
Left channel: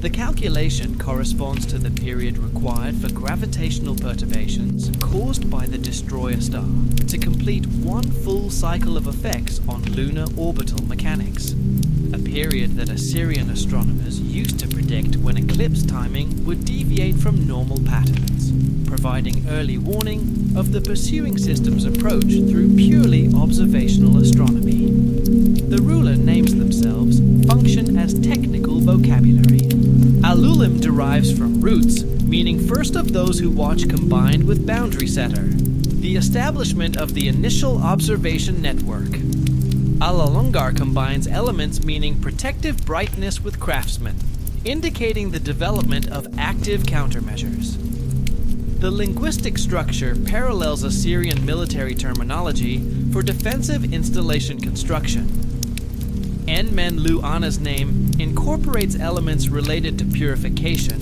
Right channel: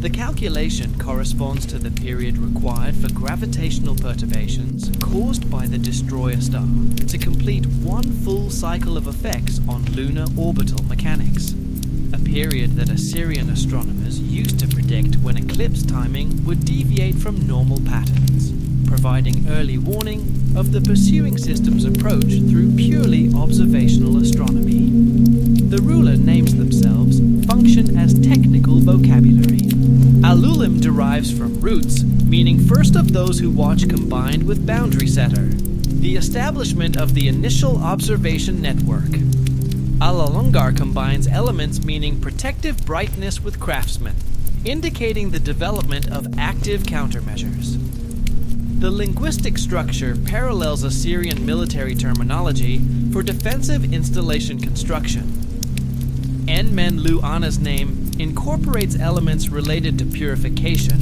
The calculation corresponds to the period required for gravitational perturbations caused by the destroyer star to complete one full cycle of effects on lunar orbital mechanics, a period that Assyrian astronomers used to predict when eclipse timing would deviate from normal patterns, providing early warning of the pursuing system's approach through purely observational astronomy. The ruler names themselves function as technical vocabulary. Alulim derives from roots, meaning first of those who watch combined with boundary setter, the establishment of the initial observation network. Alalungar combines elements meaning protective brightness with craftsman, indicating the development of active countermeasures. The linguistic structure parallels Assyrian military terminology for defensive installation construction. Enmenluana's name incorporates elements related to purification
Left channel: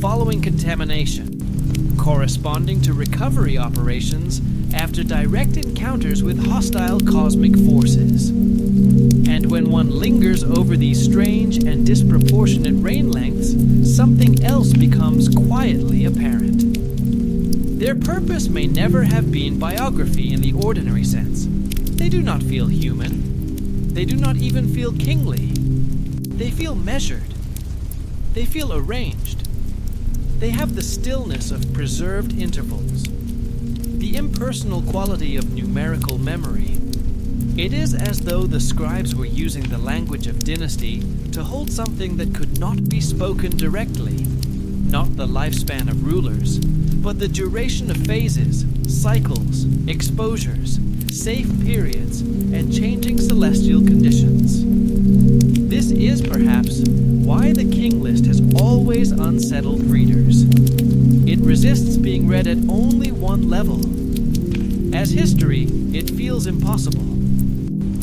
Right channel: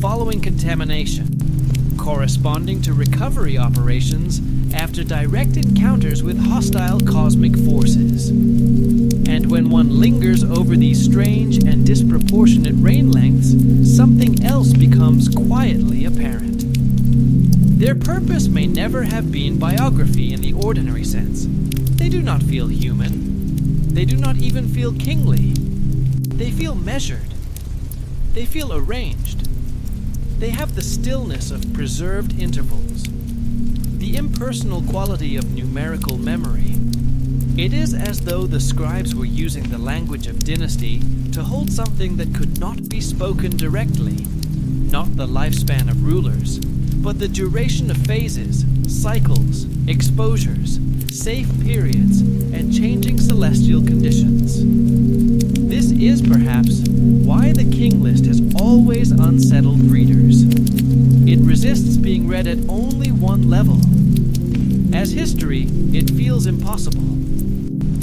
following contamination, corresponding to recovery operations after direct encounters with hostile cosmic forces. And when one lingers over these strange and disproportionate rain lengths, something else becomes quietly apparent. Their purpose may never have been biography in the ordinary sense. They do not feel human. They do not even feel kingly. They feel measured. They feel arranged. They have the stillness of preserved intervals, the impersonal quality of numerical memory. It is as though the scribes were using the language of dynasty to hold something that could not be spoken directly, not the lifespan of rulers, but the duration of phases, cycles, exposures, safe periods, and changing celestial conditions. This is perhaps why the King List has always unsettled readers. It resists being read at only one level. As history, it feels impossible.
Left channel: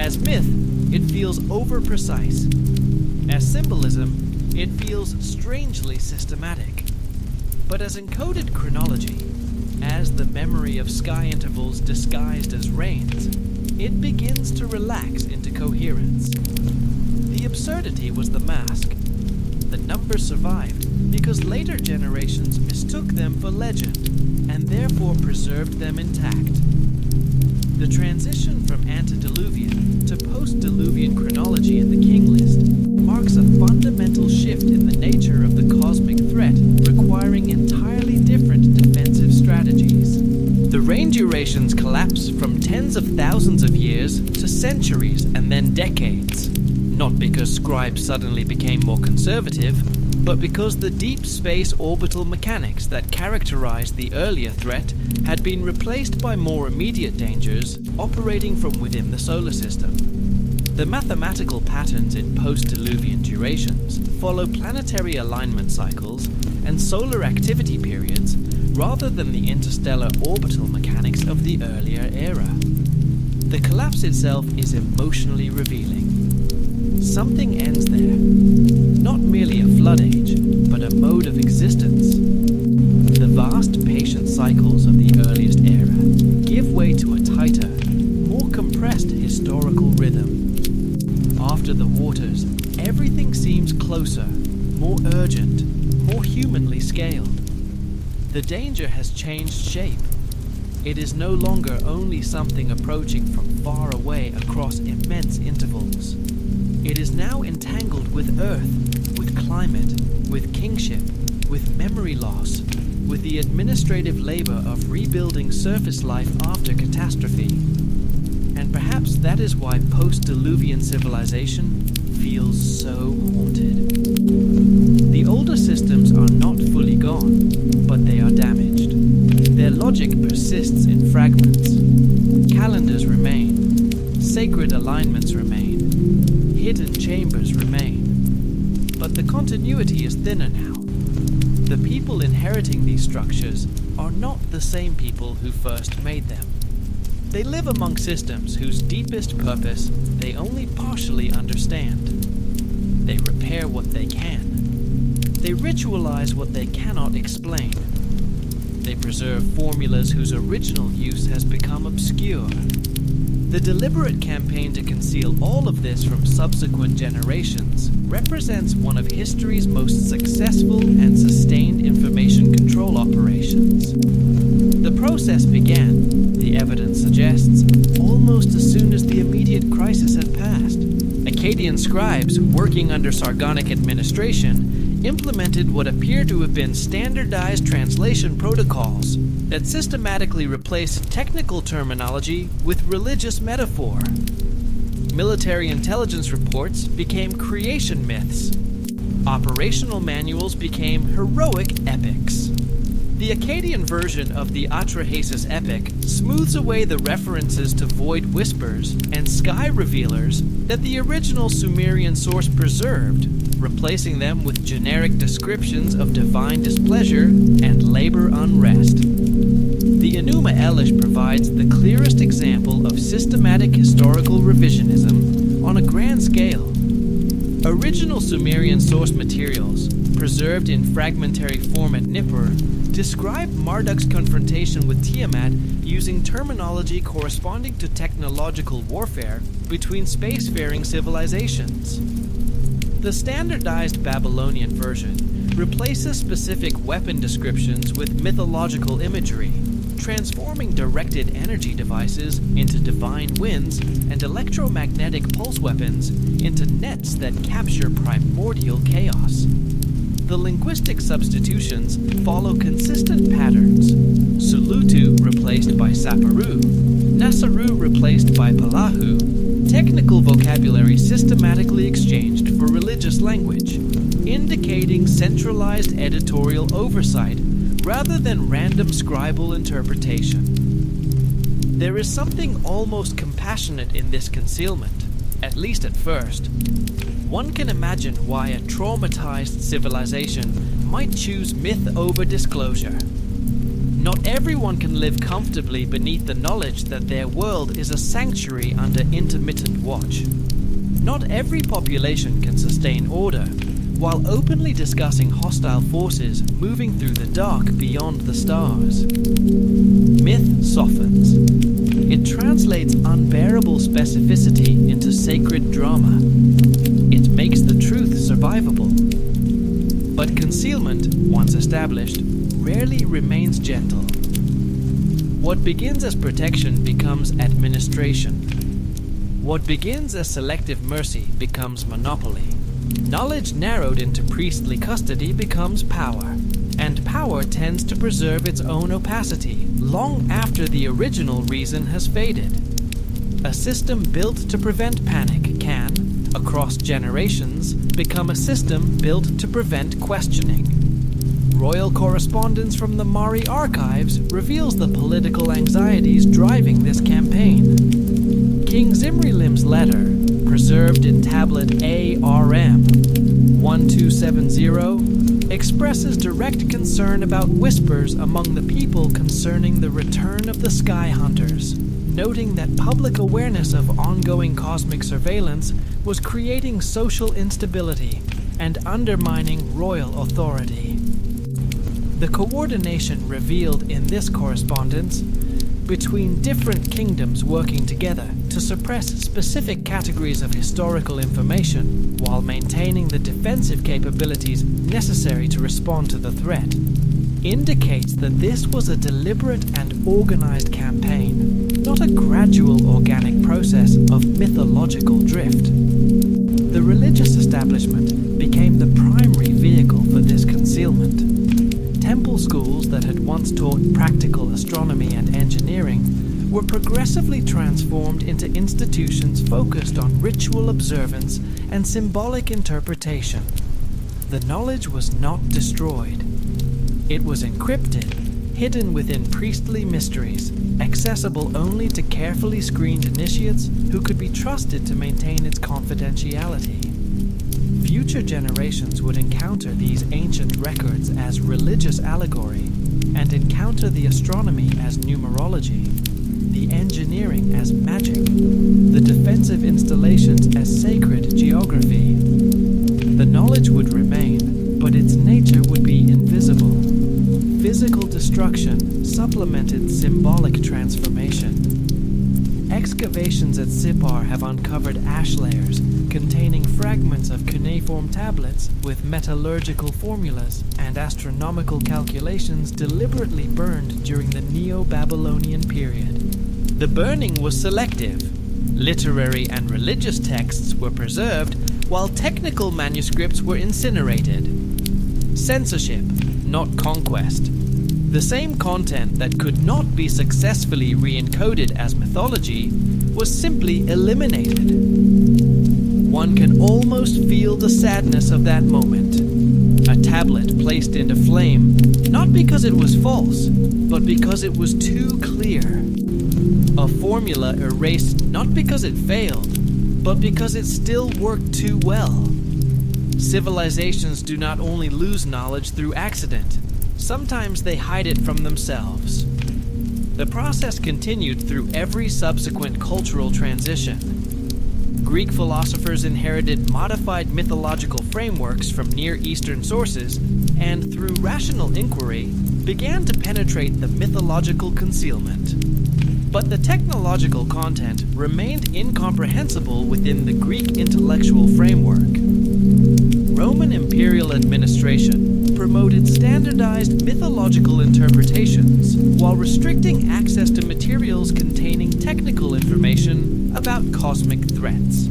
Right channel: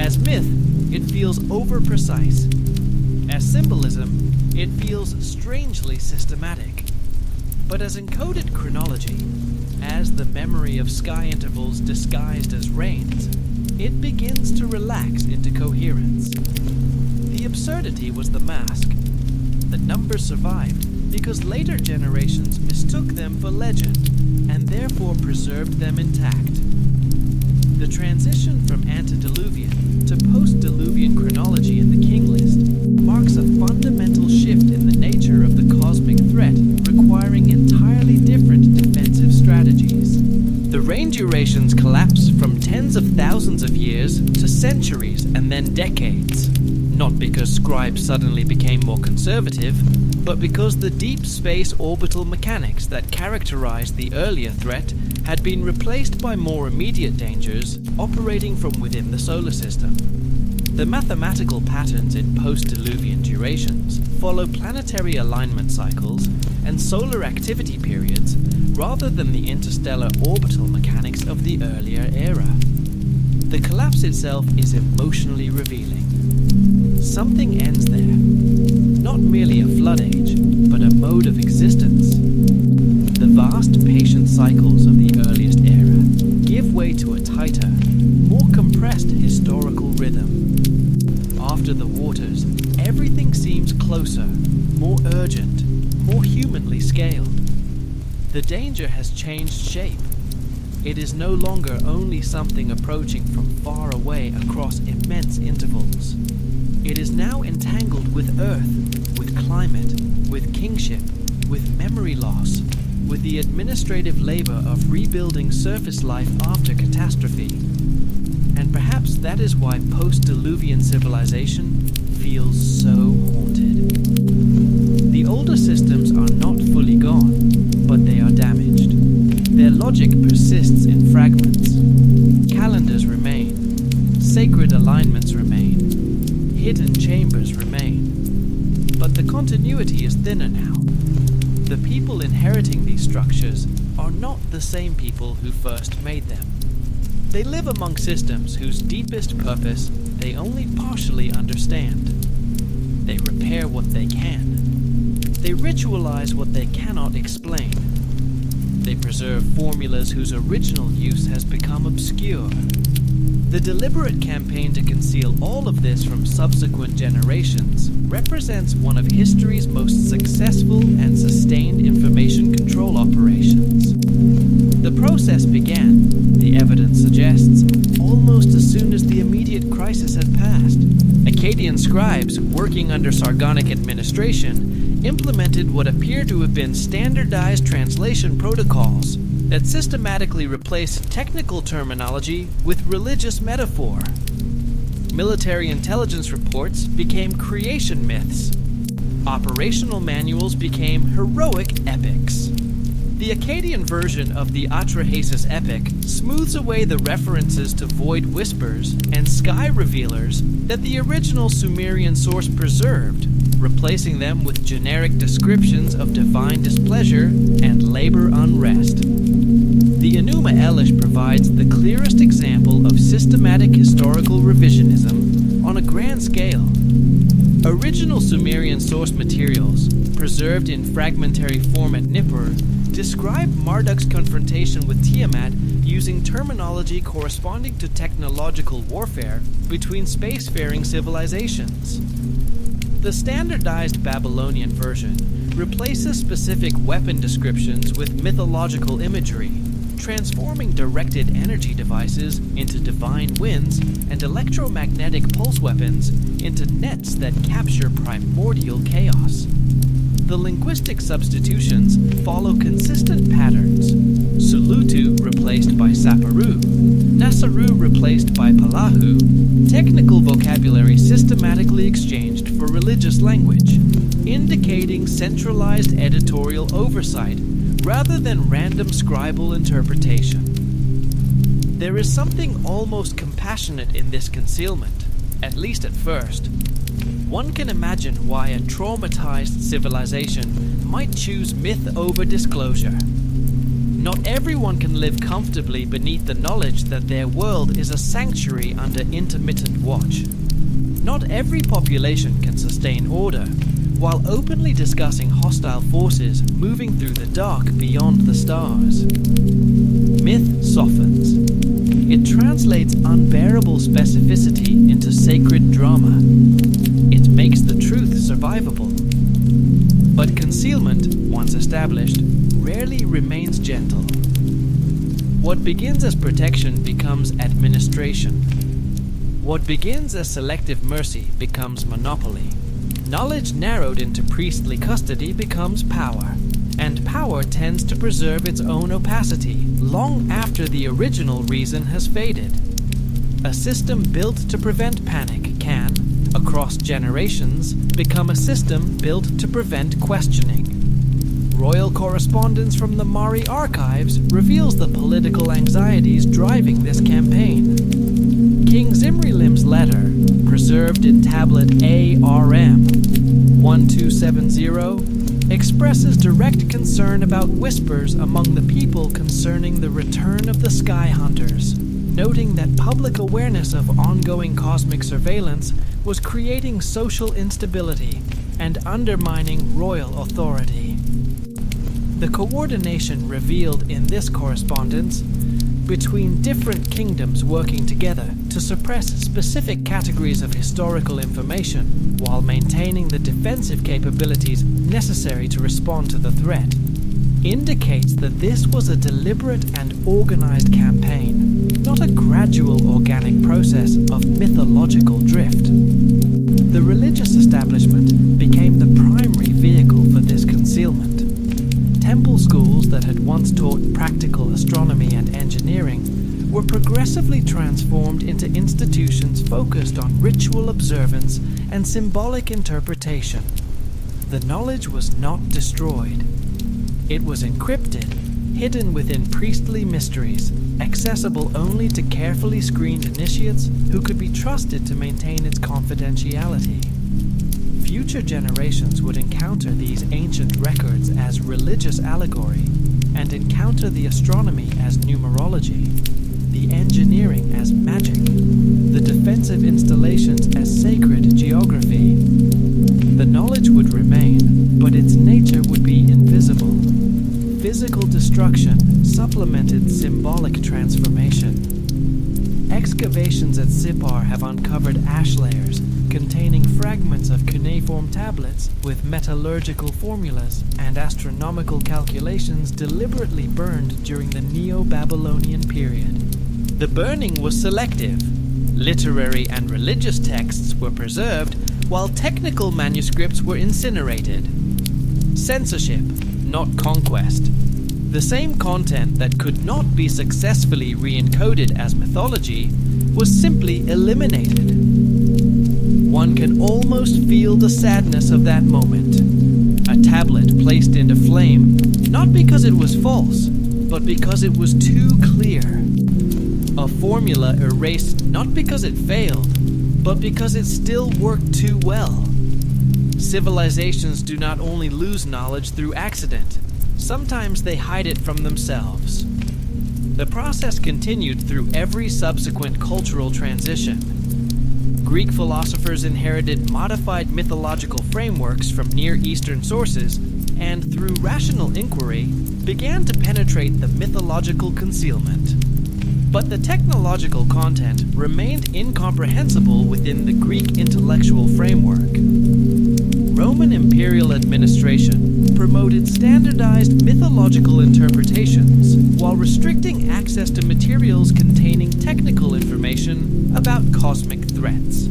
As myth, it feels over-precise. As symbolism, it feels strangely systematic. But as encoded chronology, as the memory of sky intervals disguised as rains, it begins to relax into coherence. The absurdity was the mask. The numbers survived because later generations mistook them for legend and therefore preserved them intact. The transition from antediluvian to post-diluvian chronology in the King List marks a fundamental shift in the nature of the cosmic threat, requiring entirely different defensive strategies. The reign durations collapse from tens of thousands of years to centuries and then decades, not because scribes suddenly became more conservative, but because the deep space orbital mechanics that characterized the earlier threat had been replaced by more immediate dangers operating from within the solar system. The mathematical patterns in post-diluvian durations follow planetary alignment cycles and solar activity periods rather than the interstellar orbital mechanics of the earlier era. The collapse itself is emotionally revealing. Something ends there. Not merely a flood age, but a mode of existence. The vast patient cycles of the earliest era give way to a tighter, more compressed historical rhythm. After the waters, everything seems closer, more urgent, more humanly scaled. The danger has changed shape. It is no longer only something approaching from far away across immense intervals. It is now entangled with Earth, with climate, with kingship, with memory loss, with the administrative labor of rebuilding surface life after catastrophe. And perhaps that is why post-diluvian civilization feels so haunted. The older systems are not fully gone, but they are damaged. Their logic persists in fragments. Calendars remain. Sacred alignments remain. Hidden chambers remain. But the continuity is thinner now. The people inheriting these structures are not the same people who first made them. They live among systems whose deepest purpose they only partially understand. They repair what they can. They ritualize what they cannot explain. They preserve formulas whose original use has become obscure. The deliberate campaign to conceal all of this from subsequent generations represents one of history's most successful and sustained information control operations. The process began, the evidence suggests, almost as soon as the immediate crisis had passed. Akkadian scribes, working under Sargonic administration, implemented what appear to have been standardized translation protocols that systematically replaced technical terminology with religious metaphor. Military intelligence reports became creation myths. Operational manuals became heroic epics. The Akkadian version of the Atrahasis epic smooths away the references to void whispers and sky revealers that the original Sumerian source preserved, replacing them with generic descriptions of divine displeasure and labor unrest. The Enuma Elish provides the clearest example of systematic historical revisionism on a grand scale. Original Sumerian source materials, preserved in fragmentary form at Nippur, describe Marduk's confrontation with Tiamat using terminology corresponding to technological warfare between spacefaring civilizations. The standardized Babylonian version replaces specific weapon descriptions with mythological imagery, transforming directed energy devices into divine winds and electromagnetic pulse weapons into nets that capture primordial chaos. The linguistic substitutions follow consistent patterns. Sulutu replaced by Saparu, Nasaru replaced by Palahu, technical vocabulary systematically exchanged for religious language, indicating centralized editorial oversight rather than random scribal interpretation. There is something almost compassionate in this concealment, at least at first. One can imagine why a traumatized civilization might choose myth over disclosure. Not everyone can live comfortably beneath the knowledge that their world is a sanctuary under intermittent watch. Not every population can sustain order, while openly discussing hostile forces moving through the dark beyond the stars. Myth softens. It translates unbearable specificity into sacred drama. It makes the truth survivable. But concealment, once established, rarely remains gentle. What begins as protection becomes administration. What begins as selective mercy becomes monopoly. Knowledge narrowed into priestly custody becomes power, and power tends to preserve its own opacity long after the original reason has faded. A system built to prevent panic can, across generations, become a system built to prevent questioning. Royal correspondence from the Mari archives reveals the political anxieties driving this campaign. King Zimrilim's letter, preserved in tablet ARM 1270, expresses direct concern about whispers among the people concerning the return of the Sky Hunters, noting that public awareness of ongoing cosmic surveillance was creating social instability and undermining royal authority. The coordination revealed in this correspondence between different kingdoms working together to suppress specific categories of historical information while maintaining the defensive capabilities necessary to respond to the threat indicates that this was a deliberate and organized campaign, not a gradual organic process of mythological drift. The religious establishment became the primary vehicle for this concealment. Temple schools that had once taught practical astronomy and engineering were progressively transformed into institutions focused on ritual observance and symbolic interpretation. The knowledge was not destroyed. It was encrypted, hidden within priestly mysteries, accessible only to carefully screened initiates who could be trusted to maintain its confidentiality. Future generations would encounter these ancient records as religious allegory and encounter the astronomy as numerology, the engineering as magic, the defensive installations as sacred geography. The knowledge would remain, but its nature would be invisible. Physical destruction supplemented symbolic transformation. Excavations at Sippar have uncovered ash layers containing fragments of cuneiform tablets with metallurgical formulas and astronomical calculations deliberately burned during the Neo-Babylonian period. The burning was selective. Literary and religious texts were preserved, while technical manuscripts were incinerated. Censorship, not conquest. The same content that could not be successfully re-encoded as mythology was simply eliminated. One can almost feel the sadness of that moment. A tablet placed into flame, not because it was false, but because it was too clear. A formula erased not because it failed, but because it still worked too well. Civilizations do not only lose knowledge through accident, sometimes they hide it from themselves. The process continued through every subsequent cultural transition. Greek philosophers inherited modified mythological frameworks from Near Eastern sources, and through rational inquiry, began to penetrate the mythological concealment. But the technological content remained incomprehensible within the Greek intellectual framework. Roman imperial administration promoted standardized mythological interpretations while restricting access to materials containing technical information about cosmic threats.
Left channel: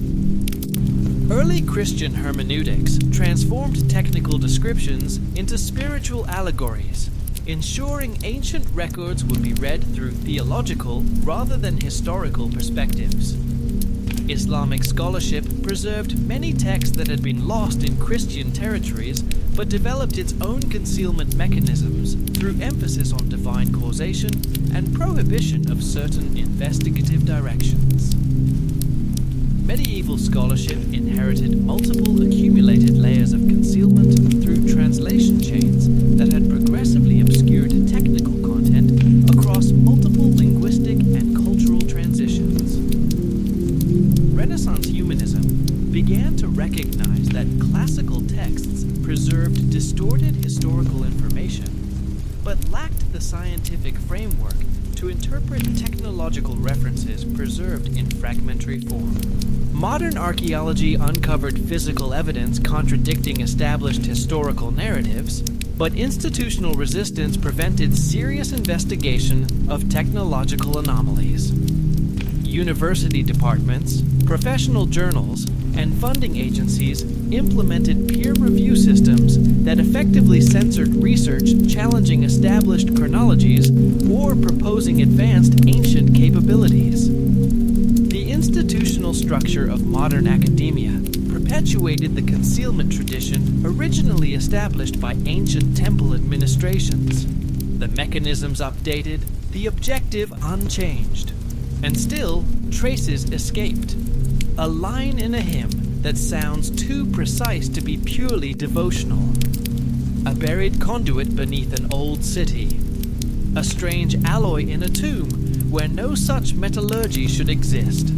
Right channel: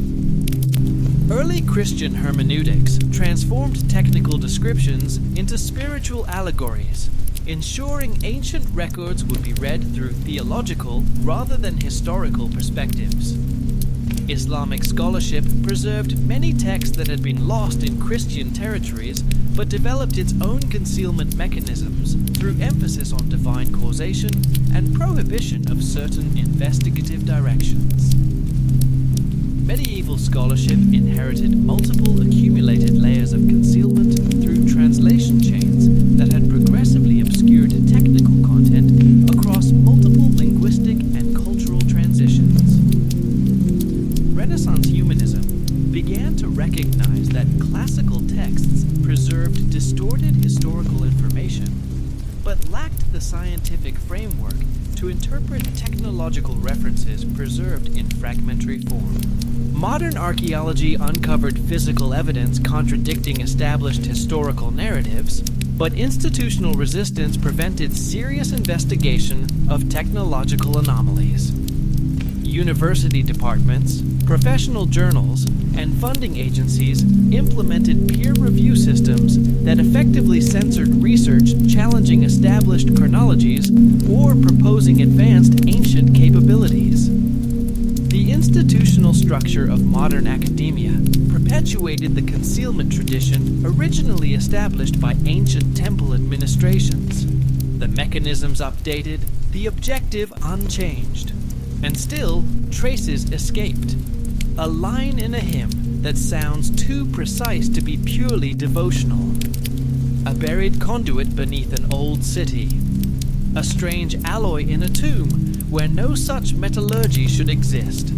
Early Christian hermeneutics transformed technical descriptions into spiritual allegories, ensuring ancient records would be read through theological rather than historical perspectives. Islamic scholarship preserved many texts that had been lost in Christian territories, but developed its own concealment mechanisms through emphasis on divine causation and prohibition of certain investigative directions. Medieval scholarship inherited multiple accumulated layers of concealment through translation chains that had progressively obscured technical content across multiple linguistic and cultural transitions. Renaissance humanism began to recognize that classical texts preserved distorted historical information, but lacked the scientific framework to interpret technological references preserved in fragmentary form. Modern archaeology uncovered physical evidence contradicting established historical narratives, but institutional resistance prevented serious investigation of technological anomalies. University departments, professional journals, and funding agencies implemented peer review systems that effectively censored research challenging established chronologies or proposing advanced ancient capabilities. The institutional structure of modern academia perpetuated the concealment tradition originally established by ancient temple administrations. The mechanisms updated, the objective unchanged. And still, traces escaped. A line in a hymn that sounds too precise to be purely devotional. A buried conduit beneath an old city. A strange alloy in a tomb where no such metallurgy should exist.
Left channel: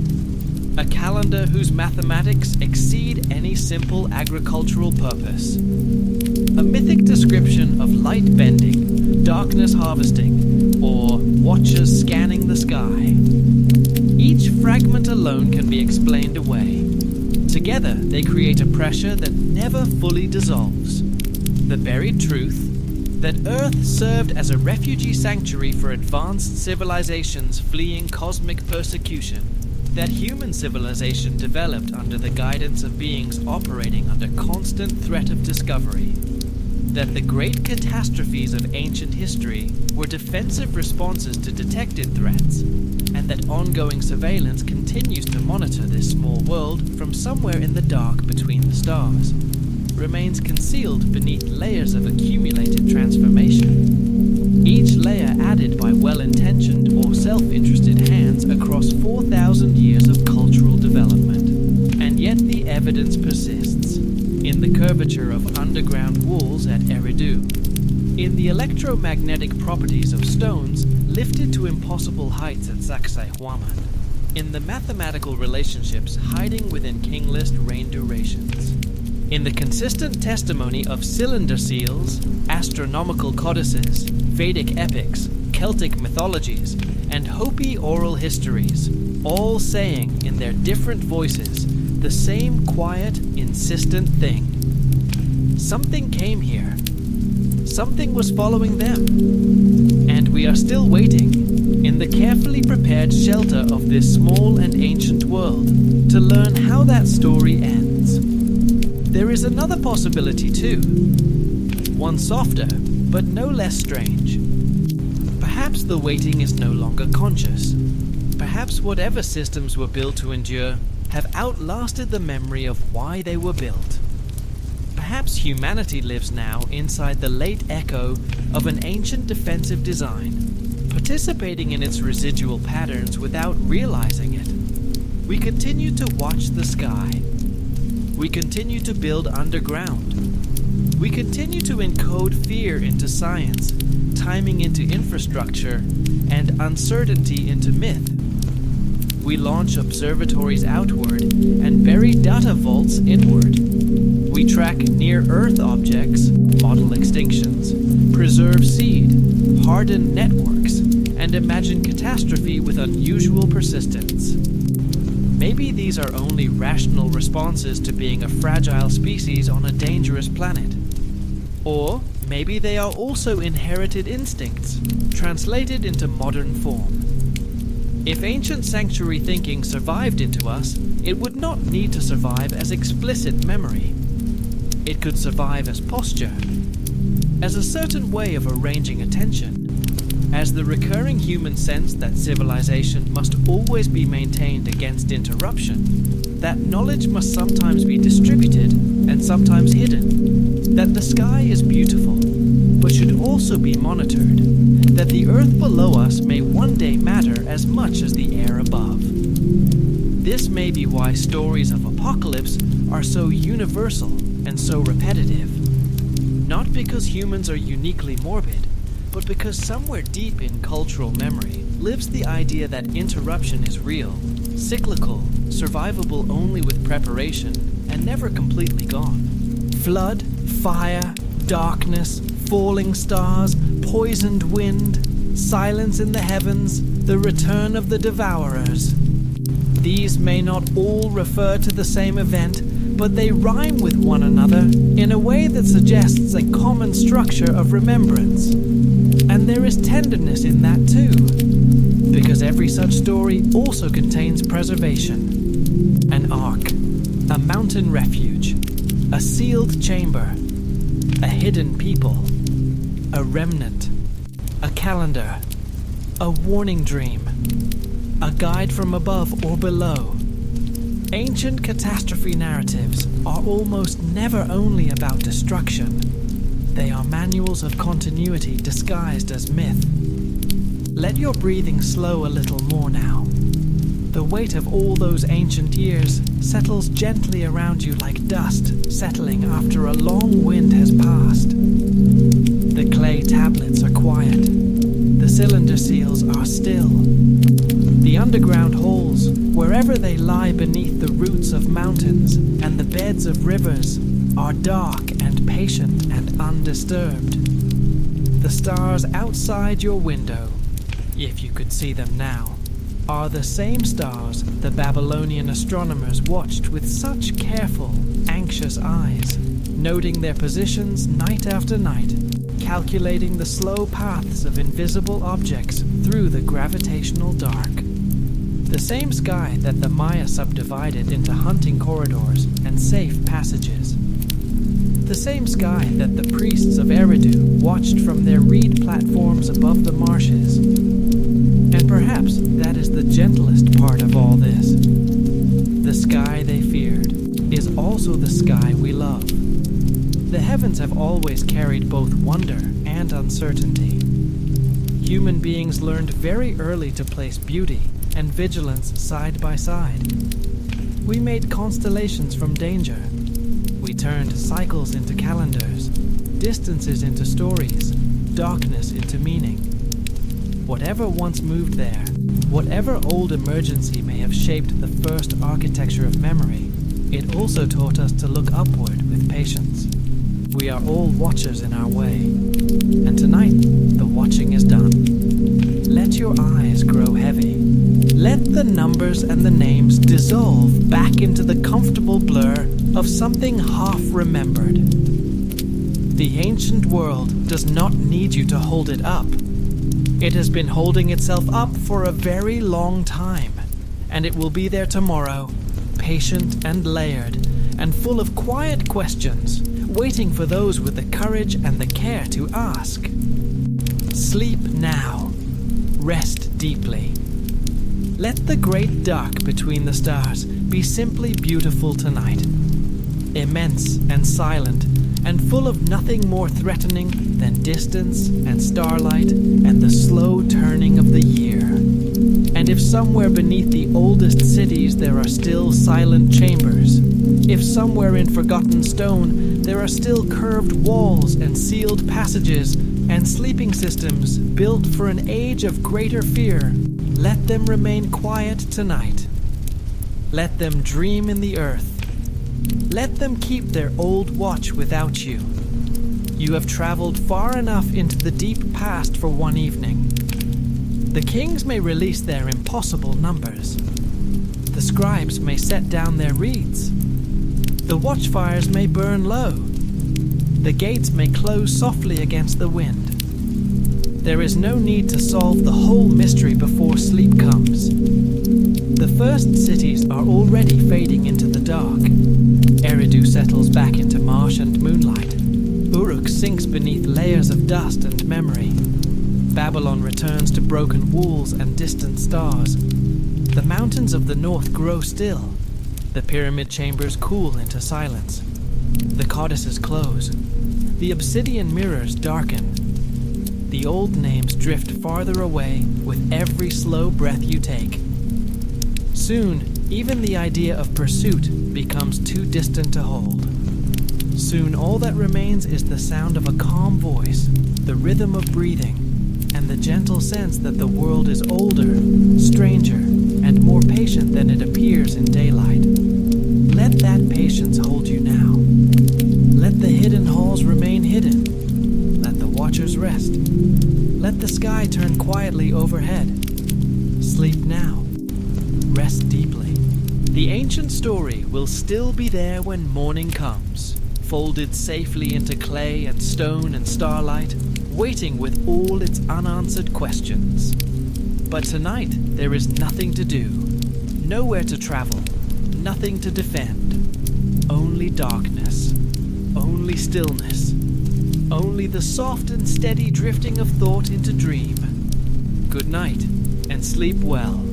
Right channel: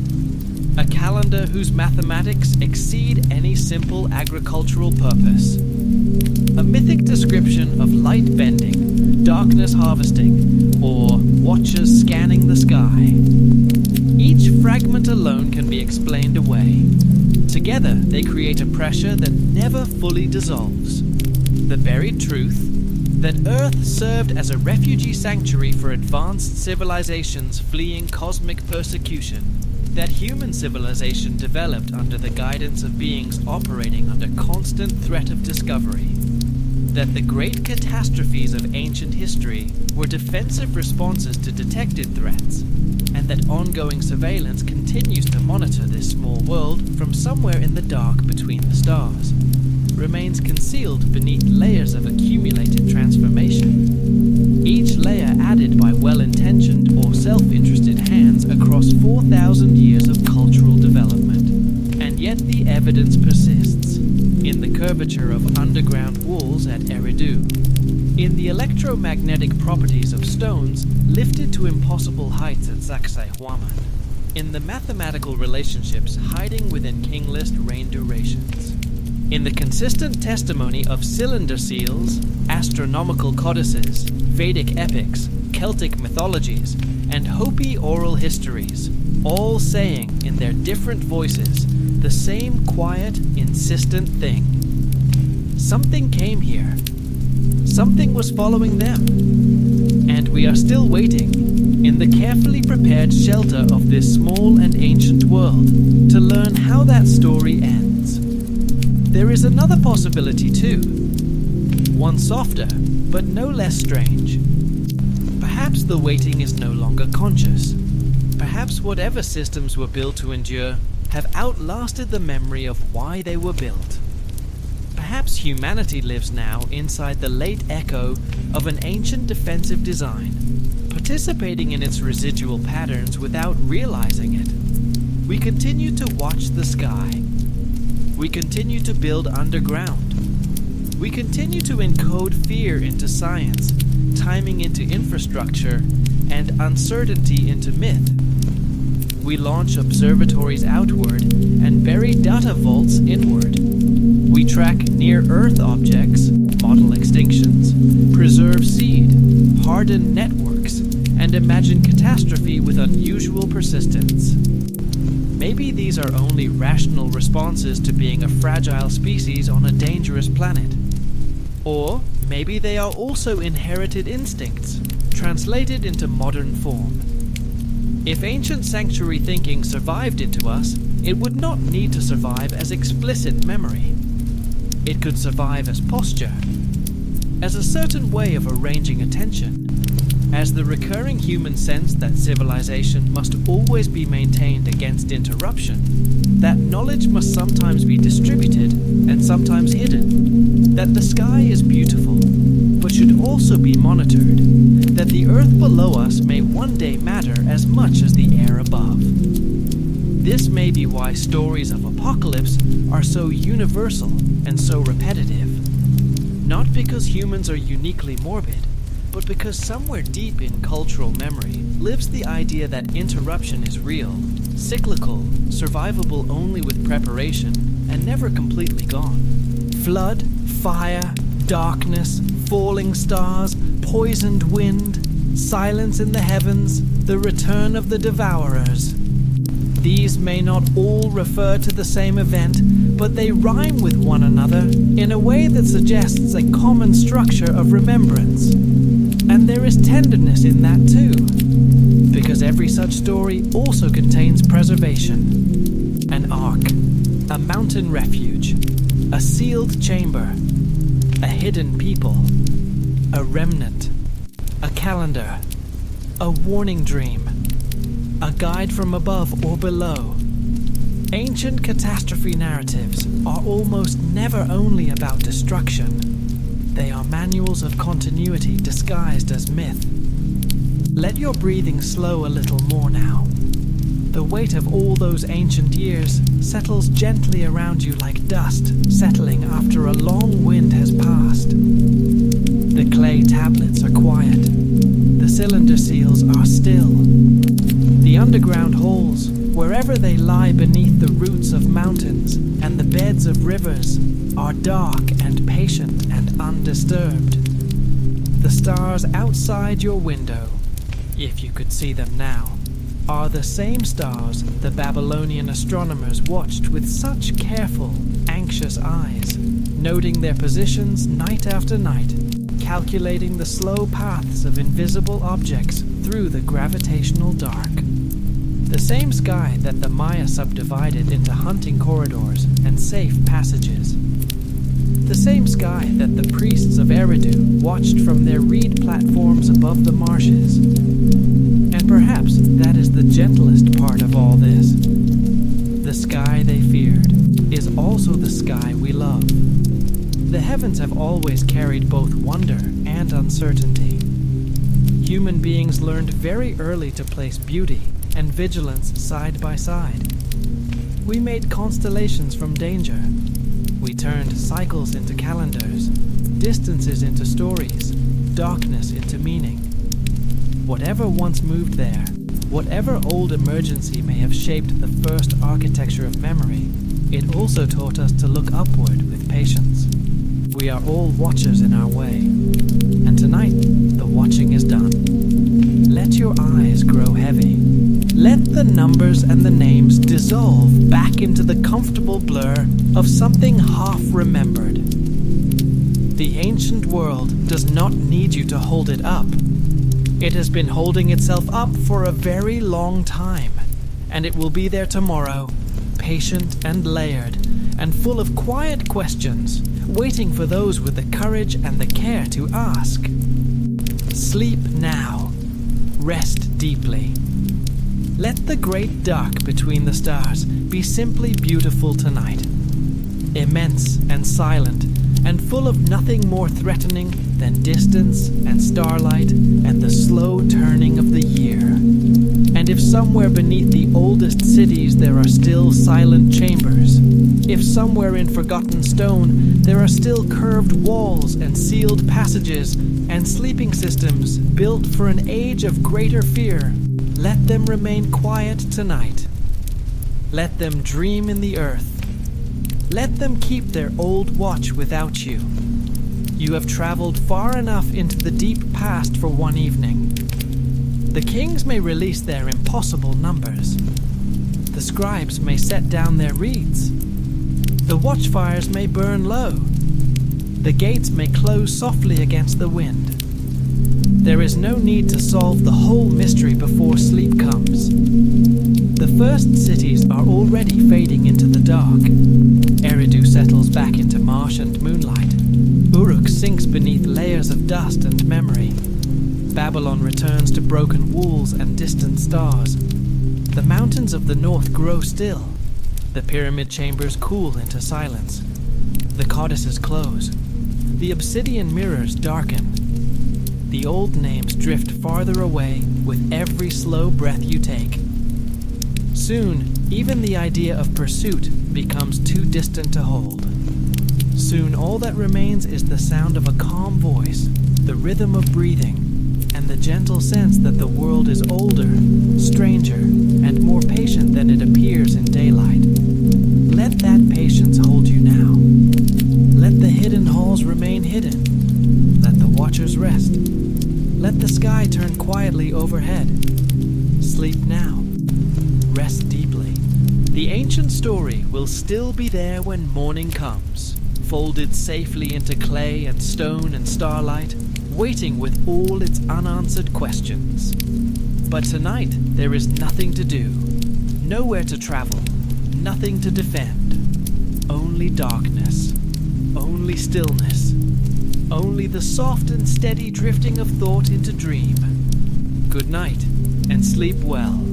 A calendar whose mathematics exceed any simple agricultural purpose. A mythic description of light bending, darkness harvesting, or watchers scanning the sky. Each fragment alone can be explained away. Together, they create a pressure that never fully dissolves. The buried truth that Earth served as a refugee sanctuary for advanced civilizations fleeing cosmic persecution. That human civilization developed under the guidance of beings operating under constant threat of discovery. That the great catastrophes of ancient history were defensive responses to detected threats, and that ongoing surveillance continues to monitor this small world from somewhere in the dark between the stars, remains concealed beneath layers of accumulated transformation, each layer added by well-intentioned or self-interested hands across 4,000 years of cultural development. And yet the evidence persists, in the curvature of underground walls at Eridu, in the electromagnetic properties of stones lifted to impossible heights at Sacsayhuaman, in the mathematical relationships hiding within king list rain durations, in the consistent testimony of cylinder seals, astronomical codices, Vedic epics, Celtic mythologies, and Hopi oral histories, all saying in their different voices the same quiet, insistent thing. Something came here. Something was following them. And we are still waiting, in the carefully prepared shelter of this small and ancient world, to learn how that story ends. There is another possibility too. One softer, but no less strange. Perhaps the waiting is no longer conscious. Perhaps whatever systems were built to endure have outlasted the memory of why they were built. Perhaps humanity lives now inside the late echo of an ancient defensive design, participating in its residual patterns without realizing it. We continue to watch the sky. We continue to build underground. We continue to encode fear into science, timing into infrastructure, and uncertainty into myth. We launch observatories outward and bury data vaults inward. We track near-Earth objects, model extinctions, preserve seed, harden networks, and imagine catastrophe with unusual persistence. Maybe these are only rational responses to being a fragile species on a dangerous planet. Or maybe they are also inherited instincts, translated into modern form. If ancient sanctuary thinking survived into us, it would not need to survive as explicit memory. It could survive as posture, as a certain way of arranging attention, as the recurring human sense that civilization must always be maintained against interruption, that knowledge must sometimes be distributed and sometimes hidden, that the sky is beautiful, but should also be monitored, that the earth below us may one day matter as much as the air above. This may be why stories of apocalypse are so universal and so repetitive. Not because humans are uniquely morbid, but because somewhere deep in cultural memory lives the idea that interruption is real, cyclical, survivable only with preparation, and never completely gone. Flood, fire, darkness, falling stars, poisoned wind, silence in the heavens, the return of the devourers. These may not all refer to the same event, but they rhyme with one another in a way that suggests a common structure of remembrance. And there is tenderness in that too, because every such story also contains preservation. An ark, a mountain refuge, a sealed chamber, a hidden people, a remnant, a calendar, a warning dream, a guide from above or below. Ancient catastrophe narratives are almost never only about destruction. They are manuals of continuity disguised as myth. Let your breathing slow a little more now. The weight of all those ancient years settles gently around you like dust settling after a long wind has passed. The clay tablets are quiet. The cylinder seals are still. The underground holes, wherever they lie beneath the roots of mountains and the beds of rivers, are dark and patient and undisturbed. The stars outside your window, if you could see them now, are the same stars the Babylonian astronomers watched with such careful, anxious eyes, noting their positions night after night, calculating the slow paths of invisible objects through the gravitational dark. The same sky that the Maya subdivided into hunting corridors and safe passages. The same sky that the priests of Eridu watched from their reed platforms above the marshes. And perhaps that is the gentlest part of all this. The sky they feared is also the sky we love. The heavens have always carried both wonder and uncertainty. Human beings learned very early to place beauty and vigilance side by side. We made constellations from danger. We turned cycles into calendars, distances into stories, darkness into meaning. Whatever once moved there, whatever old emergency may have shaped the first architecture of memory, it also taught us to look upward with patience. We are all watchers in our way, and tonight the watching is done. Let your eyes grow heavy. Let the numbers and the names dissolve back into the comfortable blur of something half remembered. The ancient world does not need you to hold it up. It has been holding itself up for a very long time, and it will be there tomorrow, patient and layered, and full of quiet questions, waiting for those with the courage and the care to ask. Sleep now. Rest deeply. Let the great dark between the stars be simply beautiful tonight. Immense and silent, and full of nothing more threatening than distance and starlight and the slow turning of the year. And if somewhere beneath the oldest cities there are still silent chambers, if somewhere in forgotten stone there are still curved walls and sealed passages and sleeping systems built for an age of greater fear, let them remain quiet tonight. Let them dream in the earth. Let them keep their old watch without you. You have traveled far enough into the deep past for one evening. The kings may release their impossible numbers. The scribes may set down their reeds. The watchfires may burn low. The gates may close softly against the wind. There is no need to solve the whole mystery before sleep comes. The first cities are already fading into the dark. Eridu settles back into marsh and moonlight. Uruk sinks beneath layers of dust and memory. Babylon returns to broken walls and distant stars. The mountains of the north grow still. The pyramid chambers cool into silence. The codices close. The obsidian mirrors darken. The old names drift farther away with every slow breath you take. Soon, even the idea of pursuit becomes too distant to hold. Soon all that remains is the sound of a calm voice, the rhythm of breathing, and the gentle sense that the world is older, stranger, and more patient than it appears in daylight. Let that patience hold you now. Let the hidden halls remain hidden. Let the watchers rest. Let the sky turn quietly overhead. Sleep now. Rest deeply. The ancient story will still be there when morning comes, folded safely into clay and stone and starlight, waiting with all its unanswered questions. But tonight there is nothing to do, nowhere to travel, nothing to defend. Only darkness, only stillness, only the soft and steady drifting of thought into dream. Good night, and sleep well.